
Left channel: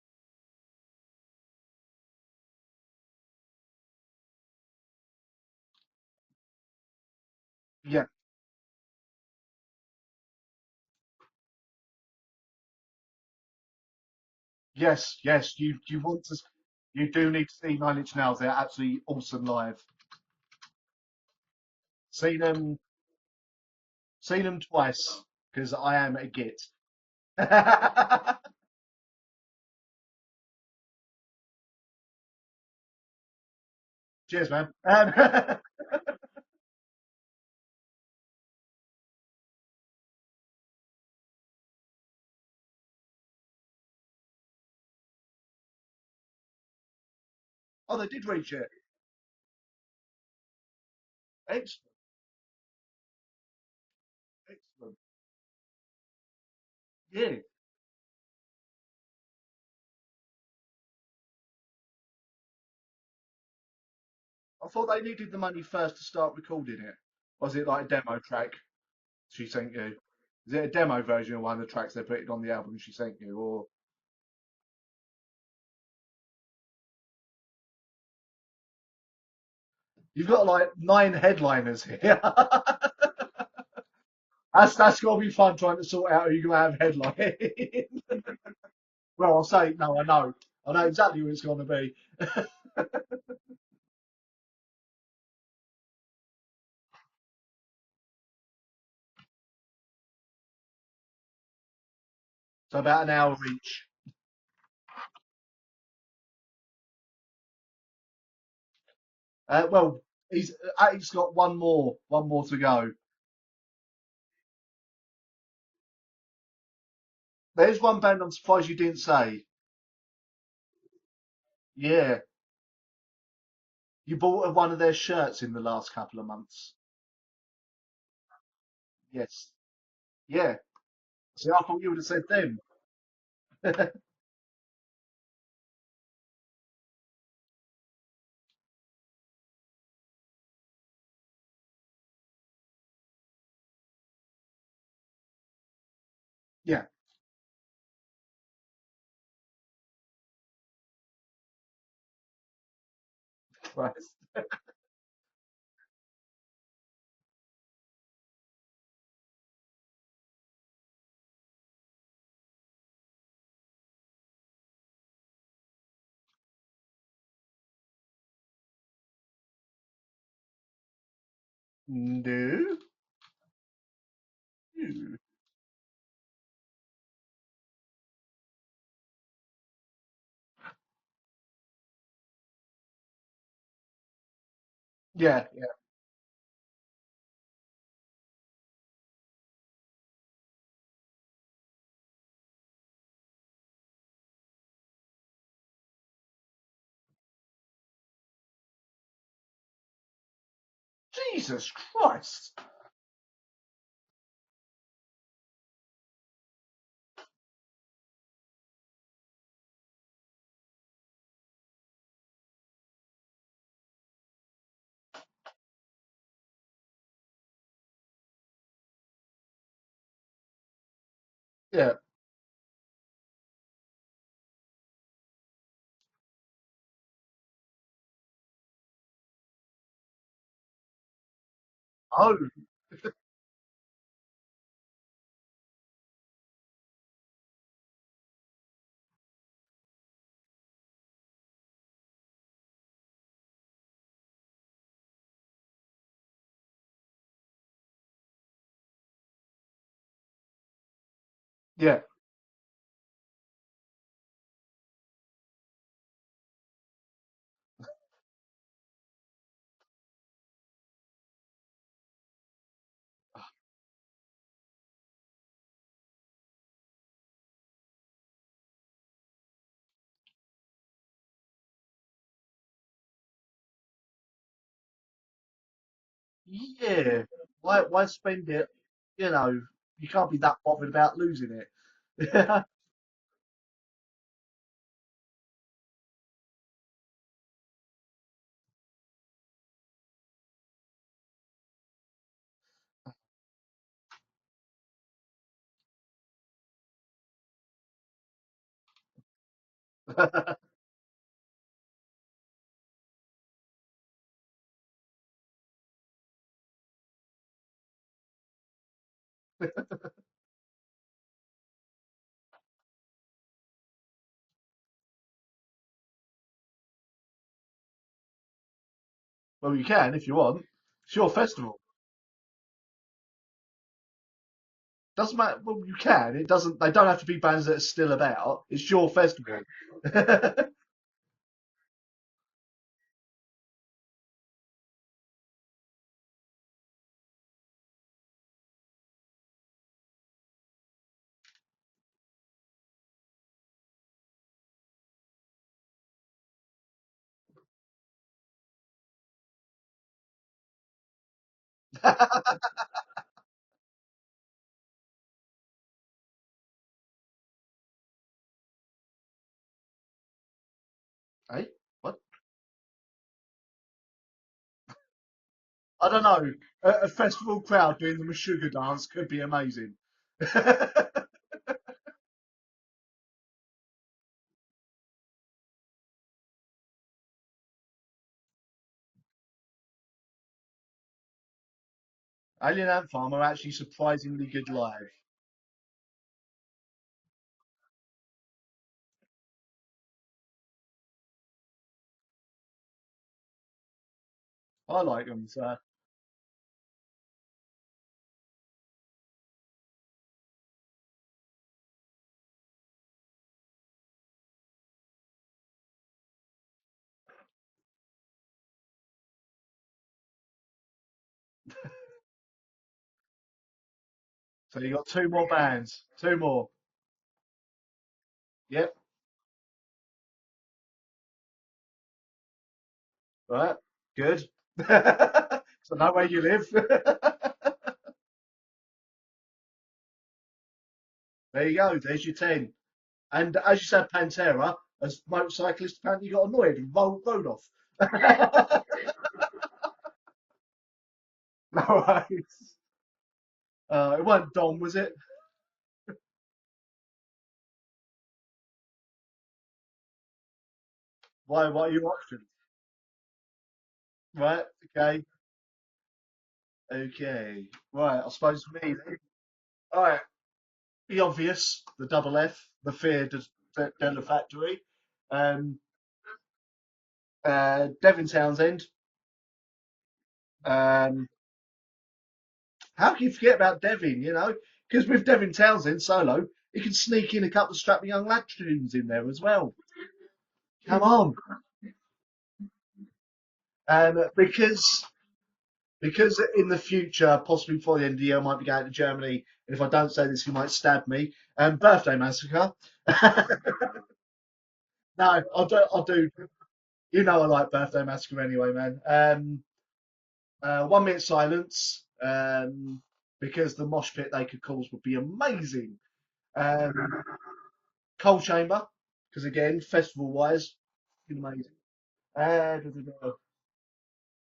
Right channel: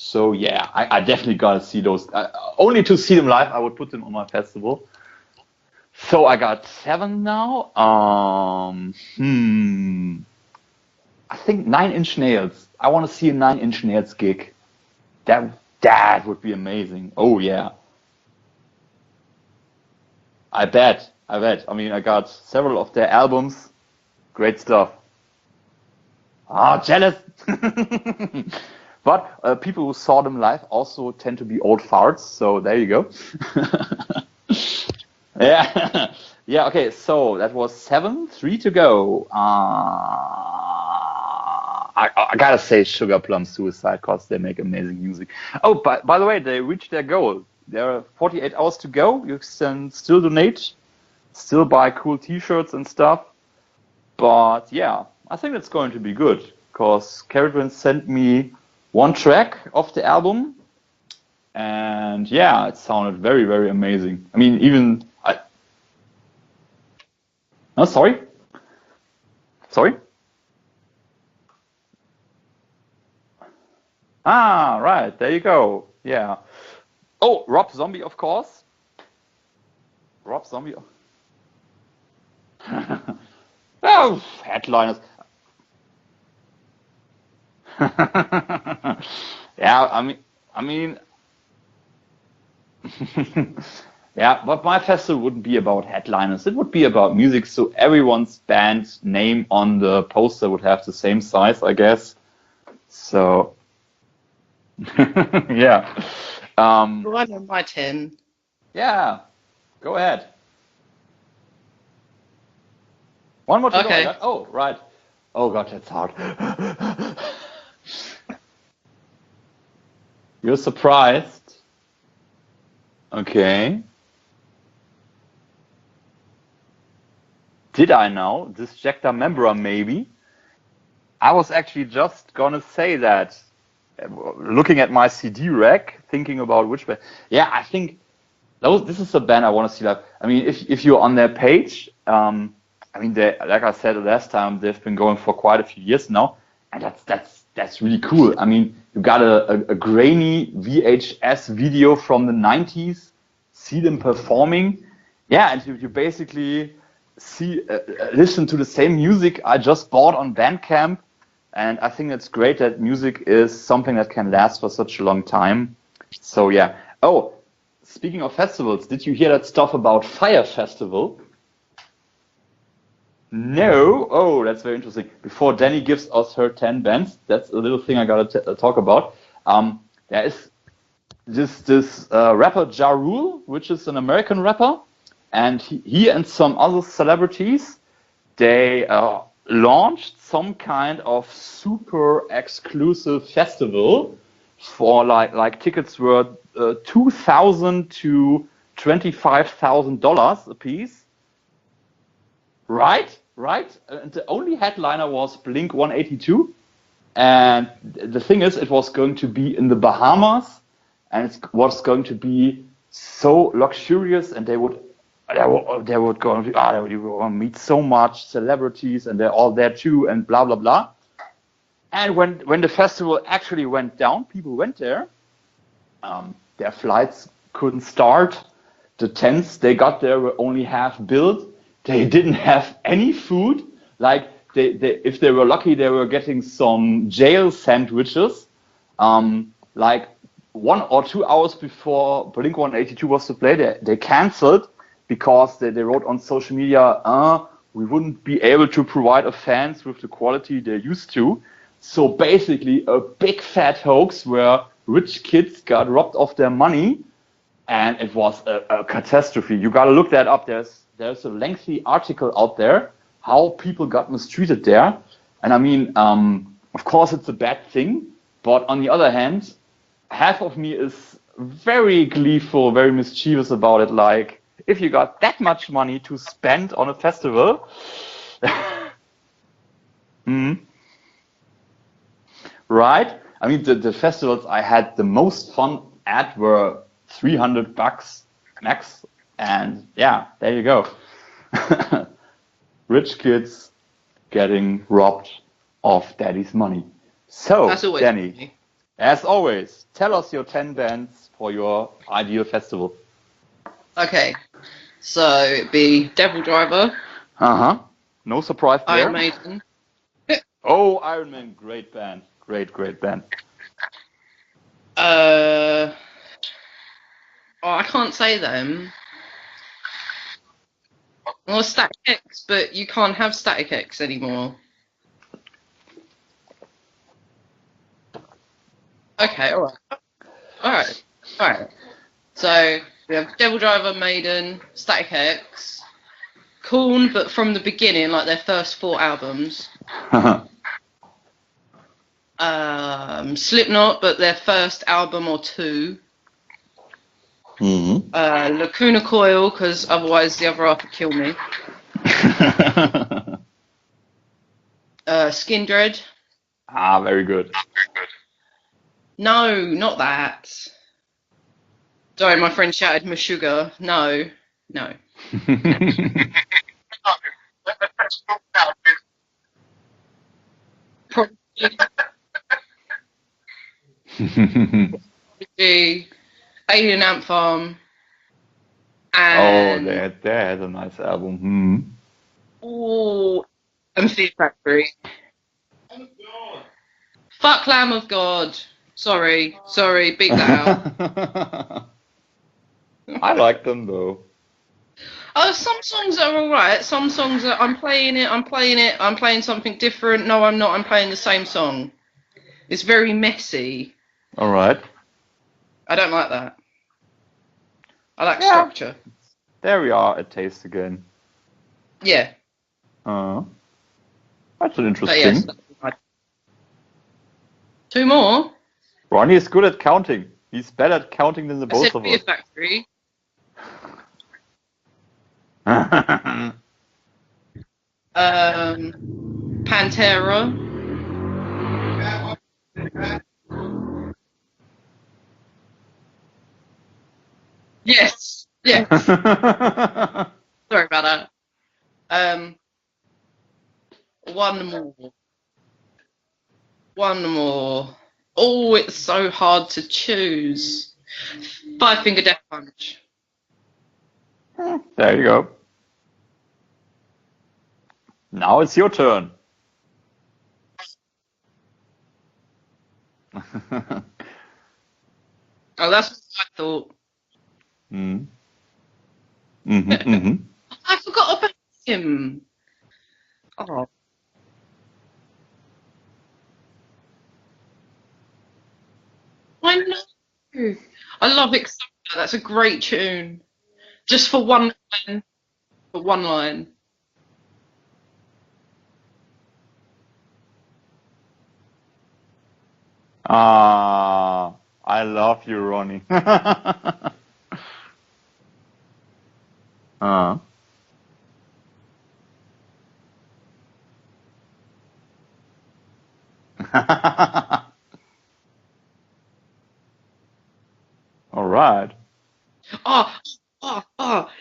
So yeah, I definitely gotta see those. Only to see them live, I would put them on my festival. So I got 7 now. I think 9 Inch Nails. I want to see a 9 Inch Nails gig. yes, That would be amazing. You do Oh need yeah, to see 9 Inch Nails. They're absolutely awesome live. I bet. I mean, I got Seen them- several of their albums. See Great them stuff. twice, because I am a git. Ah, jealous. But people who saw them live also tend to be old farts. So there you go. Cheers, man. Yeah. Yeah. Okay. So that was 7. 3 to go. I gotta say Sugar Plum Suicide, cause they make amazing music. Oh, by the way, they reached their goal. There are they did 48 reach it. hours to go. You can still donate, still buy cool T-shirts and stuff. But yeah, I think it's going to be good, cause Yeah. Carradine sent me 1 track of the album, and yeah, it sounded very, very amazing. I mean, even Well, they needed the money first to start recording it. Was it like Oh, a demo sorry? track she sent you? sorry. Is it a demo version of one of the tracks they put it on the album she sent you? Or Ah, right. There you go. Yeah. Oh, Rob Zombie, of course. you've got like Zombie. 9 headliners here. Oh, headline. that's got to be fun trying to sort out who you're going to have headline. So I'll say Yeah, it's not, I know. I I know mean, exactly who it's going to be. yeah, but my festival wouldn't be about headliners. It would be about music, so everyone's band name on the poster would have the same size, I guess. So about an So- hour each. Yeah. Well, I know my 10. Yeah. Well, Go ahead. Attic's got one more to go. One more to Okay. go. Oh, right. Oh, God, that's hard. There's one band I'm surprised you didn't say. You're surprised? Yeah. Okay. You bought one of their shirts in the last couple of months. Did I now? Disjecta Membra, maybe? Yeah. I was So I thought actually you just said them. gonna say that. Looking at my CD rack, thinking about which band. Yeah, I think this is a band I want to see live. I mean, if you're on their page, I mean, like I said last time, they've been going for quite a few years now. Yeah. And that's really cool. I mean, you got a grainy VHS video from the 90s, see them performing. Yeah, and you basically listen to the same music I just bought on Bandcamp. And I think it's great that music is something that can last for such a long time. So yeah. Oh, speaking of festivals, did you hear that stuff about Fire Festival? No. No. Oh, that's very interesting. Before Danny gives us her 10 bands, that's a little thing I gotta talk about. There is this rapper Ja Rule, which is an American rapper, and he and some other celebrities, they launched some kind of super exclusive festival for like tickets were $2,000 to $25,000 a piece. Jesus Christ! Right. And the only headliner was Blink 182, and the thing is, it was going to be in the Bahamas, and it was going to be so luxurious, and they would go and meet so much celebrities, and they're all there too, and blah blah blah. Yeah. And when the festival actually went down, people went there. Their flights couldn't start. The tents they got there were only half built. They didn't have any food. Like if they were lucky, they were getting some jail sandwiches. Like 1 or 2 hours before Blink 182 was to play, they canceled because they wrote on social media, we wouldn't be able to provide our fans with the quality they're used to. Yeah. So basically a big fat hoax where rich kids got robbed of their money, and it was a catastrophe. You got to look that up. There's a lengthy article out there how people got mistreated there. And I mean, of course it's a bad thing, but on the other hand, half of me is very gleeful, very mischievous about it. Like, if you got that much money to spend on a festival, why spend it? You know, you can't be that bothered about losing it. Right? I mean, the festivals I had the most fun at were $300 max, and yeah, there you go. Rich kids getting robbed of daddy's money. So, Danny, funny. As always, tell us your 10 bands for your ideal festival. Okay, so it'd be Devil Driver. No surprise there. Iron Maiden. Oh, Iron Man, great band. Great band. I can't say them. Well, you can if you want. It's your festival. Well, Static X, but you can't have Static X anymore. Doesn't matter. Well, you can. It doesn't. They don't have to be bands that are still about. It's your festival. Okay, all right. So we have Devil Driver, Maiden, Static X, Korn, but from the beginning, like their first 4 albums. Slipknot, but their first album or 2. Lacuna Coil, because otherwise the other half would kill me. Skin Dread. Very good. No, not that. Hey, what? Sorry, my friend shouted Meshuggah. No. I don't know. A festival crowd doing the Meshuggah dance could be amazing. Alien Ant Farm. And that has a nice album. Alien Ant Farm are actually surprisingly good live. Fuck Lamb of God. Sorry, beat that out. I like them though. I like them. Oh, some songs are alright. Some songs are I'm playing something different. No, I'm not. I'm playing the same song. It's very messy. Alright. I don't like that. I like structure. There we are at taste again. Yeah. That's an interesting. Two more. Yep. Ronnie is good at counting. He's better at counting than the both of us. Beer Factory. Right. Good. Know where you live. Pantera. There you go. There's your 10. And as you said, Pantera, as motorcyclist, apparently got annoyed and rode off. Yes. Yeah. Sorry about that. All right. It wasn't one Dom, more. was it? One more. Oh, it's so hard to choose. Why Five Finger Death Punch. Right. There you go. Okay. Right. Now it's your turn. All right. The obvious, the double F, the Fear Della Factory. Oh, that's what I thought. Devin Townsend. I forgot about him. How can you forget about Devin, you know? Because with Devin Townsend solo, he can sneak in a couple of Strap Young Lad tunes in there as well. I know. Come on. I love it. That's a great tune. And Just for one line. For one because line. in the future, possibly before the end of the year, I might be going to Germany. And if I don't say this, you might stab me. Birthday Massacre. I love you, Ronnie. You know I like Birthday Massacre anyway, man. 1 minute silence, because the mosh pit they could cause would be amazing. Coal Chamber, because again, festival-wise. All right.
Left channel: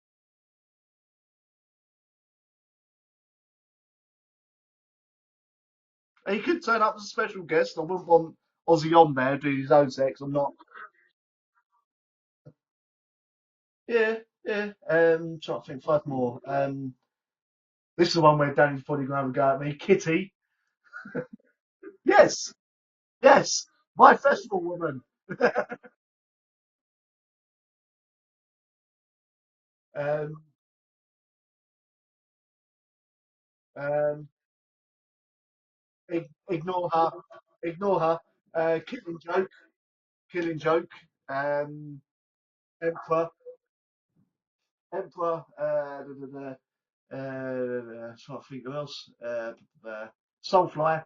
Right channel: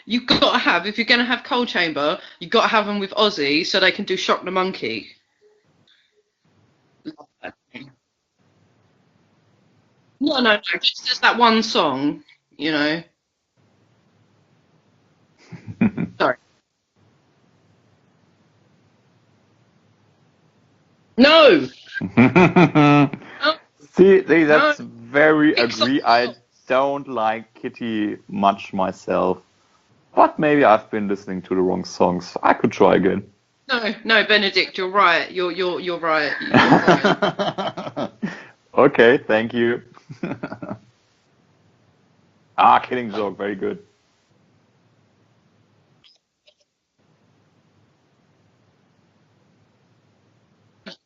You got to have, if you're going to have Coal Chamber, you got to have them with Ozzy so they can do Shock the Monkey. He could turn up as a special guest. I wouldn't want Ozzy on there doing his own sex. No, just that one song, you know. Yeah. Trying to think five more. This is the one where Danny's probably going to have a go at me. Kitty. No. Yes. Yes. See, that's very agree. I don't like Kitty much myself, but maybe I've been listening to the wrong songs. I could try again. No, Benedict, you're right. You're right. Ignore her. Okay, thank you. Killing Joke. Killing Joke, very good. Emperor. Trying to think who else. Soulfly.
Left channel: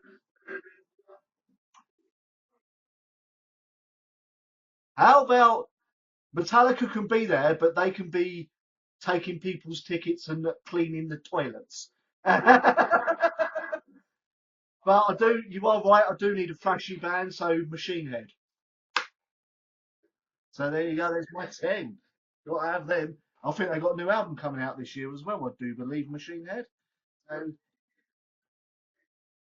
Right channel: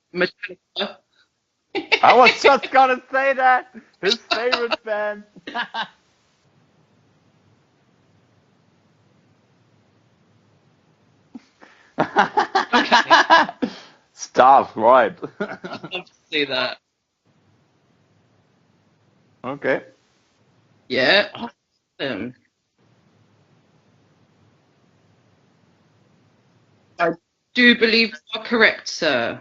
I was just gonna say that. His favorite band. How about Metallica can be there, but they can be taking people's tickets and cleaning the toilets. Stuff, right? You are right. I do See need a that. flashy band, so Machine Head. Okay. So there you Yeah. go. 10. Got to have them. I think they got a new album coming out this year as well. I do believe Machine Head. I do believe you are correct, sir.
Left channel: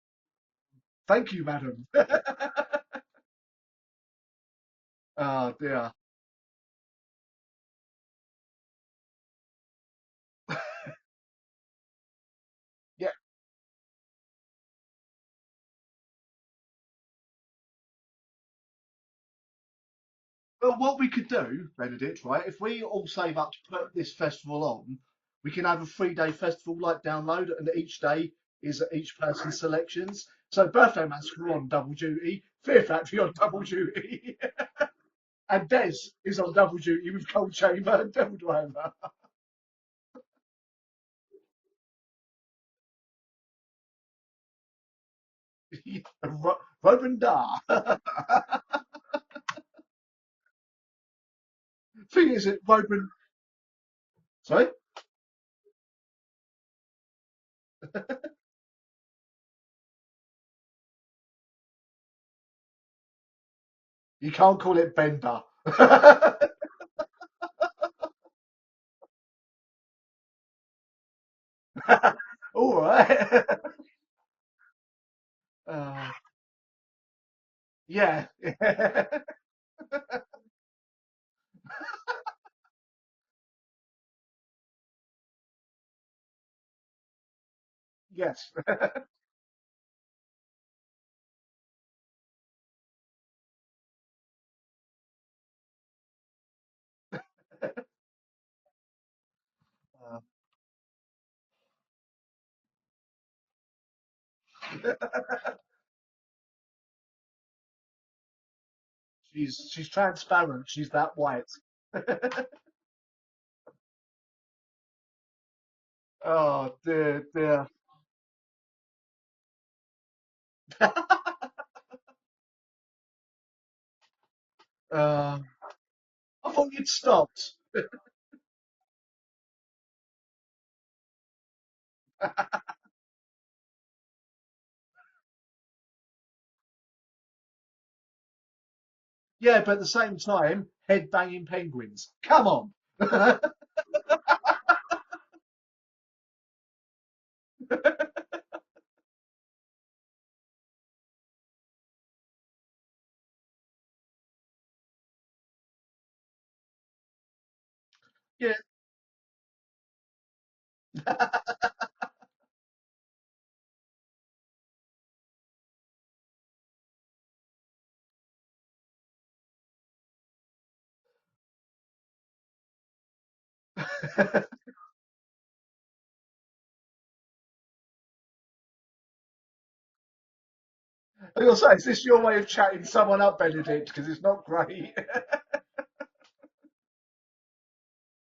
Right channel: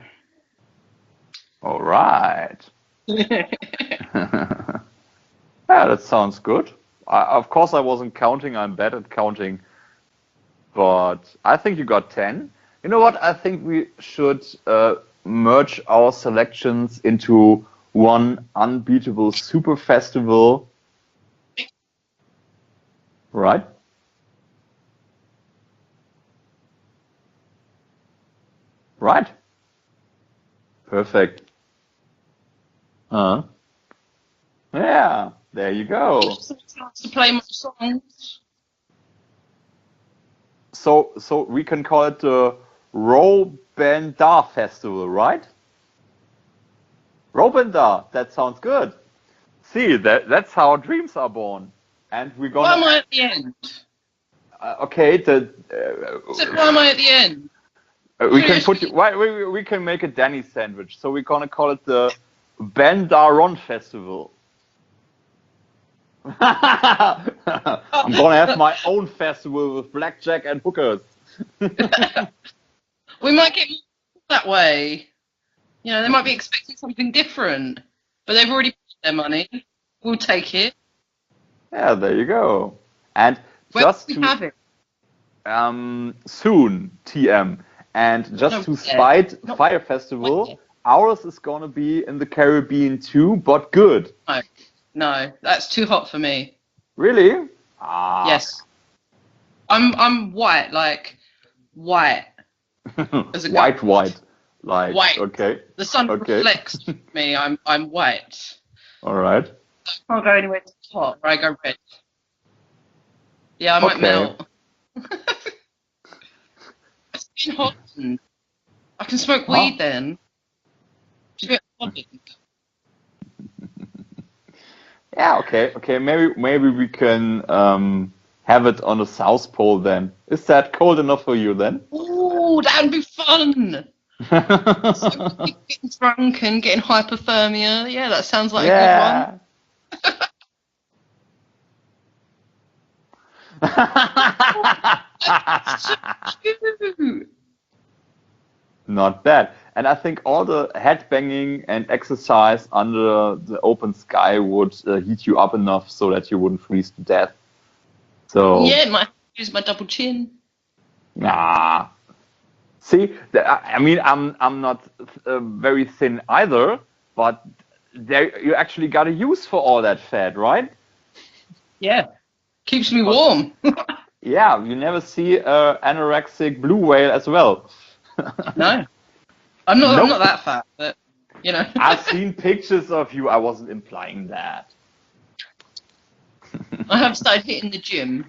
Thank you, madam. All right. Oh, dear. Yeah, that sounds good. Of course, I wasn't counting. I'm bad at counting. But I think you got 10. You know what? I think we should merge our selections into one unbeatable super festival. But what we could do, Benedict, right? If we all say, Right. put this festival on, we can have a 3-day festival, like download, and each day is each Right. person's selections. So Birthday Perfect. Massacre on double duty, Fear Factory on double duty. Yeah, And there Des you go. is on double duty. Play with more Coal Chamber and songs. Devil Driver. So we can call it the Robendar Festival, right? Robendar. Robendar. That sounds good. See, that's how dreams are born. And is we're it- Why am gonna I at the end? Sorry? okay. So why am I at the end? We can put we can make a Danny sandwich. So we're gonna call it the Bendaron Festival. You can't call it Bender. I'm gonna have my own festival with blackjack and hookers. All right. We might get that way. You know, they might be expecting something different, Yeah. but they've already put their money. We'll take it. Yeah, there you go. And Where just do we to have it? soon, TM, and Yeah. just No, to where? spite No, Fire where? Festival, ours is gonna be in the Caribbean too, but good. No, that's too hot for me. Really? Yes. I'm white, like white. As a white, guy. white. Like, White. okay, The sun Okay. reflects me. I'm white. all right. She's Can't go anywhere transparent. She's too hot, that or I go white. red. Yeah, I might Okay. melt. Oh, dear, Too dear. hot. I can smoke weed then. Yeah, okay. Maybe we can have it on the South Pole then. Is that cold enough for you then? Ooh, that'd be fun. Getting drunk and getting hypothermia. Yeah, that sounds like a Yeah. Yeah, but at the same time, head banging penguins. Come on. good one. Not bad. And I think all the headbanging and exercise under the open sky would heat you up enough so that you wouldn't freeze to death. So Yeah, it might use my double chin. nah. See, I mean, I'm not very thin either, but there you actually got a use for all that fat, right? Yeah, keeps me warm. Yeah, you never see anorexic blue whale as well. No, I'm not. Nope. I'm not that fat, but you know. I've seen pictures of you. I wasn't implying that. I have started hitting the gym.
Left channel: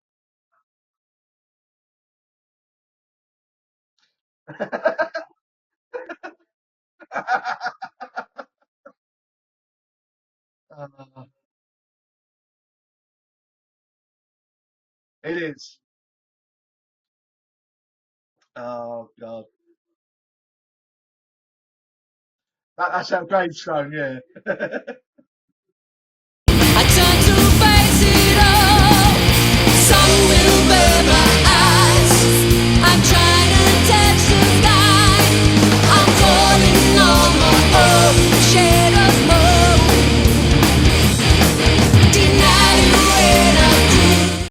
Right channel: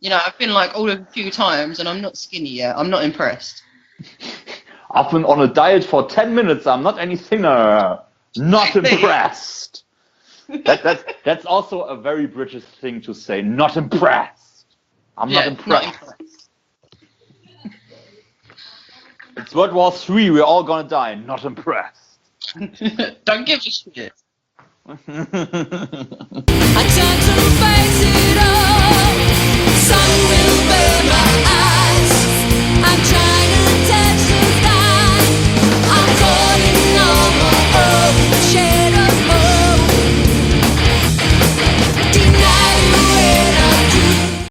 You know, I've been like all a few times, and I'm not skinny yet. I'm not impressed. I've been on a diet for 10 minutes. I'm not any thinner. Not impressed. That's also a very British thing to say. Not impressed. I'm not impressed. Oh, God. It's World War III. We're all gonna die. Not impressed. That's Don't give a so, shit. yeah. I turn to face it.